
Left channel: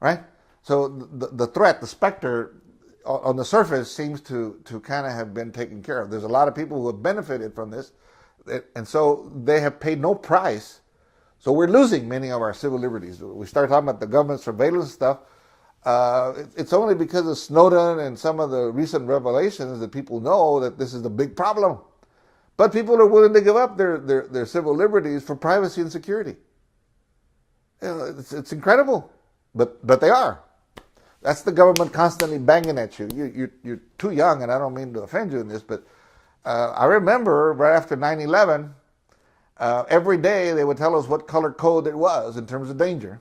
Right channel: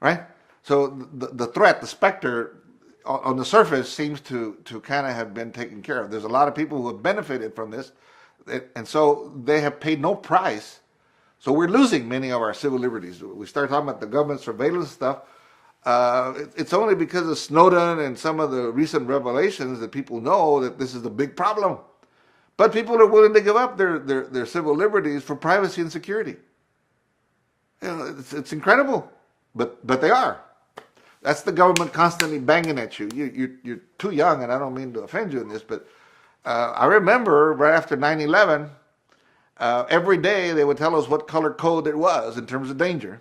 right? So the threat, the specter, on the surface seems to kind of have been taken care of. There's a lot of people who have benefited from this, and so they have paid no price. So we're losing many of our civil liberties. We start talking about the government surveillance stuff. It's only because of Snowden and some of the recent revelations that people know that this is the big problem. But people are willing to give up their civil liberties for privacy and security. It's incredible, but they are. That's the government constantly banging at you. You're too young, and I don't mean to offend you in this, but I remember right after 9/11, every day they would tell us what color code it was in terms of danger.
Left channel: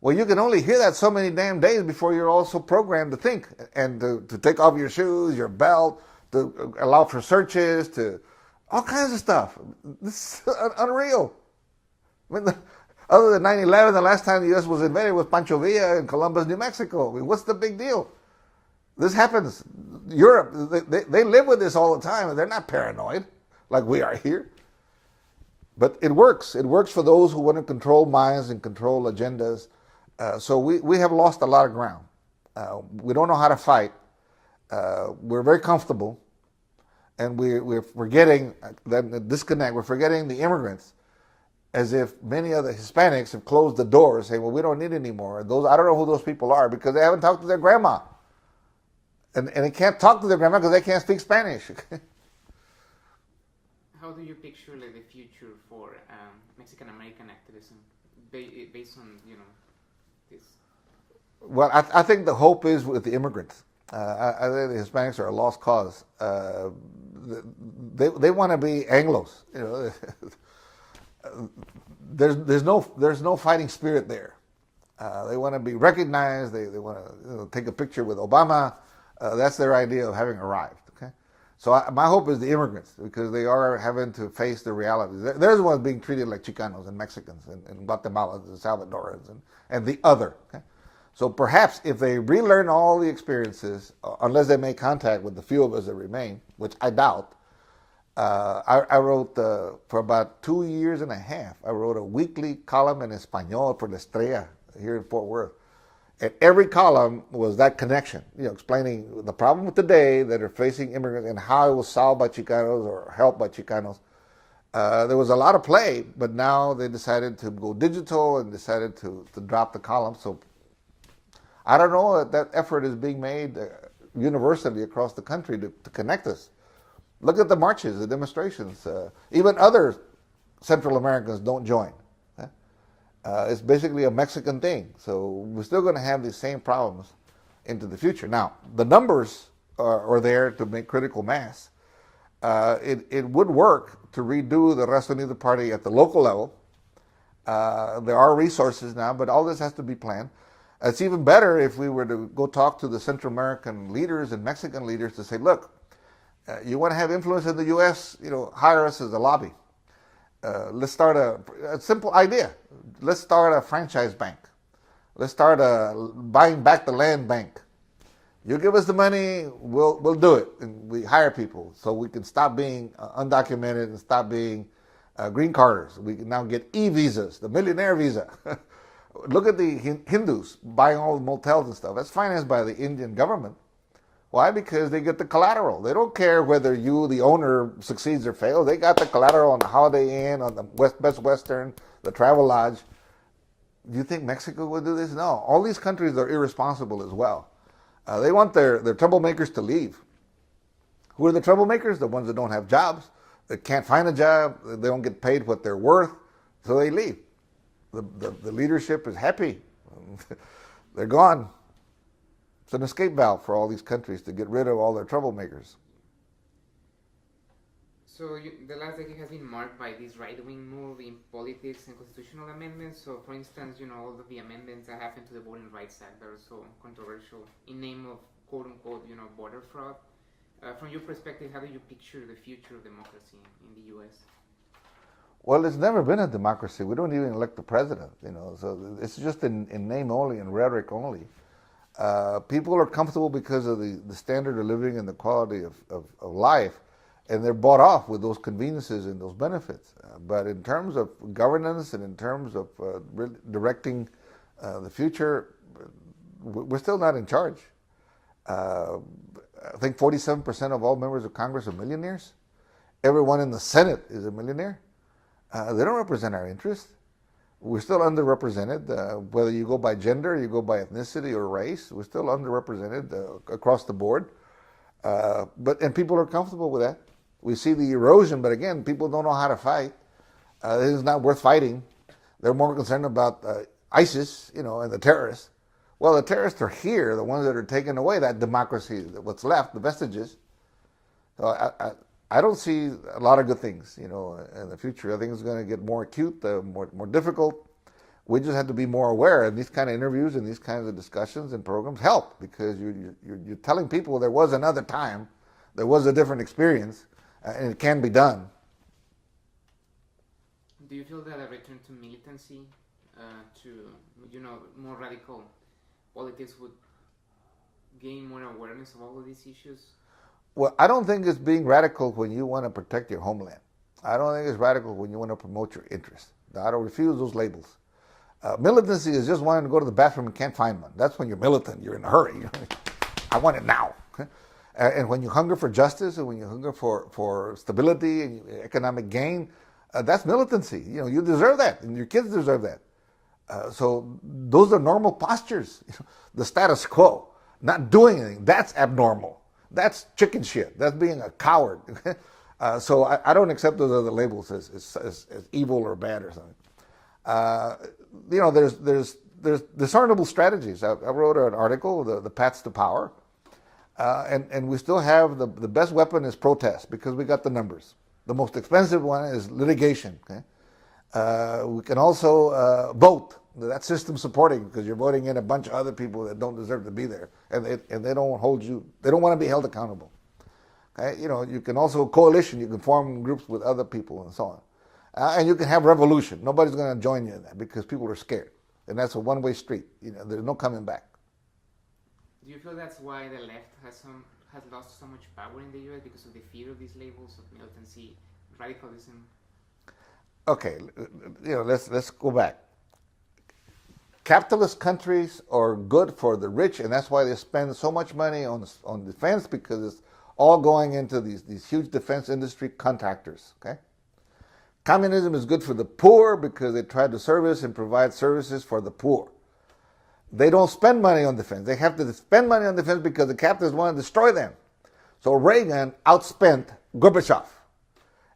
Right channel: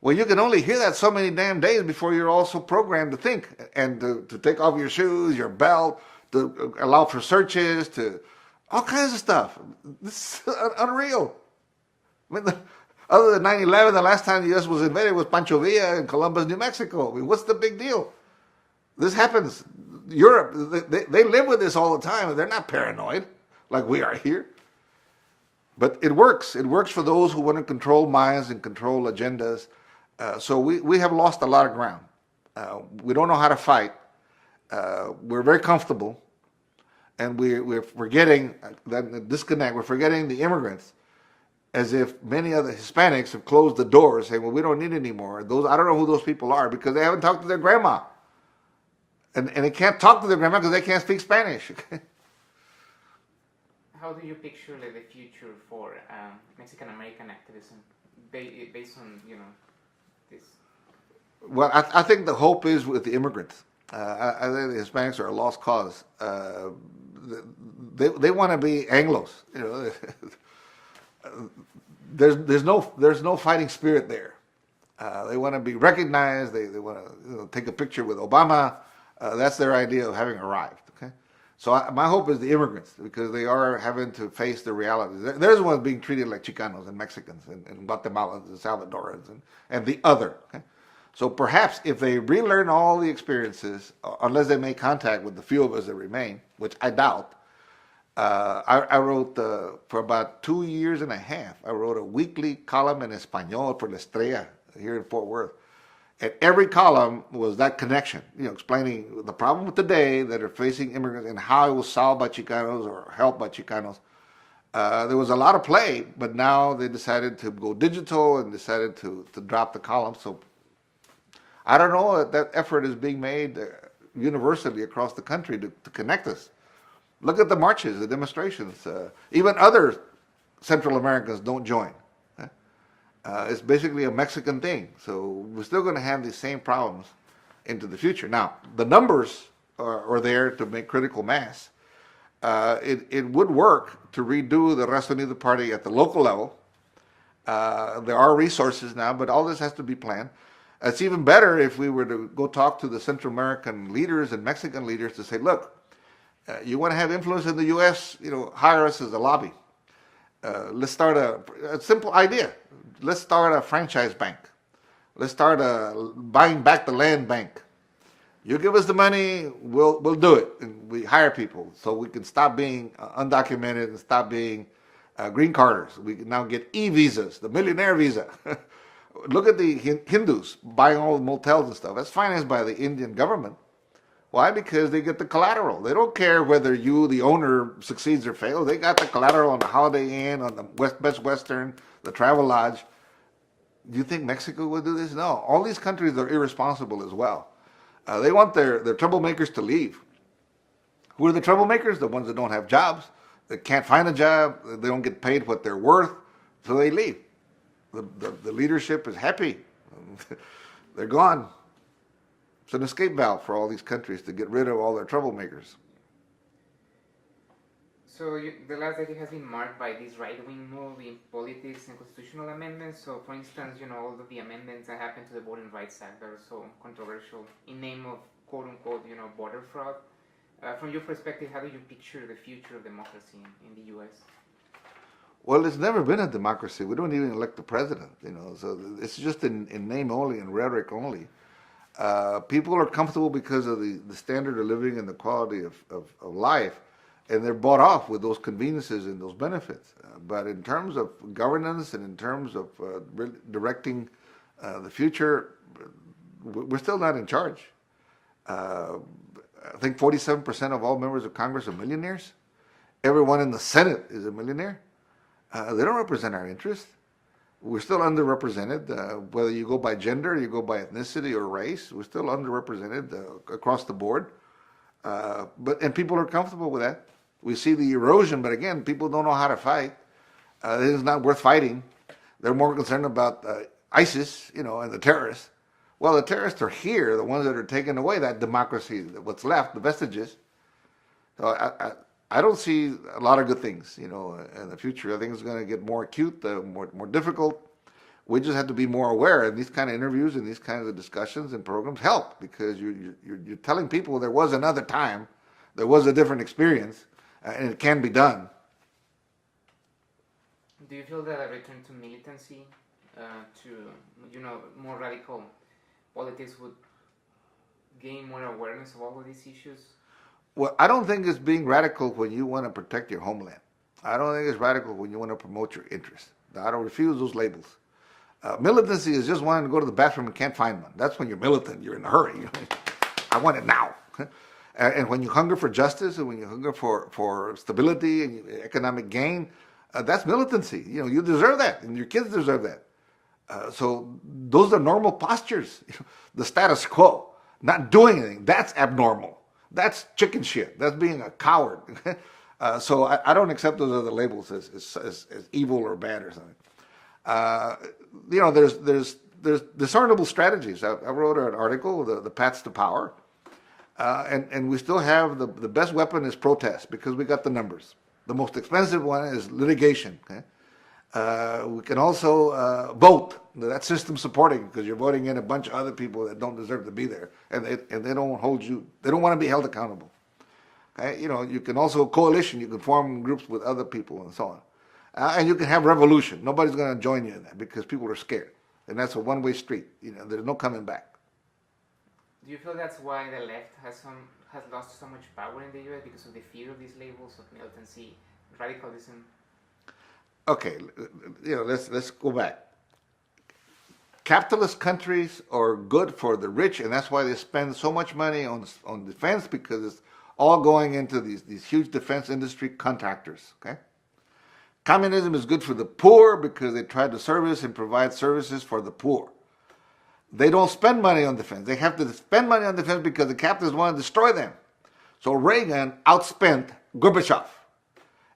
Well, you can only hear that so many damn days before you're also programmed to think and to take off your shoes, your belt, to allow for searches, to all kinds of stuff. This is unreal. I mean, other than 9/11, the last time the U.S. was invaded was Pancho Villa in Columbus, New Mexico. I mean, what's the big deal? This happens. Europe, they live with this all the time, and they're not paranoid like we are here. But it works. It works for those who want to control minds and control agendas. So we have lost a lot of ground. We don't know how to fight. We're very comfortable. And we're forgetting that disconnect. We're forgetting the immigrants, as if many of the Hispanics have closed the doors, saying, well, we don't need any more. And I don't know who those people are because they haven't talked to their grandma. And they can't talk to their grandma because they can't speak Spanish. How do you picture the future for Mexican-American activism based on, this? Well, I think the hope is with the immigrants. I think the Hispanics are a lost cause. They want to be Anglos. There's no fighting spirit there. They want to be recognized. They want to take a picture with Obama. That's their idea of having arrived. Okay, so my hope is the immigrants because they are having to face the realities. They're the ones being treated like Chicanos and Mexicans and Guatemalans and Salvadorans and the other. Okay? So perhaps if they relearn all the experiences, unless they make contact with the few of us that remain, which I doubt. I wrote, for about 2 years and a half, I wrote a weekly column in Espanol for La Estrella here in Fort Worth. And every column was that connection, explaining the problem of today that are facing immigrants and how it was solved by Chicanos or helped by Chicanos. There was a lot of play, but now they decided to go digital and decided to drop the column. So I don't know that effort is being made universally across the country to connect us. Look at the marches, the demonstrations. Even other Central Americans don't join. It's basically a Mexican thing. So we're still going to have these same problems into the future. Now, the numbers are there to make critical mass. it would work to redo the Raza Unida Party at the local level. There are resources now, but all this has to be planned. It's even better if we were to go talk to the Central American leaders and Mexican leaders to say, look, you want to have influence in the U.S., hire us as a lobby. Let's start a simple idea. Let's start a franchise bank. Let's start a buying back the land bank. You give us the money, we'll do it. And we hire people so we can stop being undocumented and stop being green carders. We can now get e-visas, the millionaire visa. Look at the Hindus buying all the motels and stuff. That's financed by the Indian government. Why? Because they get the collateral. They don't care whether you, the owner, succeeds or fails. They got the collateral on the Holiday Inn, on the Best Western, the Travel Lodge. Do you think Mexico would do this? No. All these countries are irresponsible as well. They want their troublemakers to leave. Who are the troublemakers? The ones that don't have jobs, that can't find a job, they don't get paid what they're worth, so they leave. The leadership is happy. They're gone. It's an escape valve for all these countries to get rid of all their troublemakers. So the last decade has been marked by this right-wing move in politics and constitutional amendments. So, for instance, all of the amendments that happened to the Voting Rights Act that are so controversial in name of quote-unquote, border fraud. From your perspective, how do you picture the future of democracy in the U.S.? Well, it's never been a democracy. We don't even elect the president, so it's just in name only, in rhetoric only. People are comfortable because of the standard of living and the quality of life, and they're bought off with those conveniences and those benefits. But in terms of governance and in terms of directing the future, we're still not in charge. I think 47% of all members of Congress are millionaires. Everyone in the Senate is a millionaire. They don't represent our interests. We're still underrepresented, whether you go by gender, you go by ethnicity or race. We're still underrepresented across the board. And people are comfortable with that. We see the erosion, but again, people don't know how to fight. This is not worth fighting. They're more concerned about ISIS, and the terrorists. Well, the terrorists are here, the ones that are taking away that democracy, what's left, the vestiges. So I don't see a lot of good things, in the future. I think it's going to get more acute, more difficult. We just have to be more aware, and these kind of interviews and these kinds of discussions and programs help, because you're telling people there was another time, there was a different experience, and it can be done. Do you feel that a return to militancy, to more radical politics would gain more awareness of all of these issues? Well, I don't think it's being radical when you want to protect your homeland. I don't think it's radical when you want to promote your interests. I don't refuse those labels. Militancy is just wanting to go to the bathroom and can't find one. That's when you're militant. You're in a hurry. I want it now. And when you hunger for justice and when you hunger for stability and economic gain, that's militancy. You deserve that, and your kids deserve that. So those are normal postures. The status quo, not doing anything, that's abnormal. That's chicken shit. That's being a coward. So I don't accept those other labels as evil or bad or something. There's discernible strategies. I wrote an article, the paths to power, and we still have the best weapon is protest, because we got the numbers. The most expensive one is litigation. Okay? We can also vote. That's system supporting, because you're voting in a bunch of other people that don't deserve to be there, and they don't hold you. They don't want to be held accountable. Okay? You can also coalition. You can form groups with other people and so on, and you can have revolution. Nobody's going to join you in that because people are scared, and that's a one-way street. There's no coming back. Do you feel that's why the left has lost so much power in the U.S. because of the fear of these labels of militancy, radicalism? Okay, let's go back. Capitalist countries are good for the rich, and that's why they spend so much money on defense, because it's all going into these huge defense industry contractors. Okay, communism is good for the poor because they try to service and provide services for the poor. They don't spend money on defense. They have to spend money on defense because the capitalists want to destroy them. So Reagan outspent Gorbachev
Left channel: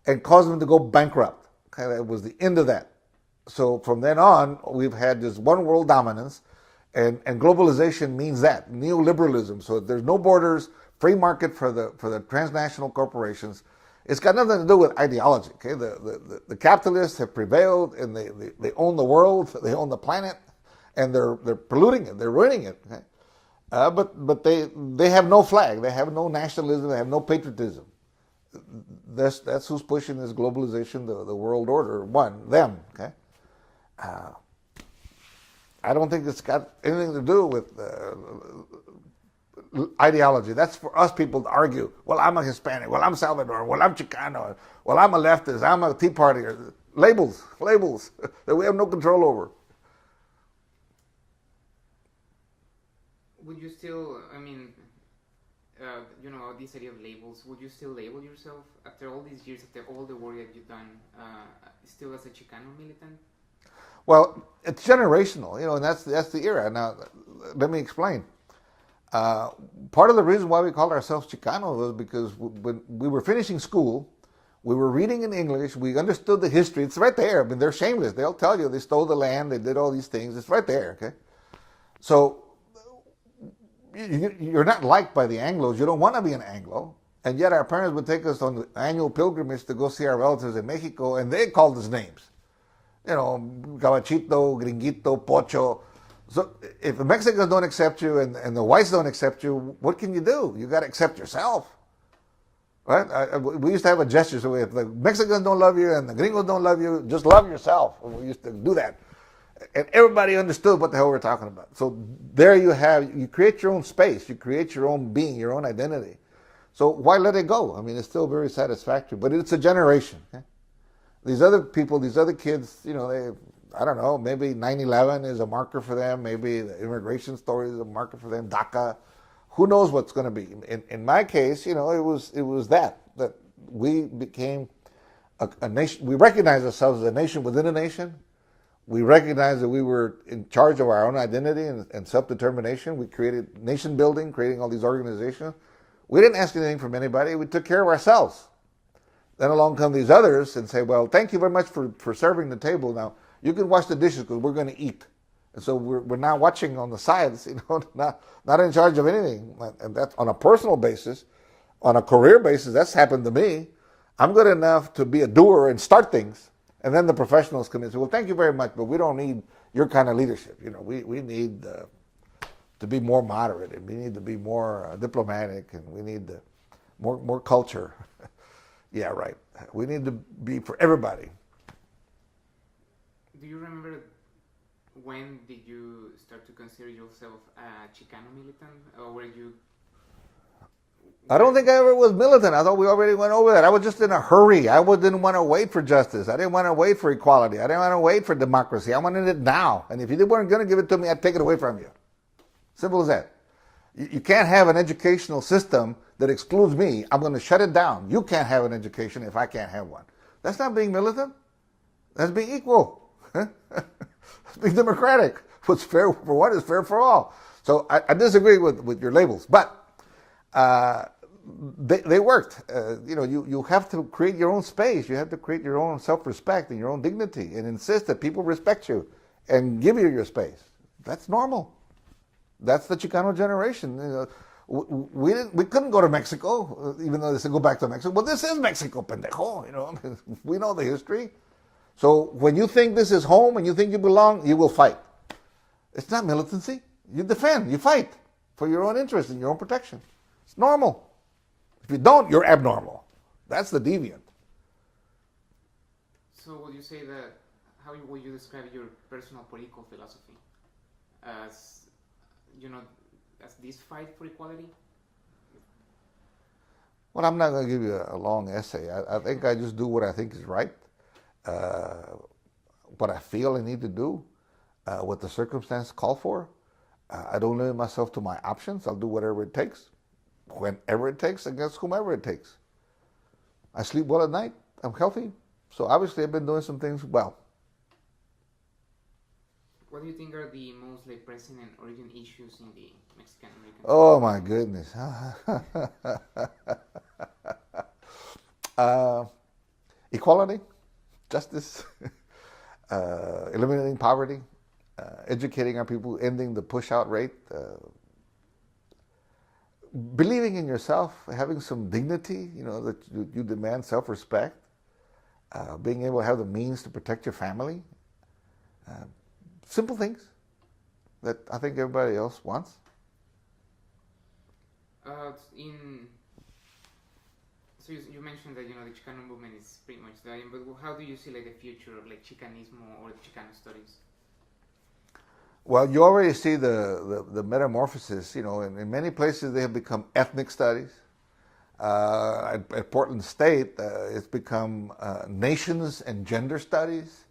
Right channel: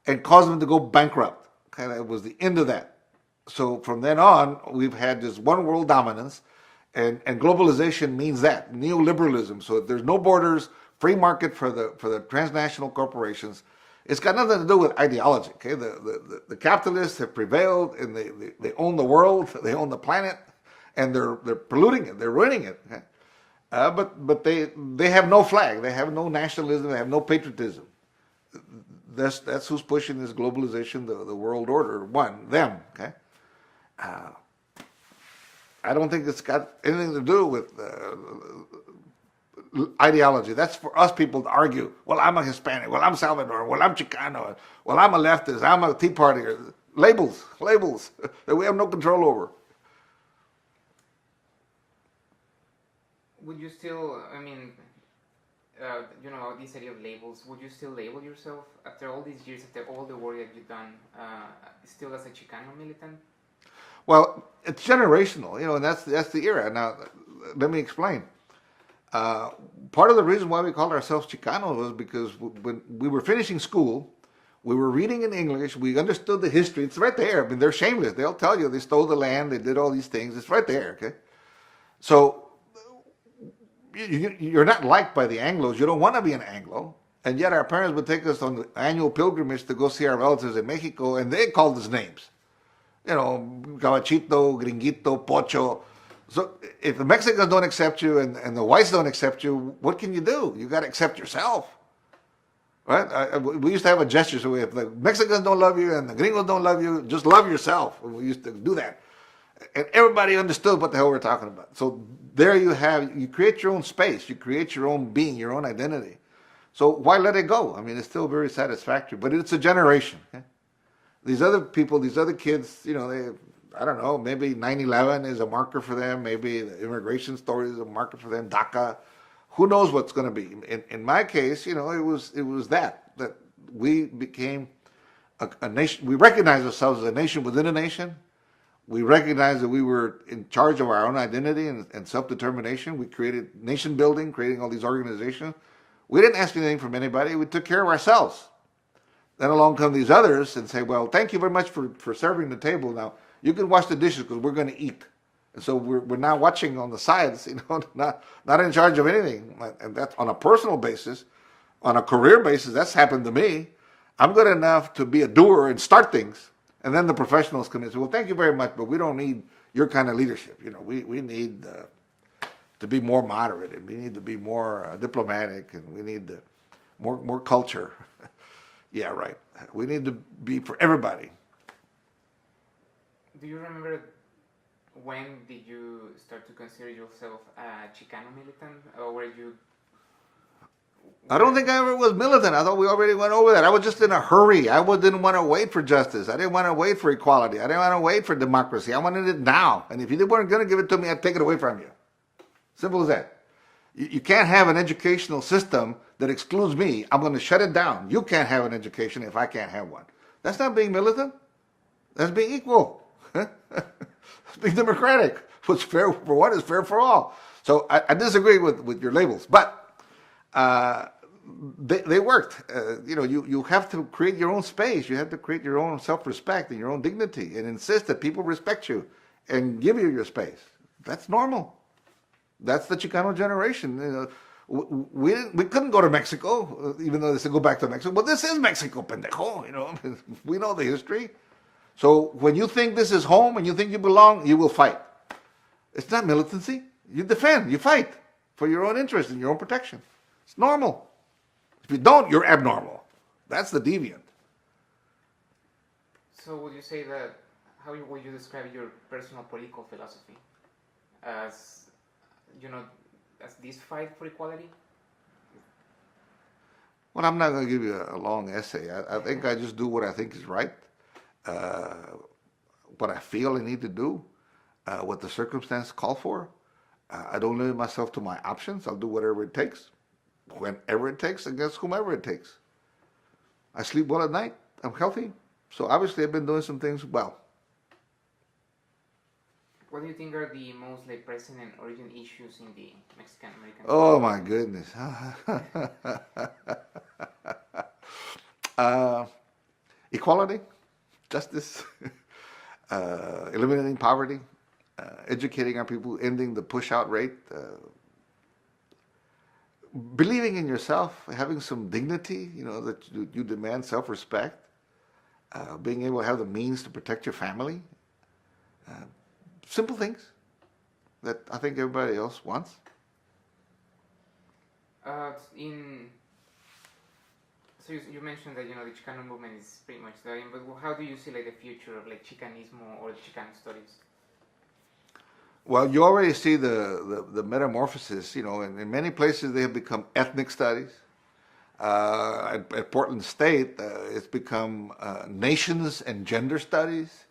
and caused him to go bankrupt. Okay, it was the end of that. So from then on, we've had this one world dominance, and globalization means that, neoliberalism. So if there's no borders, free market for the transnational corporations, It's got nothing to do with ideology. Okay, the capitalists have prevailed, and they own the world, they own the planet, and they're polluting it, they're ruining it. Okay? But they have no flag, they have no nationalism, they have no patriotism. That's who's pushing this globalization, the world order. Them. Okay, I don't think it's got anything to do with ideology. That's for us people to argue. Well, I'm a Hispanic. Well, I'm Salvadoran. Well, I'm Chicano. Well, I'm a leftist. I'm a Tea Party. Labels that we have no control over. Would you still, this idea of labels, would you still label yourself, after all these years, after all the work that you've done, still as a Chicano militant? Well, it's generational, and that's the era. Now, let me explain. Part of the reason why we called ourselves Chicanos was because when we were finishing school, we were reading in English, we understood the history. It's right there. I mean, they're shameless. They'll tell you they stole the land, they did all these things. It's right there, okay? So, you're not liked by the Anglos. You don't want to be an Anglo. And yet our parents would take us on annual pilgrimage to go see our relatives in Mexico, and they called us names. Gabachito, Gringuito, Pocho. So if the Mexicans don't accept you and the whites don't accept you, what can you do? You got to accept yourself. Right? We used to have a gesture. So if the Mexicans don't love you and the Gringos don't love you, just love yourself. We used to do that. And everybody understood what the hell we're talking about. So there you create your own space. You create your own being, your own identity. So why let it go? I mean, it's still very satisfactory. But it's a generation. Okay? These other people, these other kids, I don't know, maybe 9/11 is a marker for them. Maybe the immigration story is a marker for them. DACA. Who knows what's going to be? In my case, it was that we became a nation. We recognized ourselves as a nation within a nation. We recognized that we were in charge of our own identity and self-determination. We created nation building, creating all these organizations. We didn't ask anything from anybody. We took care of ourselves. Then along come these others and say, well, thank you very much for serving the table. Now, you can wash the dishes because we're going to eat. And so we're now watching on the sides, not in charge of anything. And that's on a personal basis. On a career basis, that's happened to me. I'm good enough to be a doer and start things. And then the professionals come in and say, well, thank you very much, but we don't need your kind of leadership. We need to be more moderate, and we need to be more diplomatic, and we need more culture. Yeah, right. We need to be for everybody. Do you remember when did you start to consider yourself a Chicano militant, or were you? I don't think I ever was militant. I thought we already went over that. I was just in a hurry. I didn't want to wait for justice. I didn't want to wait for equality. I didn't want to wait for democracy. I wanted it now. And if you weren't going to give it to me, I'd take it away from you. Simple as that. You can't have an educational system that excludes me. I'm going to shut it down. You can't have an education if I can't have one. That's not being militant. That's being equal. That's being democratic. What's fair for one is fair for all. So I disagree with your labels. But they worked. You have to create your own space. You have to create your own self-respect and your own dignity and insist that people respect you and give you your space. That's normal. That's the Chicano generation. We couldn't go to Mexico, even though they said go back to Mexico. Well, this is Mexico, pendejo. We know the history. So when you think this is home and you think you belong, you will fight. It's not militancy. You defend. You fight for your own interest and your own protection. It's normal. If you don't, you're abnormal. That's the deviant. So would you say that, how would you describe your personal political philosophy? As this fight for equality? Well, I'm not going to give you a long essay. I think I just do what I think is right, what I feel I need to do, what the circumstance call for. I don't limit myself to my options. I'll do whatever it takes, whenever it takes, against whomever it takes. I sleep well at night. I'm healthy. So obviously I've been doing some things well. What do you think are the most pressing and urgent issues in the Mexican-American Oh my goodness. Equality, justice, eliminating poverty, educating our people, ending the push-out rate, believing in yourself, having some dignity, that you demand self-respect, being able to have the means to protect your family. Simple things that I think everybody else wants. So you mentioned that the Chicano movement is pretty much dying, but how do you see the future of Chicanismo or the Chicano studies? Well, you already see the metamorphosis. In many places they have become ethnic studies. At Portland State, it's become nations and gender studies.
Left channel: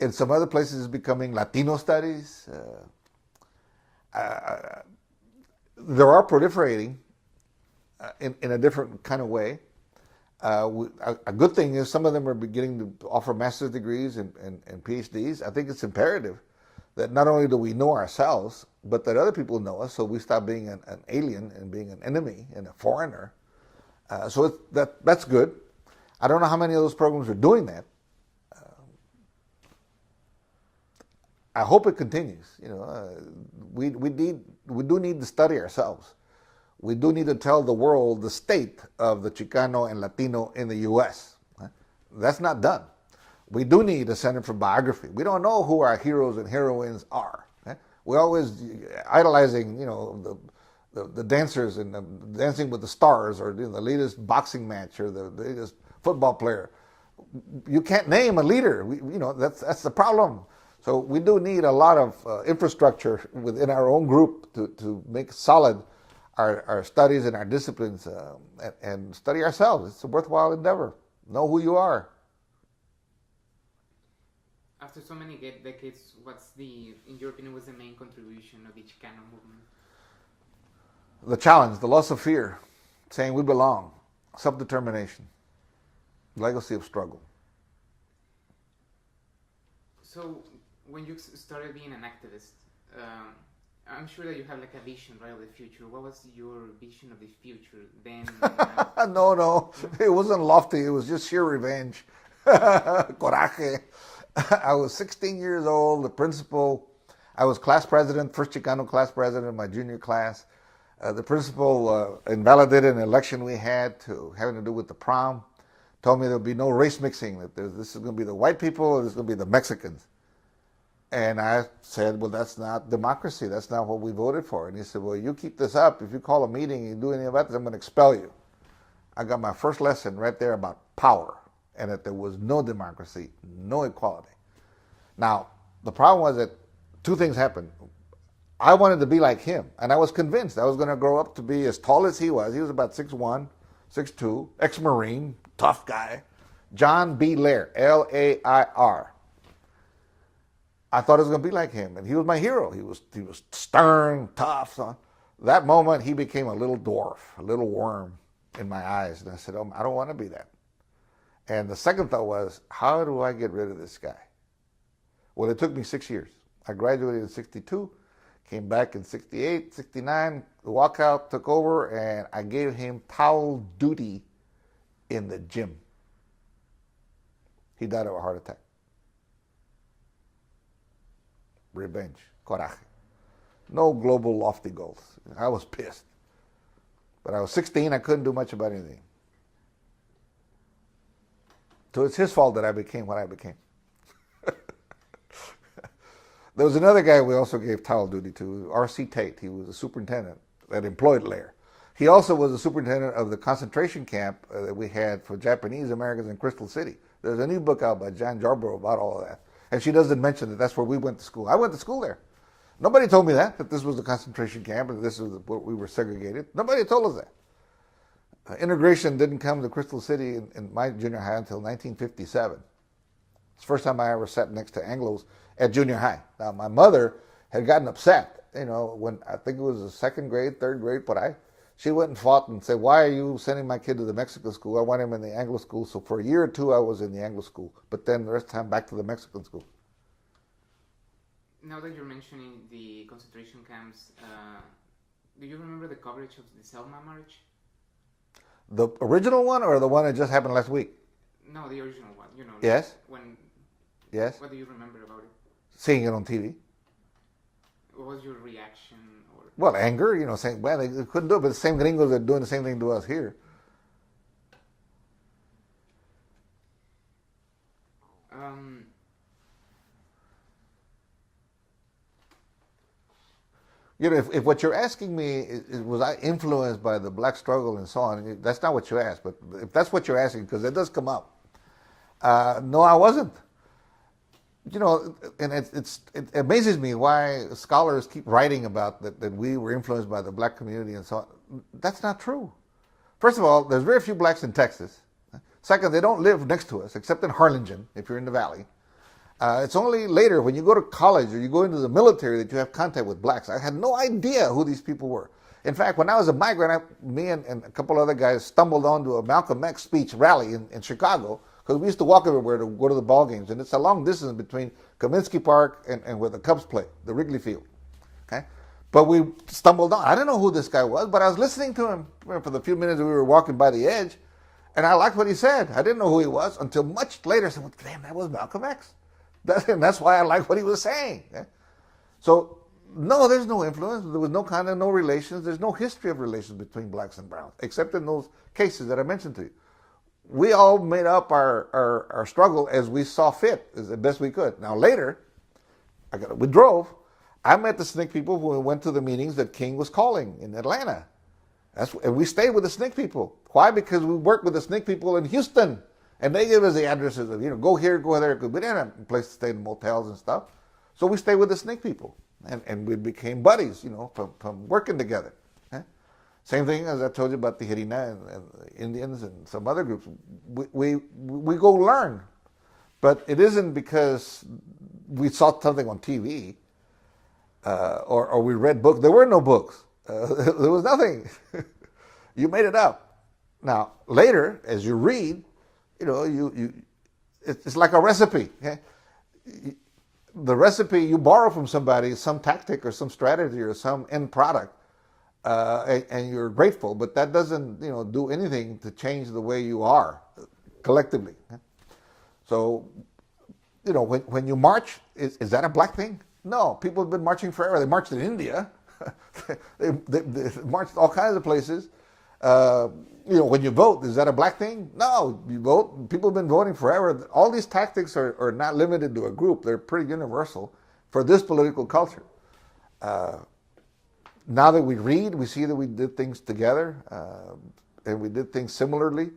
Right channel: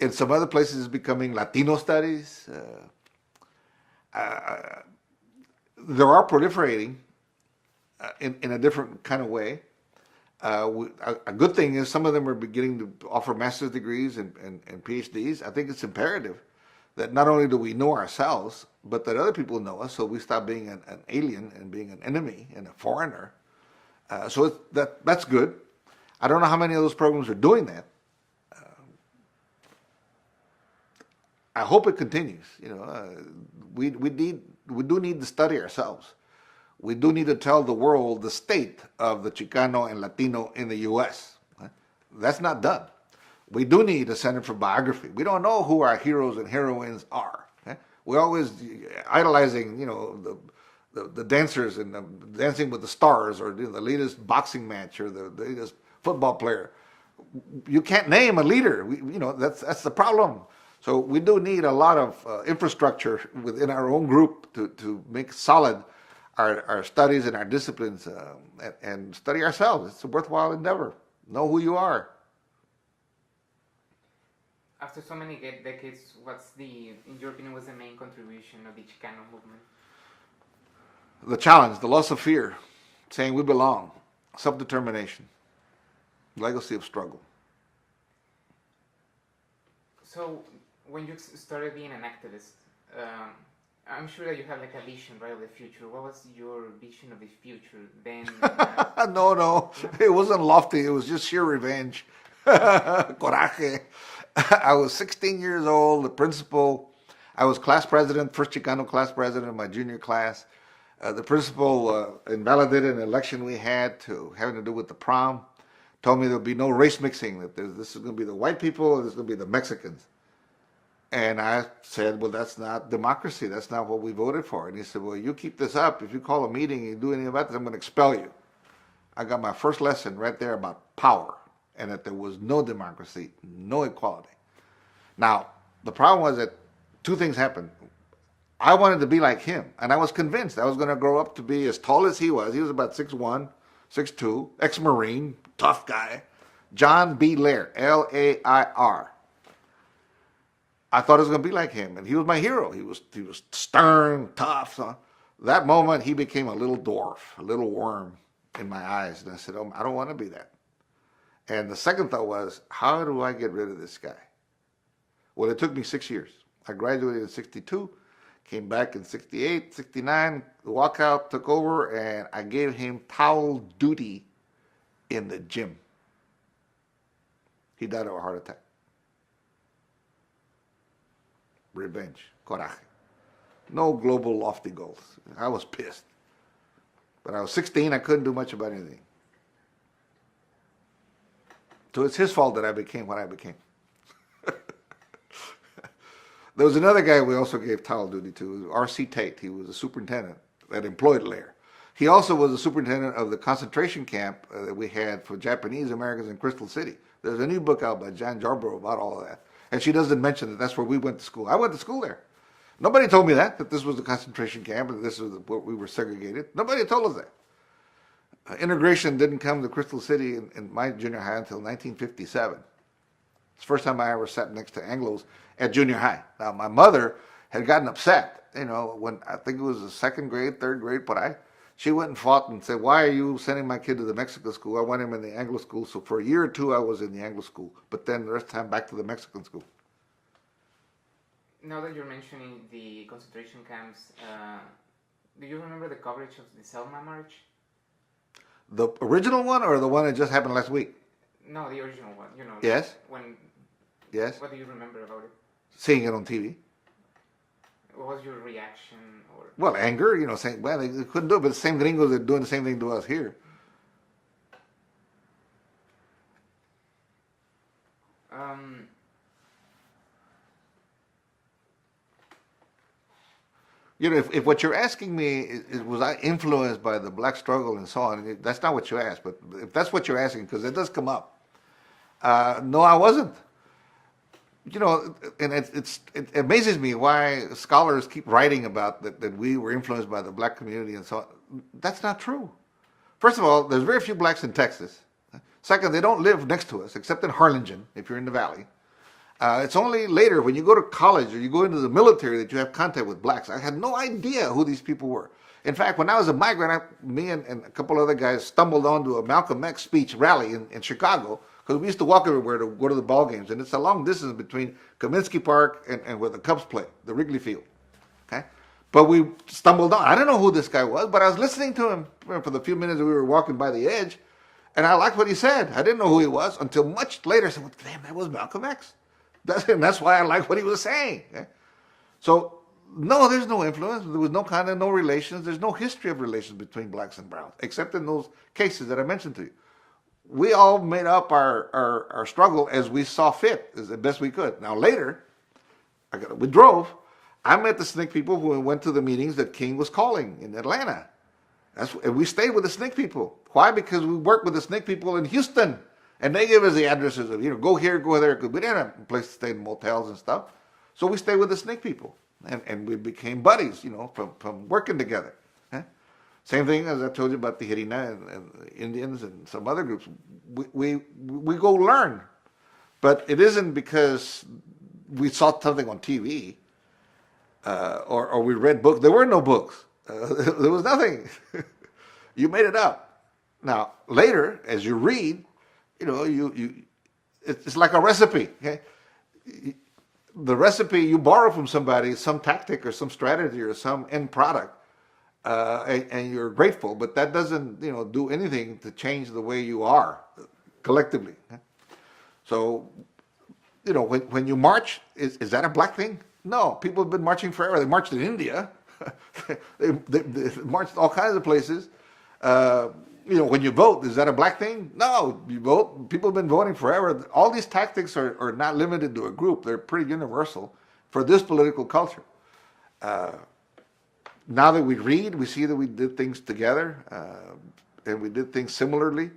In some other places, it's becoming Latino studies. There are proliferating in a different kind of way. A good thing is some of them are beginning to offer master's degrees and PhDs. I think it's imperative that not only do we know ourselves, but that other people know us, so we stop being an alien and being an enemy and a foreigner. So that's good. I don't know how many of those programs are doing that. I hope it continues. We do need to study ourselves. We do need to tell the world the state of the Chicano and Latino in the U.S. That's not done. We do need a Center for Biography. We don't know who our heroes and heroines are. We're always idolizing, the dancers and Dancing with the Stars, or the latest boxing match, or the latest football player. You can't name a leader. That's the problem. So we do need a lot of infrastructure within our own group to make solid our studies and our disciplines, and study ourselves. It's a worthwhile endeavor. Know who you are. After so many decades, in your opinion, what's the main contribution of the Chicano movement? The challenge, the loss of fear, saying we belong, self-determination, legacy of struggle. So, when you started being an activist, I'm sure that you have a vision, right, of the future. What was your vision of the future then? No, it wasn't lofty. It was just sheer revenge. Coraje. I was 16 years old, the principal. I was class president, first Chicano class president of my junior class. The principal invalidated an election we had having to do with the prom. Told me there'll be no race mixing, that this is going to be the white people and this is going to be the Mexicans. And I said, well, that's not democracy. That's not what we voted for. And he said, well, you keep this up. If you call a meeting and you do anything about this, I'm going to expel you. I got my first lesson right there about power, and that there was no democracy, no equality. Now, the problem was that two things happened. I wanted to be like him, and I was convinced I was going to grow up to be as tall as he was. He was about 6'1", 6'2", ex-Marine, tough guy. John B. Lair, L-A-I-R. I thought it was going to be like him, and he was my hero. He was stern, tough. That moment, he became a little dwarf, a little worm in my eyes, and I said, oh, I don't want to be that. And the second thought was, how do I get rid of this guy? Well, it took me 6 years. I graduated in 62, came back in 68, 69, the walkout took over, and I gave him towel duty in the gym. He died of a heart attack. Revenge, coraje. No global lofty goals. I was pissed. But I was 16, I couldn't do much about anything. So it's his fault that I became what I became. There was another guy we also gave towel duty to, R.C. Tate. He was a superintendent that employed Lair. He also was the superintendent of the concentration camp that we had for Japanese Americans in Crystal City. There's a new book out by Jan Jarborough about all of that. And she doesn't mention that that's where we went to school. I went to school there. Nobody told me that this was the concentration camp and this was where we were segregated. Nobody told us that. Integration didn't come to Crystal City in my junior high until 1957. It's the first time I ever sat next to Anglos at junior high. Now, my mother had gotten upset, when I think it was the second grade, third grade, but she went and fought and said, why are you sending my kid to the Mexican school? I want him in the Anglo school. So for a year or two, I was in the Anglo school, but then the rest of the time back to the Mexican school. Now that you're mentioning the concentration camps, do you remember the coverage of the Selma March? The original one or the one that just happened last week? No, the original one. Yes. When. Yes. What do you remember about it? Seeing it on TV. What was your reaction? Or Well, anger, saying, well, they couldn't do it, but the same gringos are doing the same thing to us here. If what you're asking me is was I influenced by the black struggle and so on, that's not what you asked. But if that's what you're asking, because it does come up, no, I wasn't. And it amazes me why scholars keep writing about that we were influenced by the black community and so on. That's not true. First of all, there's very few blacks in Texas. Second, they don't live next to us, except in Harlingen, if you're in the valley. It's only later when you go to college or you go into the military that you have contact with blacks. I had no idea who these people were. In fact, when I was a migrant, me and a couple other guys stumbled onto a Malcolm X speech rally in Chicago, because we used to walk everywhere to go to the ball games. And it's a long distance between Kaminsky Park and where the Cubs play, the Wrigley Field. Okay? But we stumbled on. I didn't know who this guy was, but I was listening to him for the few minutes we were walking by the edge, and I liked what he said. I didn't know who he was until much later. I said, well, damn, that was Malcolm X. That's why I liked what he was saying. So, no, there's no influence. There was no relations. There's no history of relations between blacks and browns, except in those cases that I mentioned to you. We all made up our struggle as we saw fit, as the best we could. Now, later, we drove. I met the SNCC people who went to the meetings that King was calling in Atlanta. And we stayed with the SNCC people. Why? Because we worked with the SNCC people in Houston. And they give us the addresses of, go here, go there, because we didn't have a place to stay in motels and stuff. So we stayed with the SNCC people. And we became buddies, from working together. Same thing as I told you about the Hirina and the Indians and some other groups. We go learn. But it isn't because we saw something on TV or we read books. There were no books. There was nothing. You made it up. Now, later, as you read, it's like a recipe. Okay? The recipe you borrow from somebody, some tactic or some strategy or some end product, and you're grateful, but that doesn't do anything to change the way you are collectively. So, when you march, is that a black thing? No, people have been marching forever. They marched in India. they marched all kinds of places. When you vote, is that a black thing? No, you vote. People have been voting forever. All these tactics are not limited to a group. They're pretty universal for this political culture. Now that we read, we see that we did things together and we did things similarly.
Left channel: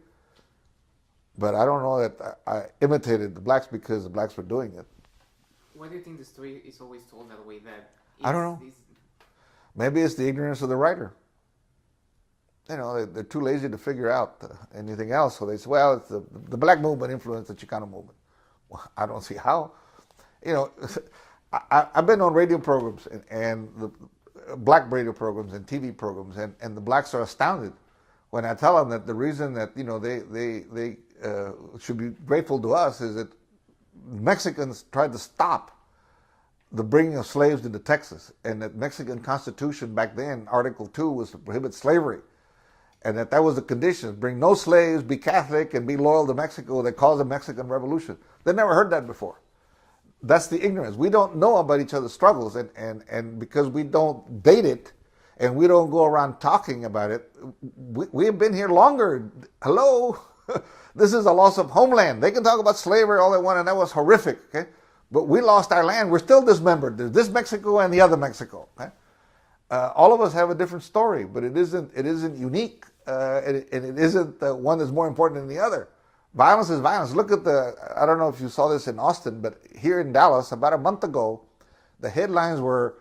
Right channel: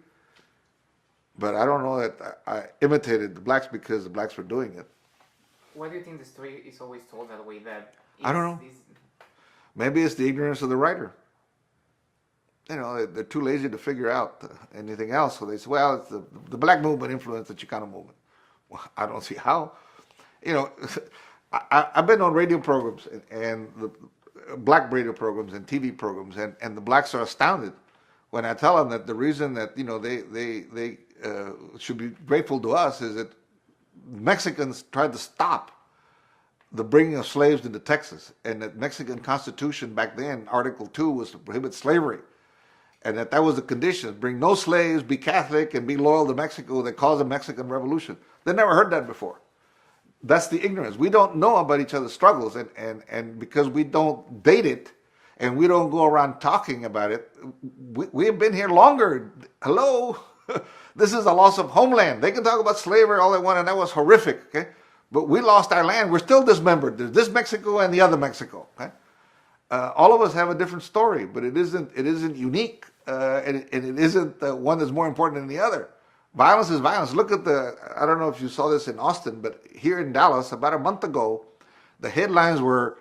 But I don't know that I imitated the blacks because the blacks were doing it. Why do you think the story is always told that way? I don't know. Maybe it's the ignorance of the writer. They're too lazy to figure out anything else. So they say, well, it's the black movement influenced the Chicano movement. Well, I don't see how. I've been on radio programs and the black radio programs and TV programs, and the blacks are astounded when I tell them that the reason that they should be grateful to us is that Mexicans tried to stop the bringing of slaves into Texas, and that Mexican Constitution back then, Article 2, was to prohibit slavery. And that was the condition: bring no slaves, be Catholic, and be loyal to Mexico. That caused the Mexican Revolution. They never heard that before. That's the ignorance. We don't know about each other's struggles, and because we don't date it, and we don't go around talking about it, we've been here longer. Hello? This is a loss of homeland. They can talk about slavery all they want, and that was horrific, okay? But we lost our land. We're still dismembered. There's this Mexico and the other Mexico, okay? All of us have a different story, but it isn't unique. And it isn't one that's more important than the other. Violence is violence. Look at I don't know if you saw this in Austin, but here in Dallas, about a month ago, the headlines were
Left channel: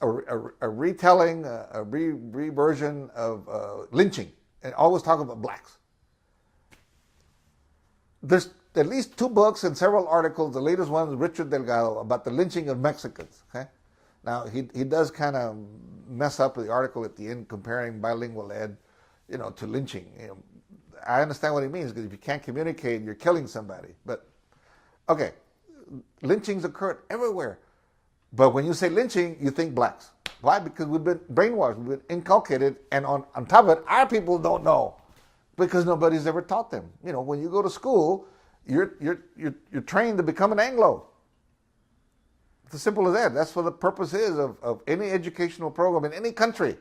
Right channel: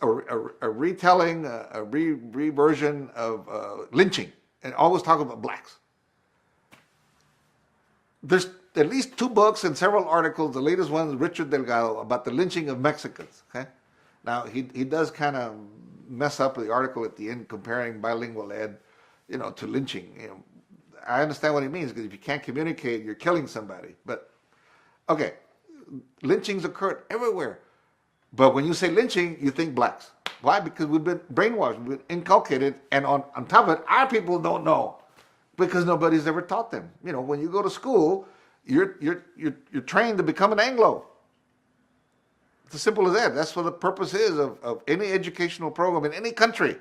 a retelling, a reversion of lynching, and always talking about blacks. There's at least 2 books and several articles. The latest one is Richard Delgado about the lynching of Mexicans. Okay? Now, he does kind of mess up the article at the end, comparing bilingual ed to lynching. I understand what he means, because if you can't communicate, you're killing somebody. But, okay, lynchings occur everywhere. But when you say lynching, you think blacks. Why? Because we've been brainwashed, we've been inculcated, and on top of it, our people don't know, because nobody's ever taught them. When you go to school, you're trained to become an Anglo. It's as simple as that. That's what the purpose is of any educational program in any country,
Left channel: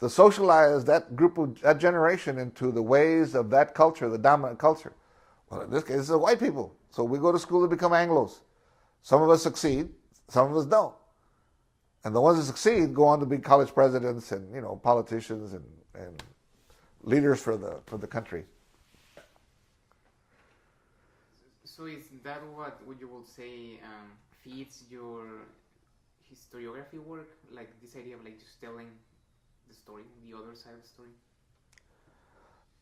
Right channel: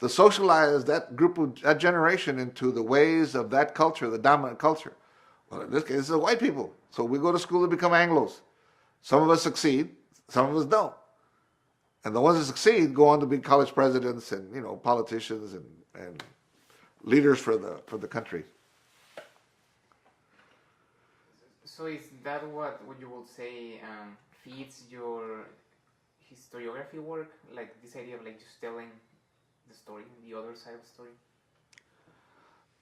to socialize that group of that generation into the ways of that culture, the dominant culture. Well, in this case, it's white people. So we go to school to become Anglos. Some of us succeed, some of us don't. And the ones that succeed go on to be college presidents and politicians and leaders for the country. So is that what you would say feeds your historiography work? Like this idea of like just telling the story, the other side of the story?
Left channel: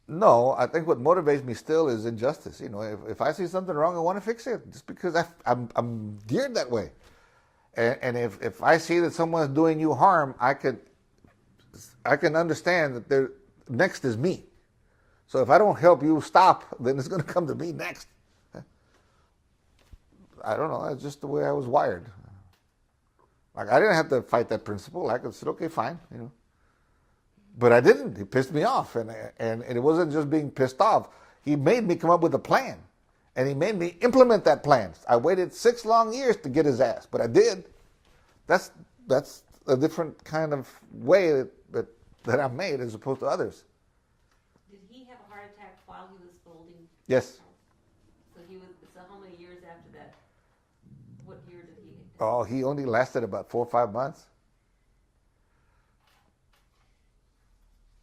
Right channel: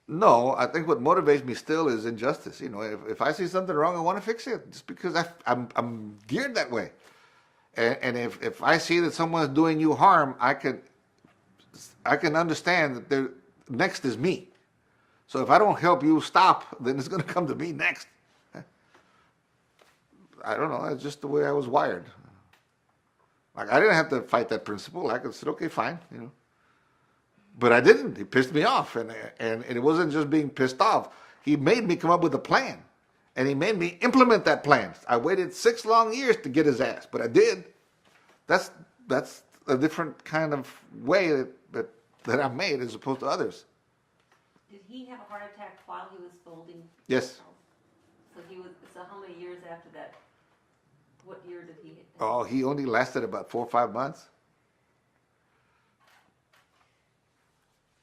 No, I think what motivates me still is injustice. If I see something wrong, I want to fix it, just because I'm geared that way. And if I see that someone's doing you harm, I can understand that they're next is me. So if I don't help you stop, then it's going to come to me next. I don't know. That's just the way I was wired. Like, I didn't have to fight that principle. I could say, okay, fine, But I didn't. He pissed me off, and it wasn't just being pissed off. He made me come up with a plan, and he made me implement that plan. I waited 6 long years to get his ass, but I did. That's a different kind of way that I'm made as opposed to others. Did he have a heart attack while he was folding? Yes. So how many years after that? What year did he? Oh, he only lasted about 4 or 5 months.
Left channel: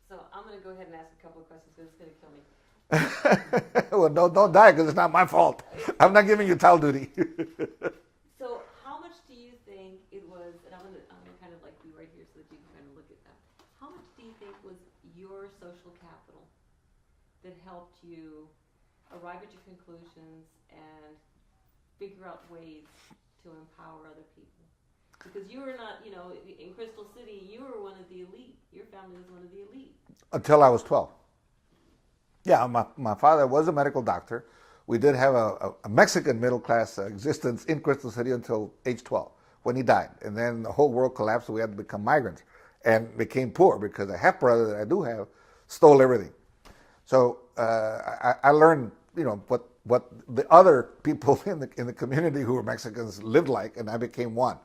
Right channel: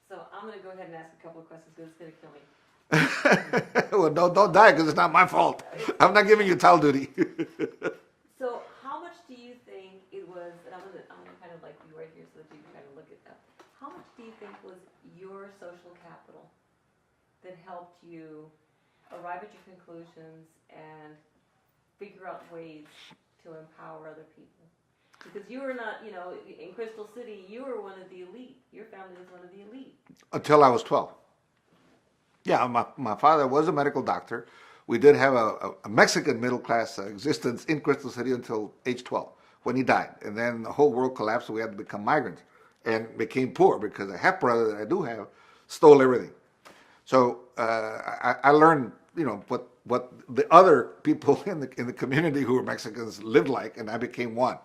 So I'm going to go ahead and ask a couple of questions because it's going to kill me. Well, don't die because it's not my fault. I'm not giving you towel duty. So how much do you think it was, and I'm gonna kind of like be right here so that you can kind of look at that. How much do you think was your social capital that helped you arrive at your conclusions and figure out ways to empower other people? Because you were not, in Crystal City, you were one of the elite. Your family was one of the elite. Until I was 12. Yeah, my father was a medical doctor. We did have a Mexican middle class existence in Crystal City until age 12 when he died. And then the whole world collapsed and we had to become migrants and became poor because a half brother that I do have stole everything. So I learned, what the other people in the community who were Mexicans lived like, and I became one.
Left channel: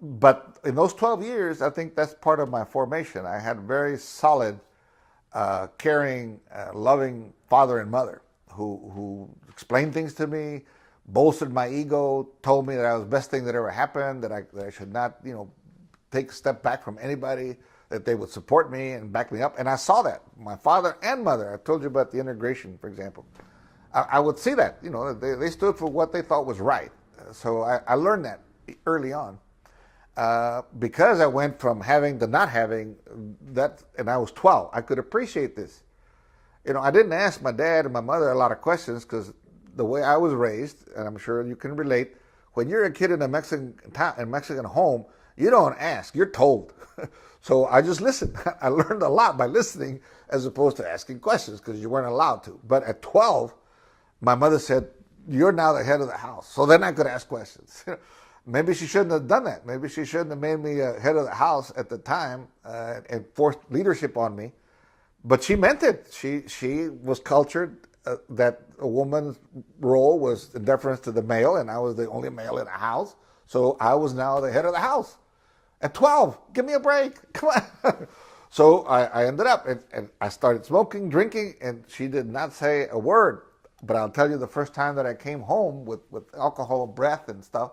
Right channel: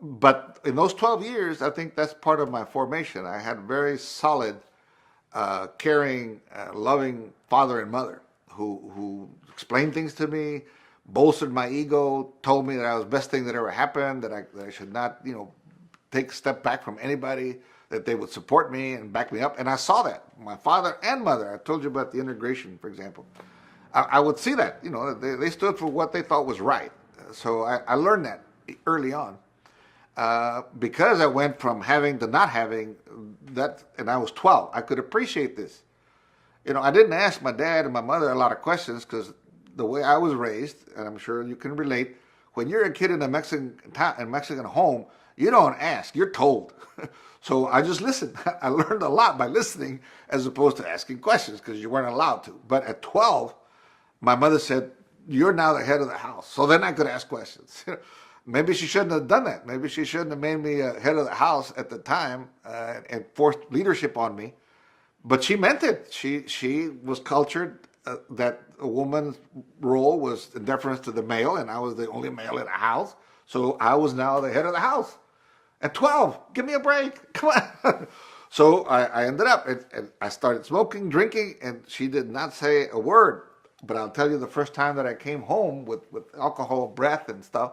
But in those 12 years, I think that's part of my formation. I had very solid, caring, loving father and mother who explained things to me, bolstered my ego, told me that I was the best thing that ever happened, that I should not, take a step back from anybody, that they would support me and back me up. And I saw that. My father and mother, I told you about the integration, for example. I would see that, they stood for what they thought was right. So I learned that early on. Because I went from having to not having that, and I was 12, I could appreciate this. I didn't ask my dad and my mother a lot of questions because the way I was raised, and I'm sure you can relate, when you're a kid in a Mexican home, you don't ask, you're told. So I just listened. I learned a lot by listening as opposed to asking questions because you weren't allowed to. But at 12, my mother said, you're now the head of the house. So then I could ask questions. Maybe she shouldn't have done that. Maybe she shouldn't have made me head of the house at the time and forced leadership on me. But she meant it. She was cultured that a woman's role was in deference to the male, and I was the only male in the house. So I was now the head of the house. At 12, give me a break. Come on. So I ended up, and I started smoking, drinking, and she did not say a word. But I'll tell you, the first time that I came home with alcohol breath and stuff,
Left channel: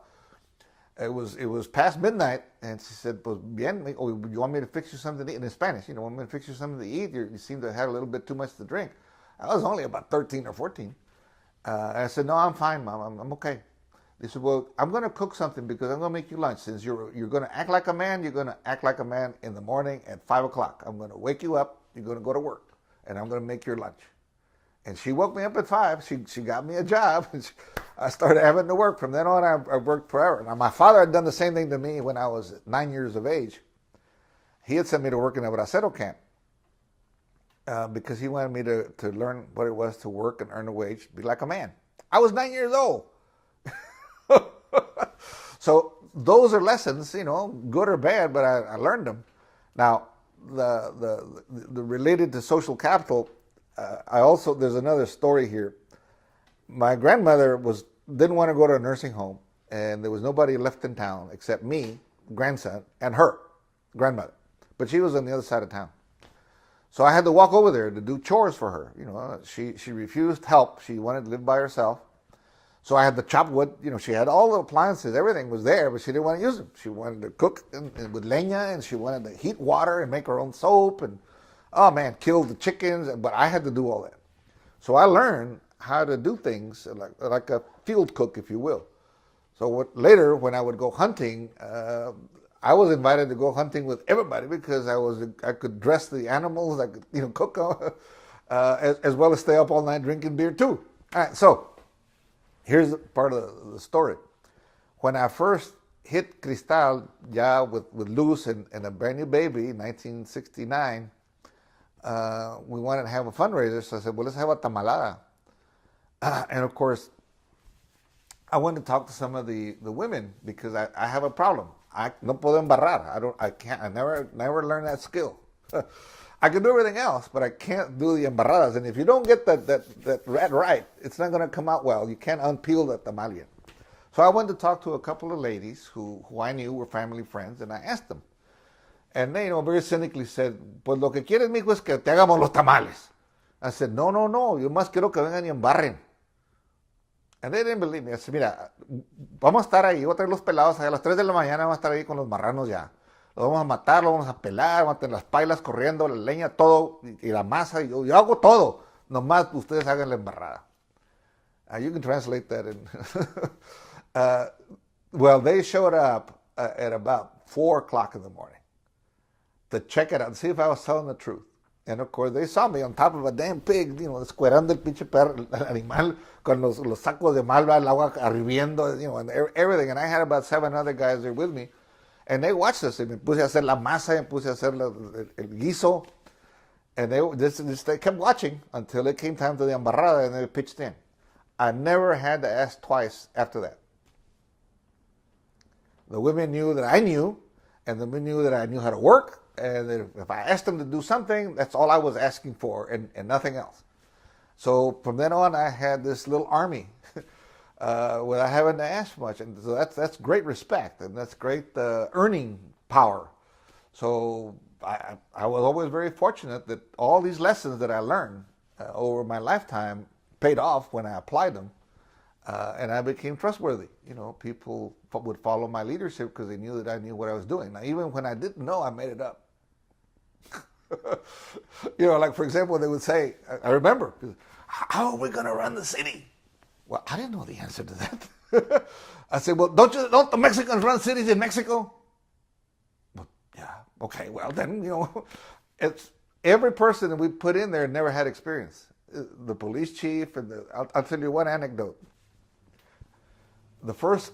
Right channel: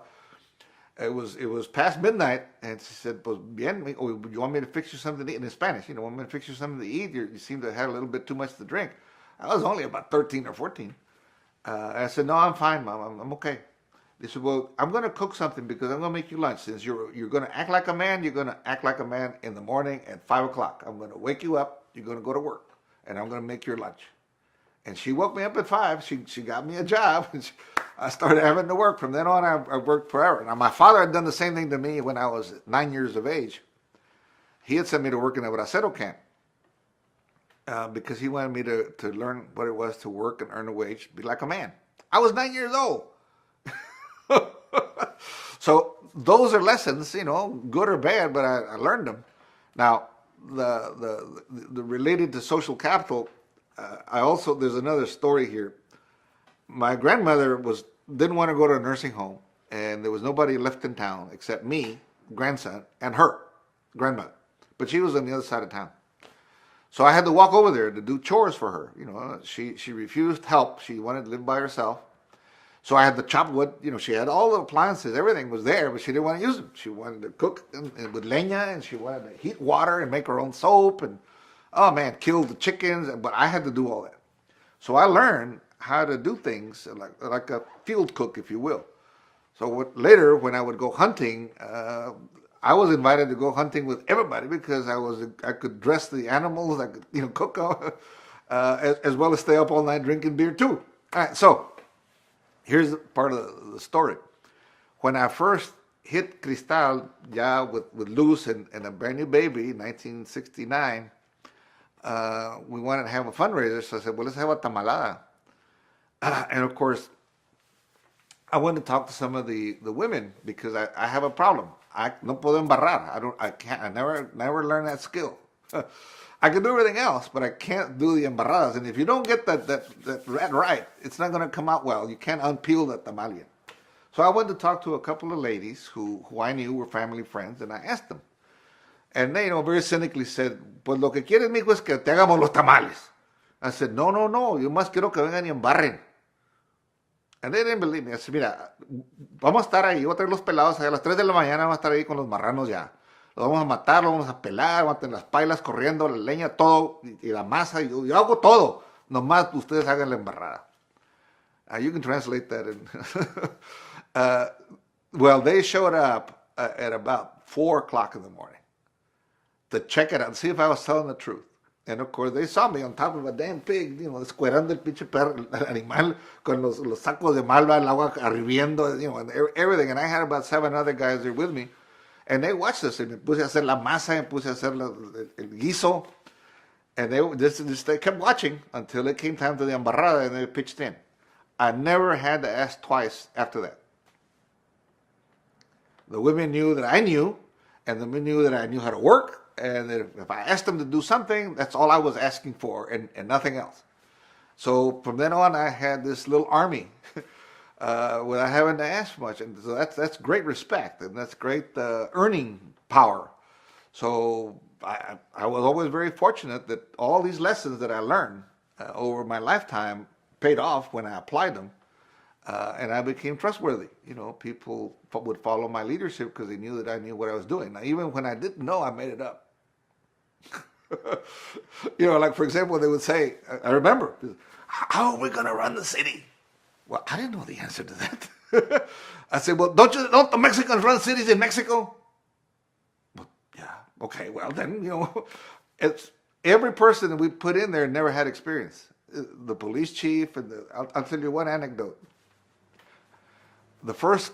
it was past midnight, and she said, "Pues bien, you want me to fix you something to eat?" In Spanish, want me to fix you something to eat? You seem to have had a little bit too much to drink. I was only about 13 or 14. I said, "No, I'm fine, Mom. I'm okay." They said, "Well, I'm going to cook something because I'm going to make you lunch. Since you're going to act like a man, you're going to act like a man in the morning at 5 o'clock. I'm going to wake you up. You're going to go to work, and I'm going to make your lunch." And she woke me up at 5. She got me a job. I started having to work. From then on, I worked forever. Now, my father had done the same thing to me when I was 9 years of age. He had sent me to work in a bracero camp because he wanted me to learn what it was to work and earn a wage, be like a man. I was 9 years old. So those are lessons, good or bad, but I learned them. Now, the related to social capital, there's another story here. My grandmother didn't want to go to a nursing home, and there was nobody left in town except me, grandson, and her, grandmother. But she was on the other side of town. So I had to walk over there to do chores for her. She refused help. She wanted to live by herself. So I had to chop wood. She had all the appliances. Everything was there, but she didn't want to use them. She wanted to cook with leña, and she wanted to heat water and make her own soap, and, oh man, kill the chickens. But I had to do all that. So I learned how to do things like a field cook, if you will. So later, when I would go hunting, I was invited to go hunting with everybody because I could dress the animals, I could cook, as well as stay up all night drinking beer too. All right, so here's part of the story. When I first hit Cristal, with Luz and a brand new baby in 1969, we wanted to have a fundraiser. So I said, well, let's have a tamalada. And of course, I wanted to talk to some of the women because I have a problem. I no puedo embarrar. I never learned that skill. I can do everything else, but I can't do the embarradas. And if you don't get that right, it's not going to come out well. You can't unpeel the tamal yet. So I went to talk to a couple of ladies who I knew were family friends, and I asked them. And they, very cynically said, pues lo que quieres, mijo, es que te hagamos los tamales. I said, no, yo más quiero que vengan y embarren. And they didn't believe me. I said, mira, vamos a estar ahí, voy a traer los pelados, a las 3 de la mañana vamos a estar ahí con los marranos ya. Los vamos a matar, los vamos a pelar, vamos a tener las pailas corriendo, la leña, todo, y la masa, yo hago todo. Nomás ustedes hagan la embarrada. You can translate that. Well, they showed up at about 4 o'clock in the morning to check it out and see if I was telling the truth. And of course, they saw me on top of a damn pig, descuerando el pinche perro, el animal, con los sacos de malva, el agua hirviendo, and everything. And I had about 7 other guys there with me. And they watched us. And me puse a hacer la masa, me puse a hacer el guiso. And they kept watching until it came time to the embarrada, and they pitched in. I never had to ask twice after that. The women knew that I knew, and the men knew that I knew how to work. And if I asked them to do something, that's all I was asking for, and nothing else. So from then on, I had this little army without having to ask much. And so that's great respect, and that's great earning power. So I was always very fortunate that all these lessons that I learned over my lifetime paid off when I applied them. And I became trustworthy. People would follow my leadership because they knew that I knew what I was doing. Now, even when I didn't know, I made it up. Like, for example, they would say, I remember, how are we going to run the city? Well, I didn't know the answer to that. I said, well, don't the Mexicans run cities in Mexico? Well, yeah, okay, well, then, it's every person that we put in there never had experience. The police chief, and I'll tell you one anecdote. The first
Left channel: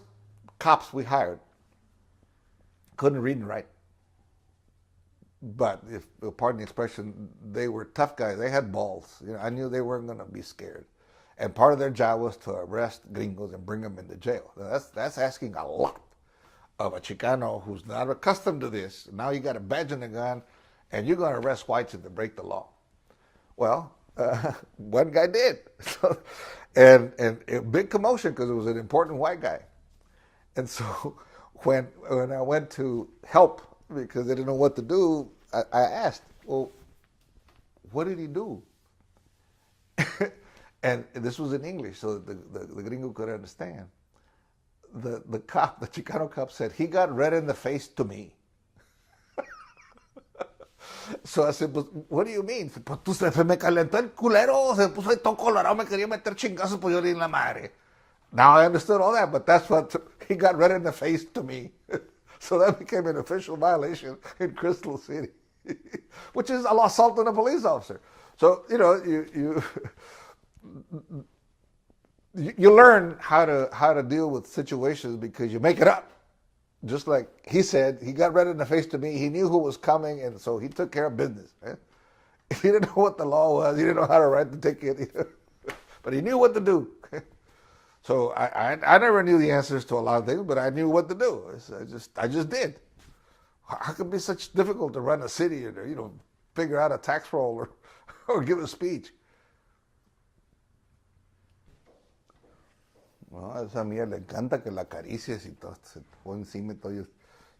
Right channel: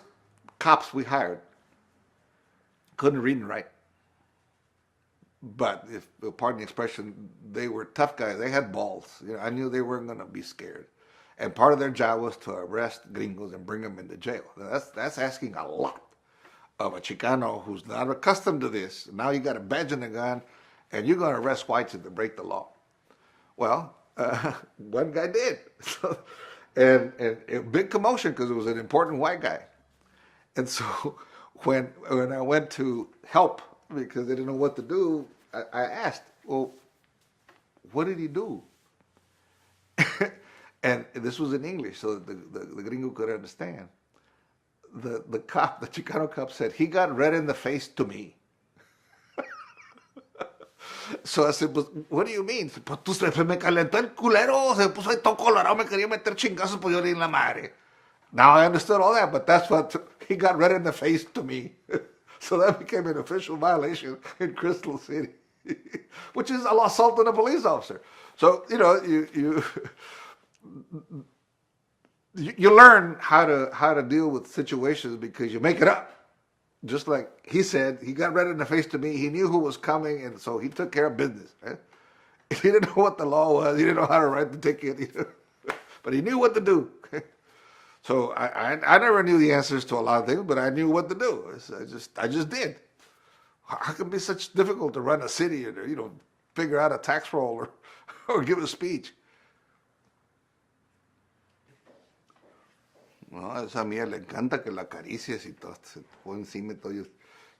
cops we hired couldn't read and write. But, pardon the expression, they were tough guys. They had balls. I knew they weren't going to be scared. And part of their job was to arrest gringos and bring them into jail. Now, that's asking a lot of a Chicano who's not accustomed to this. Now you got a badge and a gun, and you're going to arrest whites if they break the law. Well, one guy did. And a big commotion because it was an important white guy. And so when I went to help because I didn't know what to do, I asked, well, what did he do? And this was in English, so the gringo could understand. The Chicano cop said, he got red in the face to me. So I said, pues, what do you mean? Pues tú se me calentó el culero, se puso ahí todo colorado, me quería meter chingazos, pues yo le di la madre. Now I understood all that, but that's what, he got red in the face to me. So that became an official violation in Crystal City, which is an assault on a police officer. So, you learn how to deal with situations because you make it up. Just like he said, he got red in the face to me. He knew who was coming, and so he took care of business. He didn't know what the law was. He didn't know how to write the ticket, but he knew what to do. So I never knew the answers to a lot of things, but I knew what to do. I just did. How can it be such difficult to run a city or figure out a tax roll or give a speech? No, esa mía le encanta que la acaricies y todo, se te pone encima y todo.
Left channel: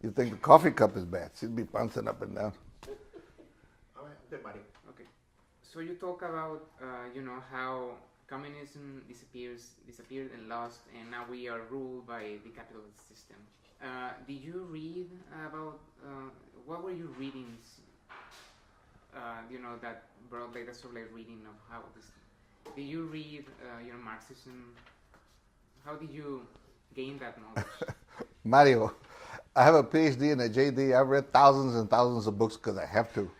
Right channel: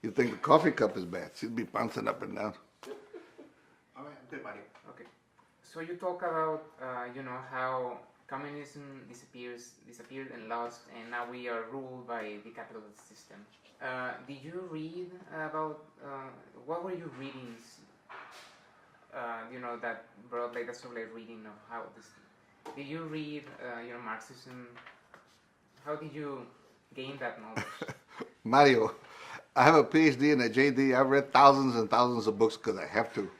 You think the coffee cup is bad. She'd be bouncing up and down. All right, good, Mario. Okay. So you talk about, how communism disappeared and lost, and now we are ruled by the capitalist system. Did you read about, what were your readings, that brought like a sort of reading of how this, did you read, Marxism? How did you gain that knowledge? Mario, I have a PhD and a JD. I've read thousands and thousands of books because I have to.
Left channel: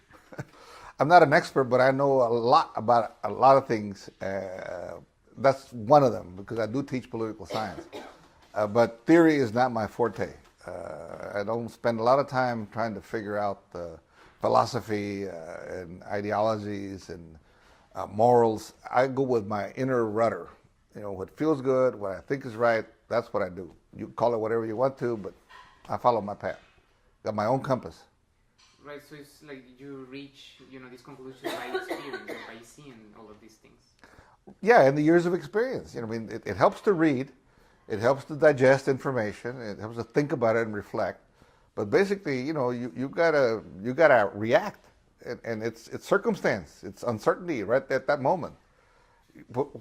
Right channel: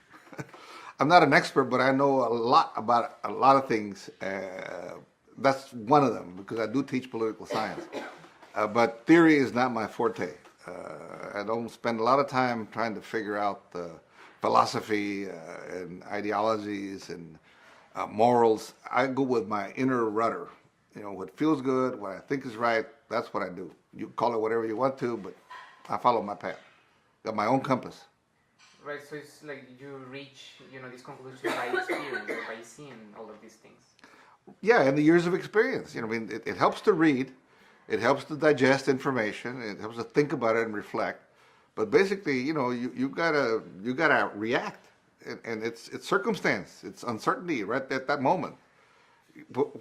I'm not an expert, but I know a lot about a lot of things. That's one of them because I do teach political science. But theory is not my forte. I don't spend a lot of time trying to figure out the philosophy and ideologies and morals. I go with my inner rudder. What feels good, what I think is right, that's what I do. You call it whatever you want to, but I follow my path. Got my own compass. Right, so it's like you reach, this conclusion by experience, or by seeing all of these things. Yeah, and the years of experience. It helps to read, it helps to digest information, it helps to think about it and reflect. But basically, you gotta react, and it's circumstance, it's uncertainty right at that moment.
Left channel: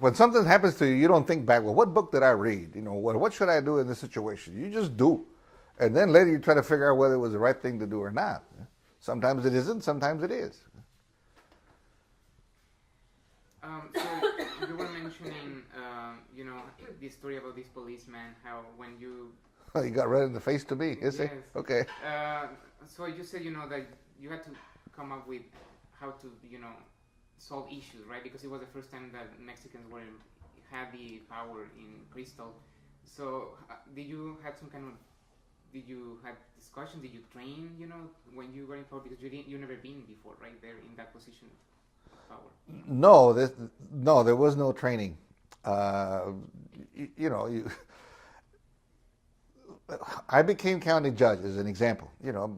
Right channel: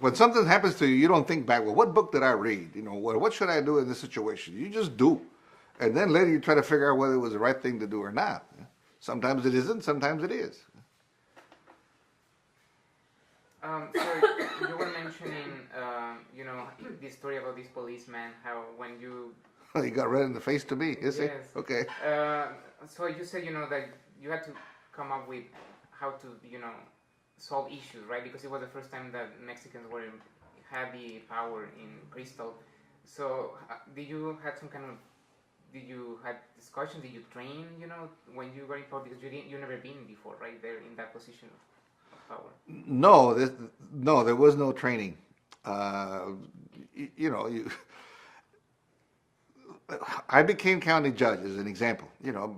When something happens to you, you don't think back, well, what book did I read? What should I do in this situation? You just do. And then later you try to figure out whether it was the right thing to do or not. Sometimes it isn't, sometimes it is. So you were mentioning, the story about this policeman, how when you... Oh, you got red in the face to me, is it? Yes. Okay. So you said, that you had to come up with how to, solve issues, right? Because it was the first time that Mexicans had the power in Crystal. So did you have discussions? Did you train, when you were in power? Because you never been before, right? There in that position of power. No, there was no training. I became county judge as an example,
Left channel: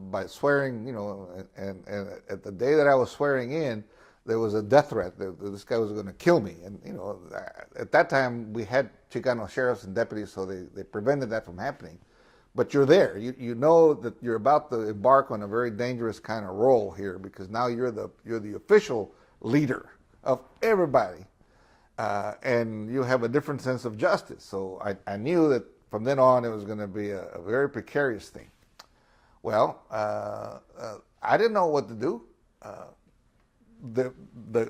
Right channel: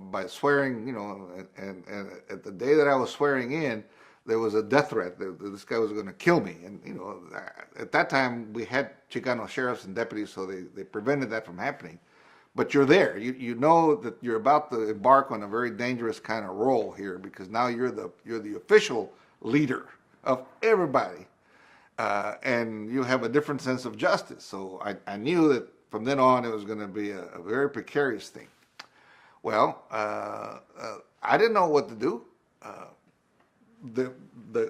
by swearing, and at the day that I was swearing in, there was a death threat that this guy was going to kill me. And, at that time we had Chicano sheriffs and deputies, so they prevented that from happening. But you're there. You know that you're about to embark on a very dangerous kind of role here because now you're the official leader of everybody. And you have a different sense of justice. So I knew that from then on it was going to be a very precarious thing. Well, I didn't know what to do.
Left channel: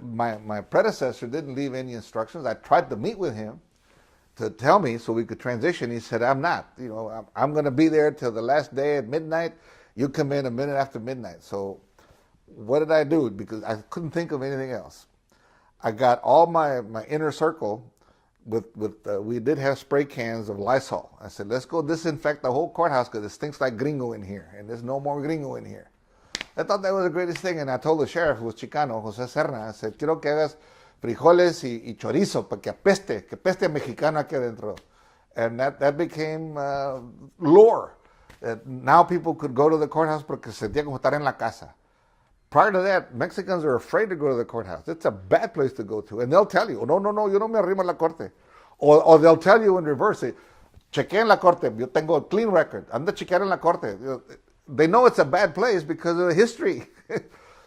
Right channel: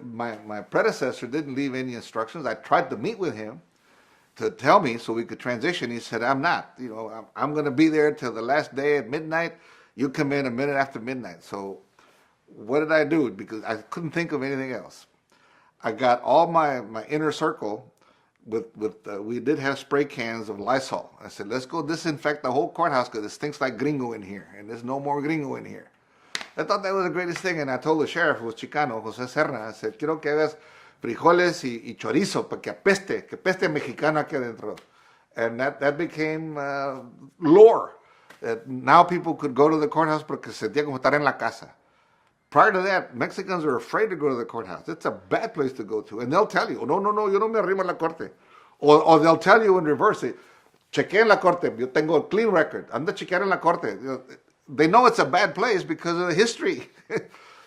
My predecessor didn't leave any instructions. I tried to meet with him to tell me so we could transition. He said, I'm not. I'm going to be there till the last day at midnight. You come in a minute after midnight. So what did I do? Because I couldn't think of anything else. I got all my inner circle we did have spray cans of Lysol. I said, let's go disinfect the whole courthouse because it stinks like gringo in here, and there's no more gringo in here. I thought that was the greatest thing, and I told the sheriff, who was Chicano, José Serna, I said, quiero que hagas frijoles y chorizo para que peste mexicano aquí adentro. And that became lore. That now people could go to the courthouse porque se sentía como estar en la casa. Prior to that, Mexicans are afraid to go to the courthouse. It's a bad place to go to. And they'll tell you, no, yo no me arrimo a la corte. Or they'll tell you in reverse, chequea en la corte, yo tengo a clean record. Anda chequear en la corte. They know it's a bad place because of the history.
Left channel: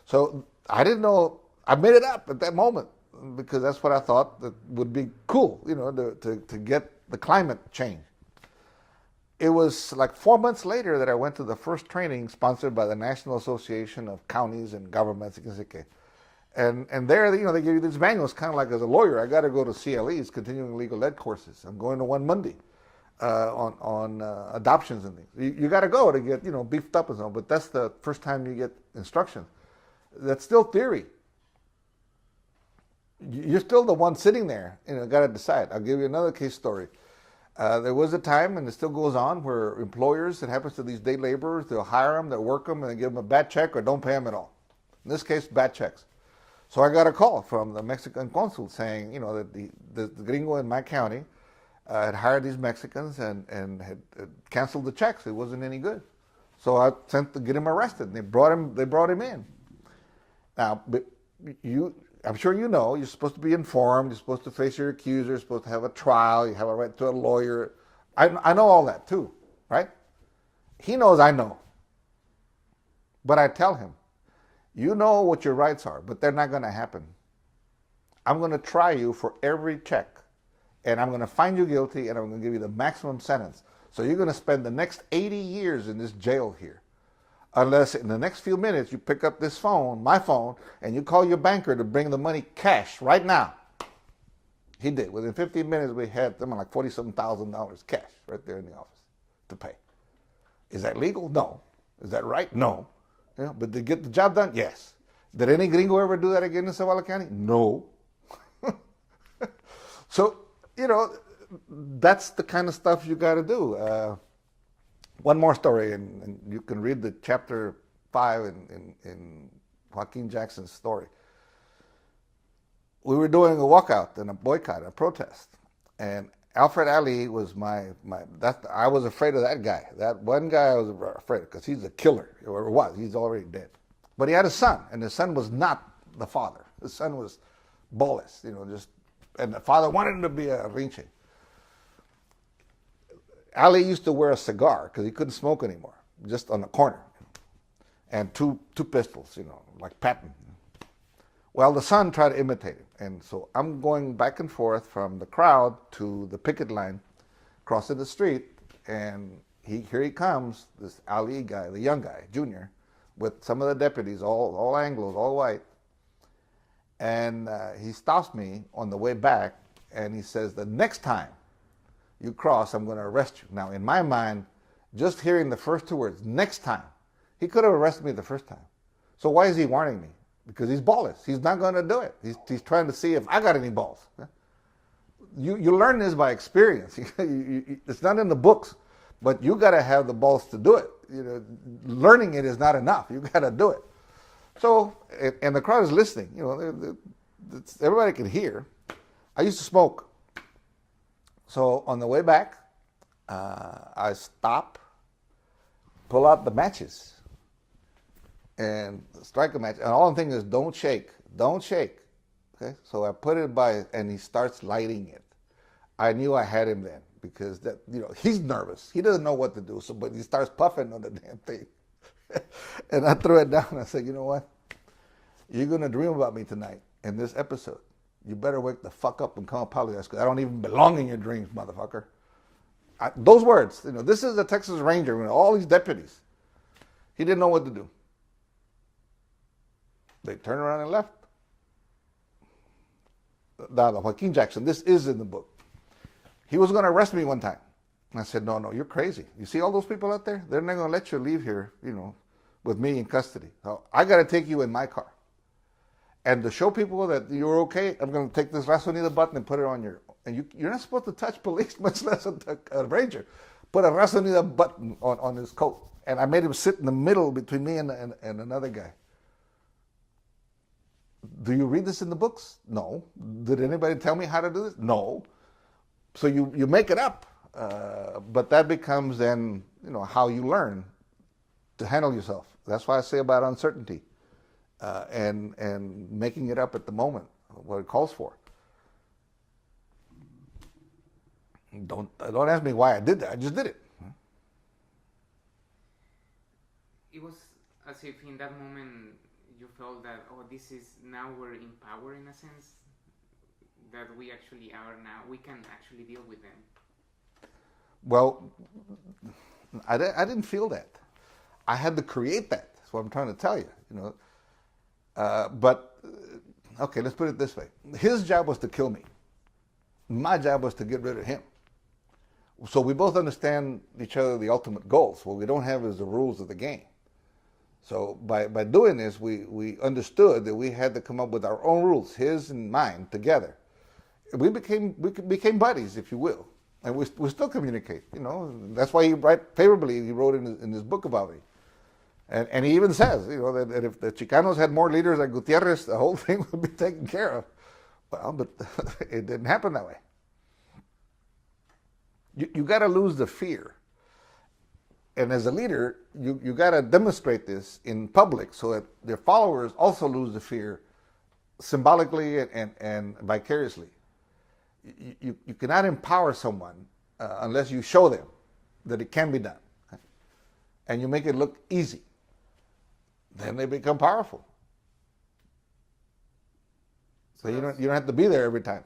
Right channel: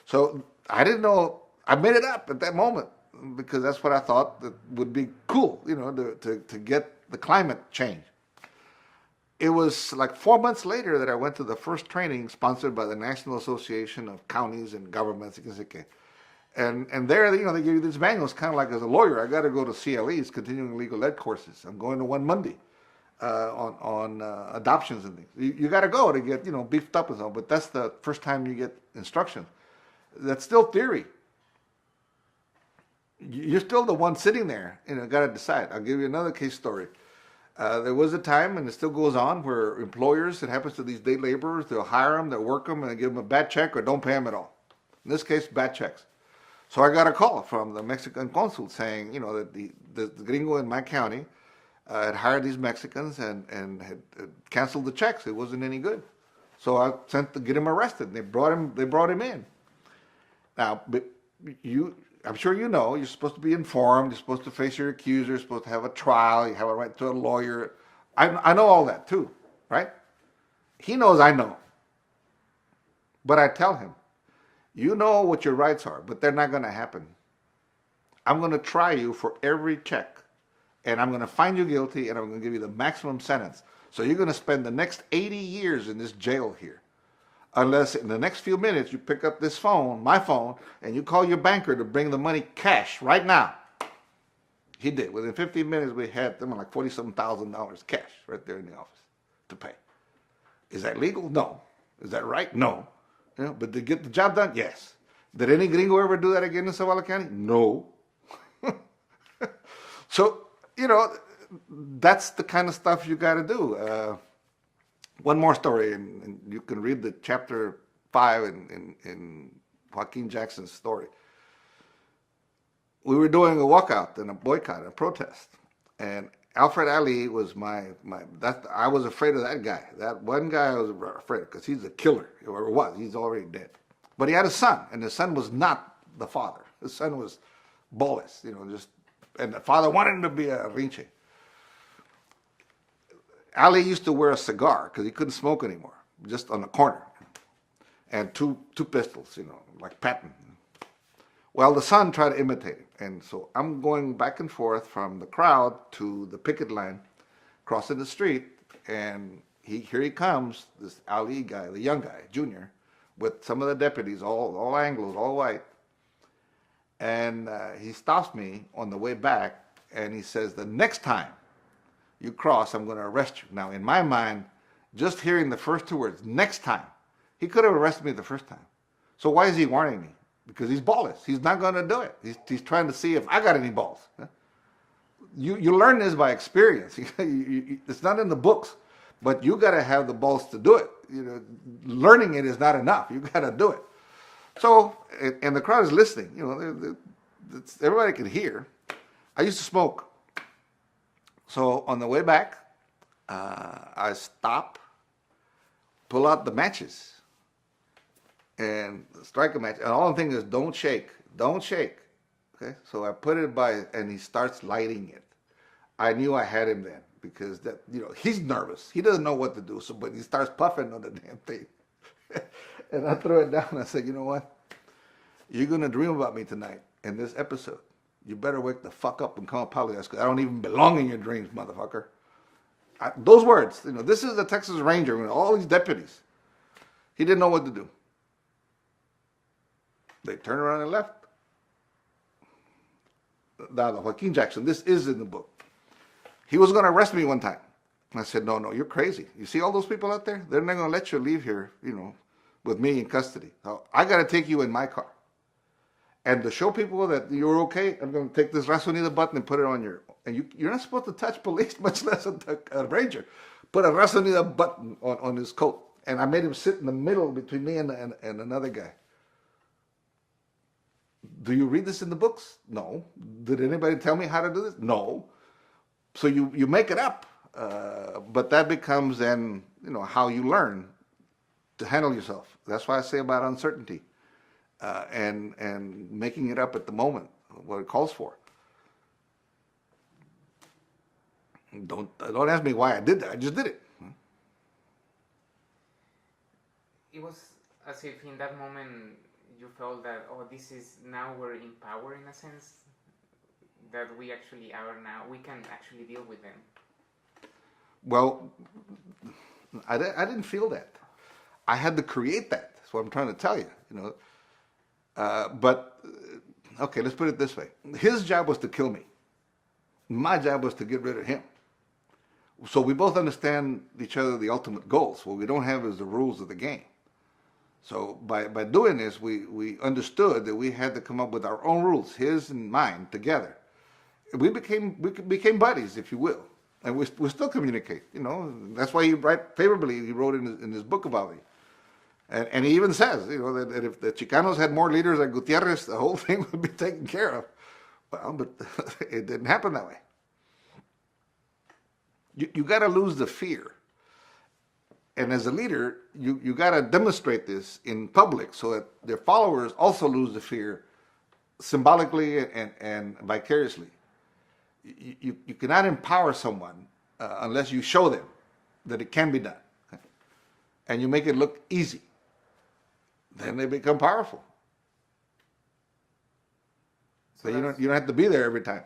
So I didn't know. I made it up at that moment because that's what I thought that would be cool, to get the climate change. It was like 4 months later that I went to the first training sponsored by the National Association of Counties and Governments. And there, they give you these manuals, kind of like as a lawyer. I got to go to CLEs, continuing legal ed courses. I'm going to one Monday on adoptions and things. You got to go to get beefed up and so on. But that's the first time you get instructions. That's still theory. You're still the one sitting there. Got to decide. I'll give you another case story. There was a time, and it still goes on, where employers, it happens to these day laborers, they'll hire them, they'll work them, and they give them a bad check or don't pay them at all. In this case, bad checks. So I got a call from the Mexican consul saying, that the gringo in my county had hired these Mexicans and had canceled the checks. It wasn't any good. So I sent to get him arrested. And they brought him in. Now, but I'm sure you know, you're supposed to be informed, you're supposed to face your accuser, you're supposed to have a trial, you have a right to a lawyer. I know all that too, right? He knows I know. But I tell him, you know what your rights are, but they're not going to happen. I'm going to try you for every check, and I'm going to find you guilty, and I'm going to give you the maximum sentence. So you're going to spend the next 80 years in this jail here. Unless in the next few minutes you pick up this phone, my phone, and you call your banker to bring the money cash right now. He did. Within 15 minutes, we had something like $47,000 cash right there in the office to pay. Is that legal? No. Is that right? No. You know, but did get the job done? Yes. Did any gringo ever do that again in Zavala County? No. So, you know, that's the kind of stuff you got to do. One more story, and you can read the chapter 5 in Joaquin Jackson's story. We were doing a walkout and a boycott, a protest, and Alfred Ali was I was afraid of that guy. That one guy I was afraid of because he's a killer, or was. He's already dead. But he had a son, and his son was not the father. His son was Boles, you know, and the father wanted him to be a rinche. Ali used to wear a cigar because he couldn't smoke anymore, just on the corner. And two pistols, you know, like Patton. Well, the son tried to imitate him. And so I'm going back and forth from the crowd to the picket line, crossing the street, and here he comes, this Ali guy, the young guy, junior, with some of the deputies, all Anglos, all white. And he stops me on the way back, and he says, the next time you cross, I'm going to arrest you. Now, in my mind, just hearing the first two words, next time, he could have arrested me the first time. So why is he warning me? Because he's ballless. He's not going to do it. He's trying to see if I got any balls. You learn this by experience. It's not in the books, but you got to have the balls to do it. You know, learning it is not enough. You got to do it. So, and the crowd is listening. You know, everybody can hear. I used to smoke. So on the way back, I stop, pull out the matches, and strike a match. And all I'm thinking is, don't shake, don't shake. Okay, so I put it by, and he starts lighting it. I knew I had him then because he's nervous. He doesn't know what to do. So, but he starts puffing on the damn thing, and I throw it down. And I said, you know what? You're gonna dream about me tonight in this episode. You better wake the fuck up and come apologize because I don't even belong in your dreams, motherfucker. Those words, this is the Texas Ranger, all these deputies. He didn't know what to do. They turned around and left. Now, the Joaquin Jackson, this is in the book. He was going to arrest me one time. And I said, no, you're crazy. You see all those people out there? They're not going to let you leave here, with me in custody. Now, I got to take you in my car. And to show people that you're okay, I'm going to take this Rasonida button and put it on and you're not supposed to touch police, much less a ranger. Put a Rasonida button on his coat. And I made him sit in the middle between me and another guy. Do you read this in the books? No. Did anybody tell me how to do this? No. So you make it up. But that becomes then, how you learn to handle yourself. That's why I say about uncertainty. And making it up at the moment, what it calls for. Don't ask me why I did that. I just did it. It was as if in that moment you felt that, now we're in power in a sense, that we actually are now, we can actually deal with them. Well, I didn't feel that. I had to create that. That's what I'm trying to tell you, But, okay, let's put it this way. His job was to kill me. My job was to get rid of him. So we both understand each other the ultimate goals. What we don't have is the rules of the game. So by doing this, we understood that we had to come up with our own rules, his and mine, together. We became buddies, if you will. And we still communicate, That's why he wrote in his book about me. And he even says, that if the Chicanos had more leaders like Gutiérrez, the whole thing would be taken care of. Well, but it didn't happen that way. You got to lose the fear. And as a leader, you got to demonstrate this in public so that their followers also lose the fear symbolically and vicariously. You cannot empower someone unless you show them that it can be done. And you make it look easy. Then they become powerful. So you don't have to be there every time.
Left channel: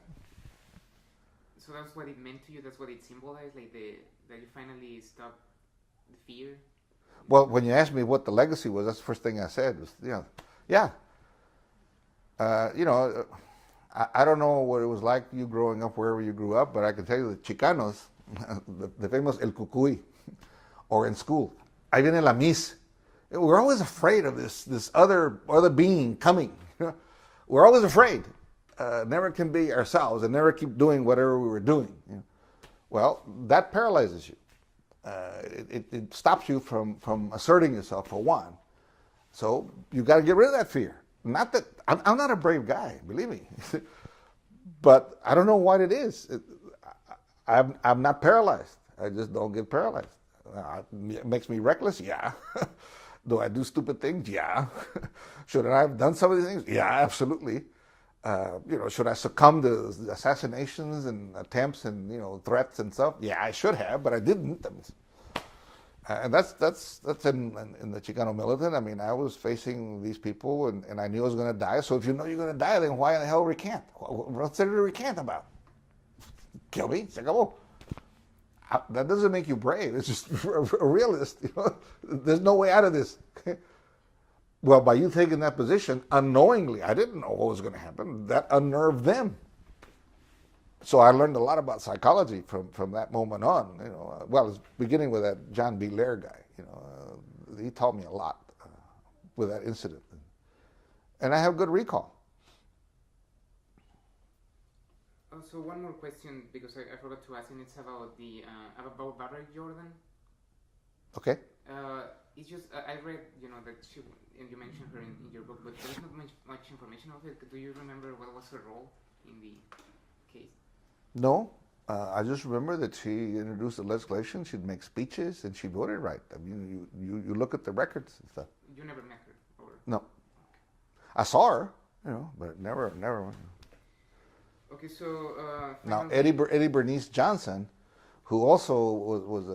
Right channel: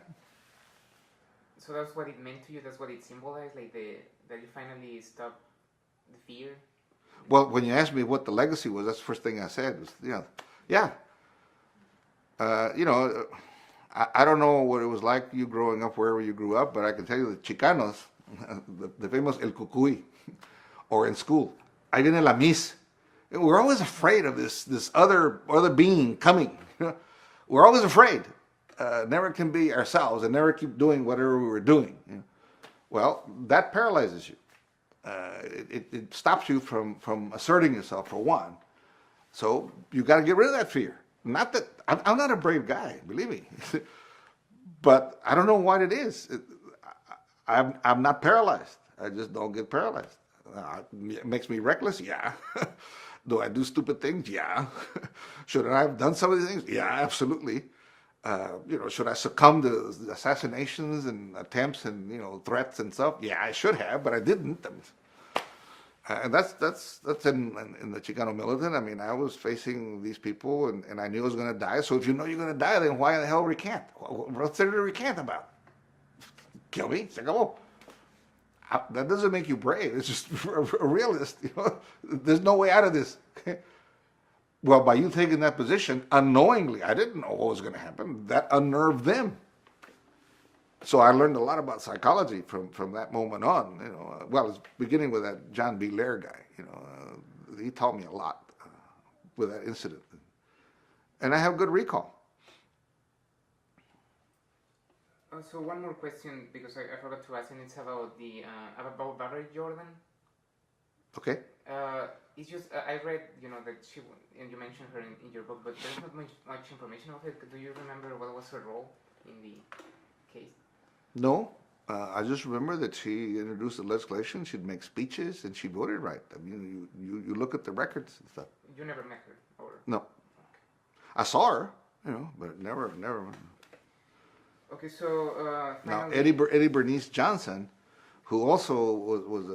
So that's what it meant to you. That's what it symbolized, like that you finally stopped the fear. Well, when you asked me what the legacy was, that's the first thing I said. Was, yeah. I don't know what it was like you growing up wherever you grew up, but I can tell you the Chicanos, the famous El Cucuy, or in school, ahí viene la Miss. We're always afraid of this other being coming. We're always afraid. Never can be ourselves and never keep doing whatever we were doing. Well, that paralyzes you. It stops you from asserting yourself, for one. So you got to get rid of that fear. Not that I'm not a brave guy, believe me, but I don't know what it is. I'm not paralyzed. I just don't get paralyzed. It makes me reckless, yeah. Do I do stupid things? Yeah. Should I have done some of these things? Yeah, absolutely. Should I succumb to assassinations and attempts and threats and stuff? Yeah, I should have, but I didn't. And that's in the Chicano militant. I mean, I was facing these people, and I knew I was going to die. So if you know you're going to die, then why the hell recant? What's there to recant about? Kill me, se acabó. That doesn't make you brave. It's just a realist. There's no way out of this. Well, by you taking that position unknowingly, I didn't know what was going to happen. That unnerved them. So I learned a lot about psychology from that moment on. Well, it's beginning with that John B. Lair guy. He taught me a lot with that incident, and I have good recall. So one more question, because I forgot to ask, and it's about about Barbara Jordan. Okay. It's just I read, that she, and you mentioned her in your book, but there's not much information of it. Do you remember what was her role in the case? No, I just remember that she introduced the legislation. She'd make speeches, and she voted right. I mean, you look at the records and stuff. You never met her, or no? Okay. I saw her, but never. Okay, so now Eddie Bernice Johnson, who also was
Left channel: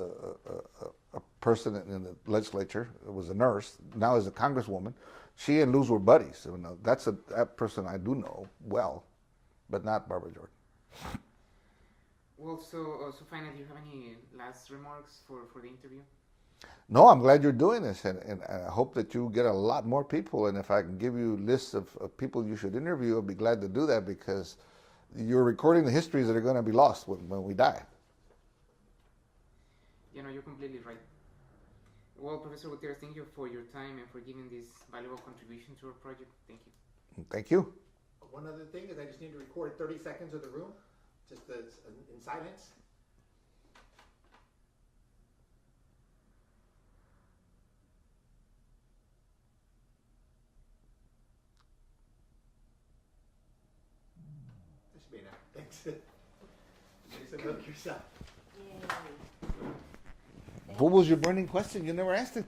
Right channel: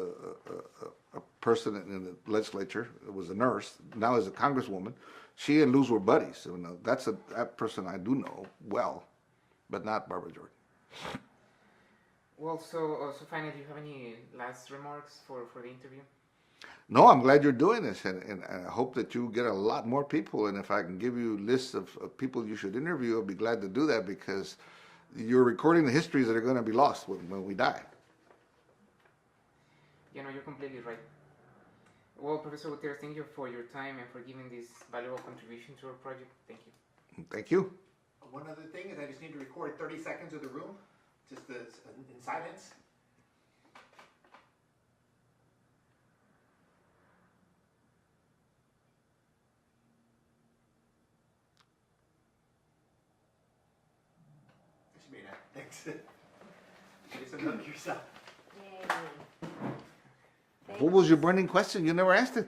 a person in the legislature, was a nurse, now is a congresswoman. She and Luz were buddies. That's that person I do know well, but not Barbara Jordan. Well, so finally, do you have any last remarks for the interview? No, I'm glad you're doing this, and I hope that you get a lot more people. And if I can give you lists of people you should interview, I'll be glad to do that, because you're recording the histories that are going to be lost when we die. You're completely right. Well, Professor Gutierrez, thank you for your time and for giving this valuable contribution to our project. Thank you. Thank you. One other thing is I just need to record 30 seconds of the room, just in silence. This should be enough. Thanks. You just unhook yourself. Yay. What was your burning question? You never asked it.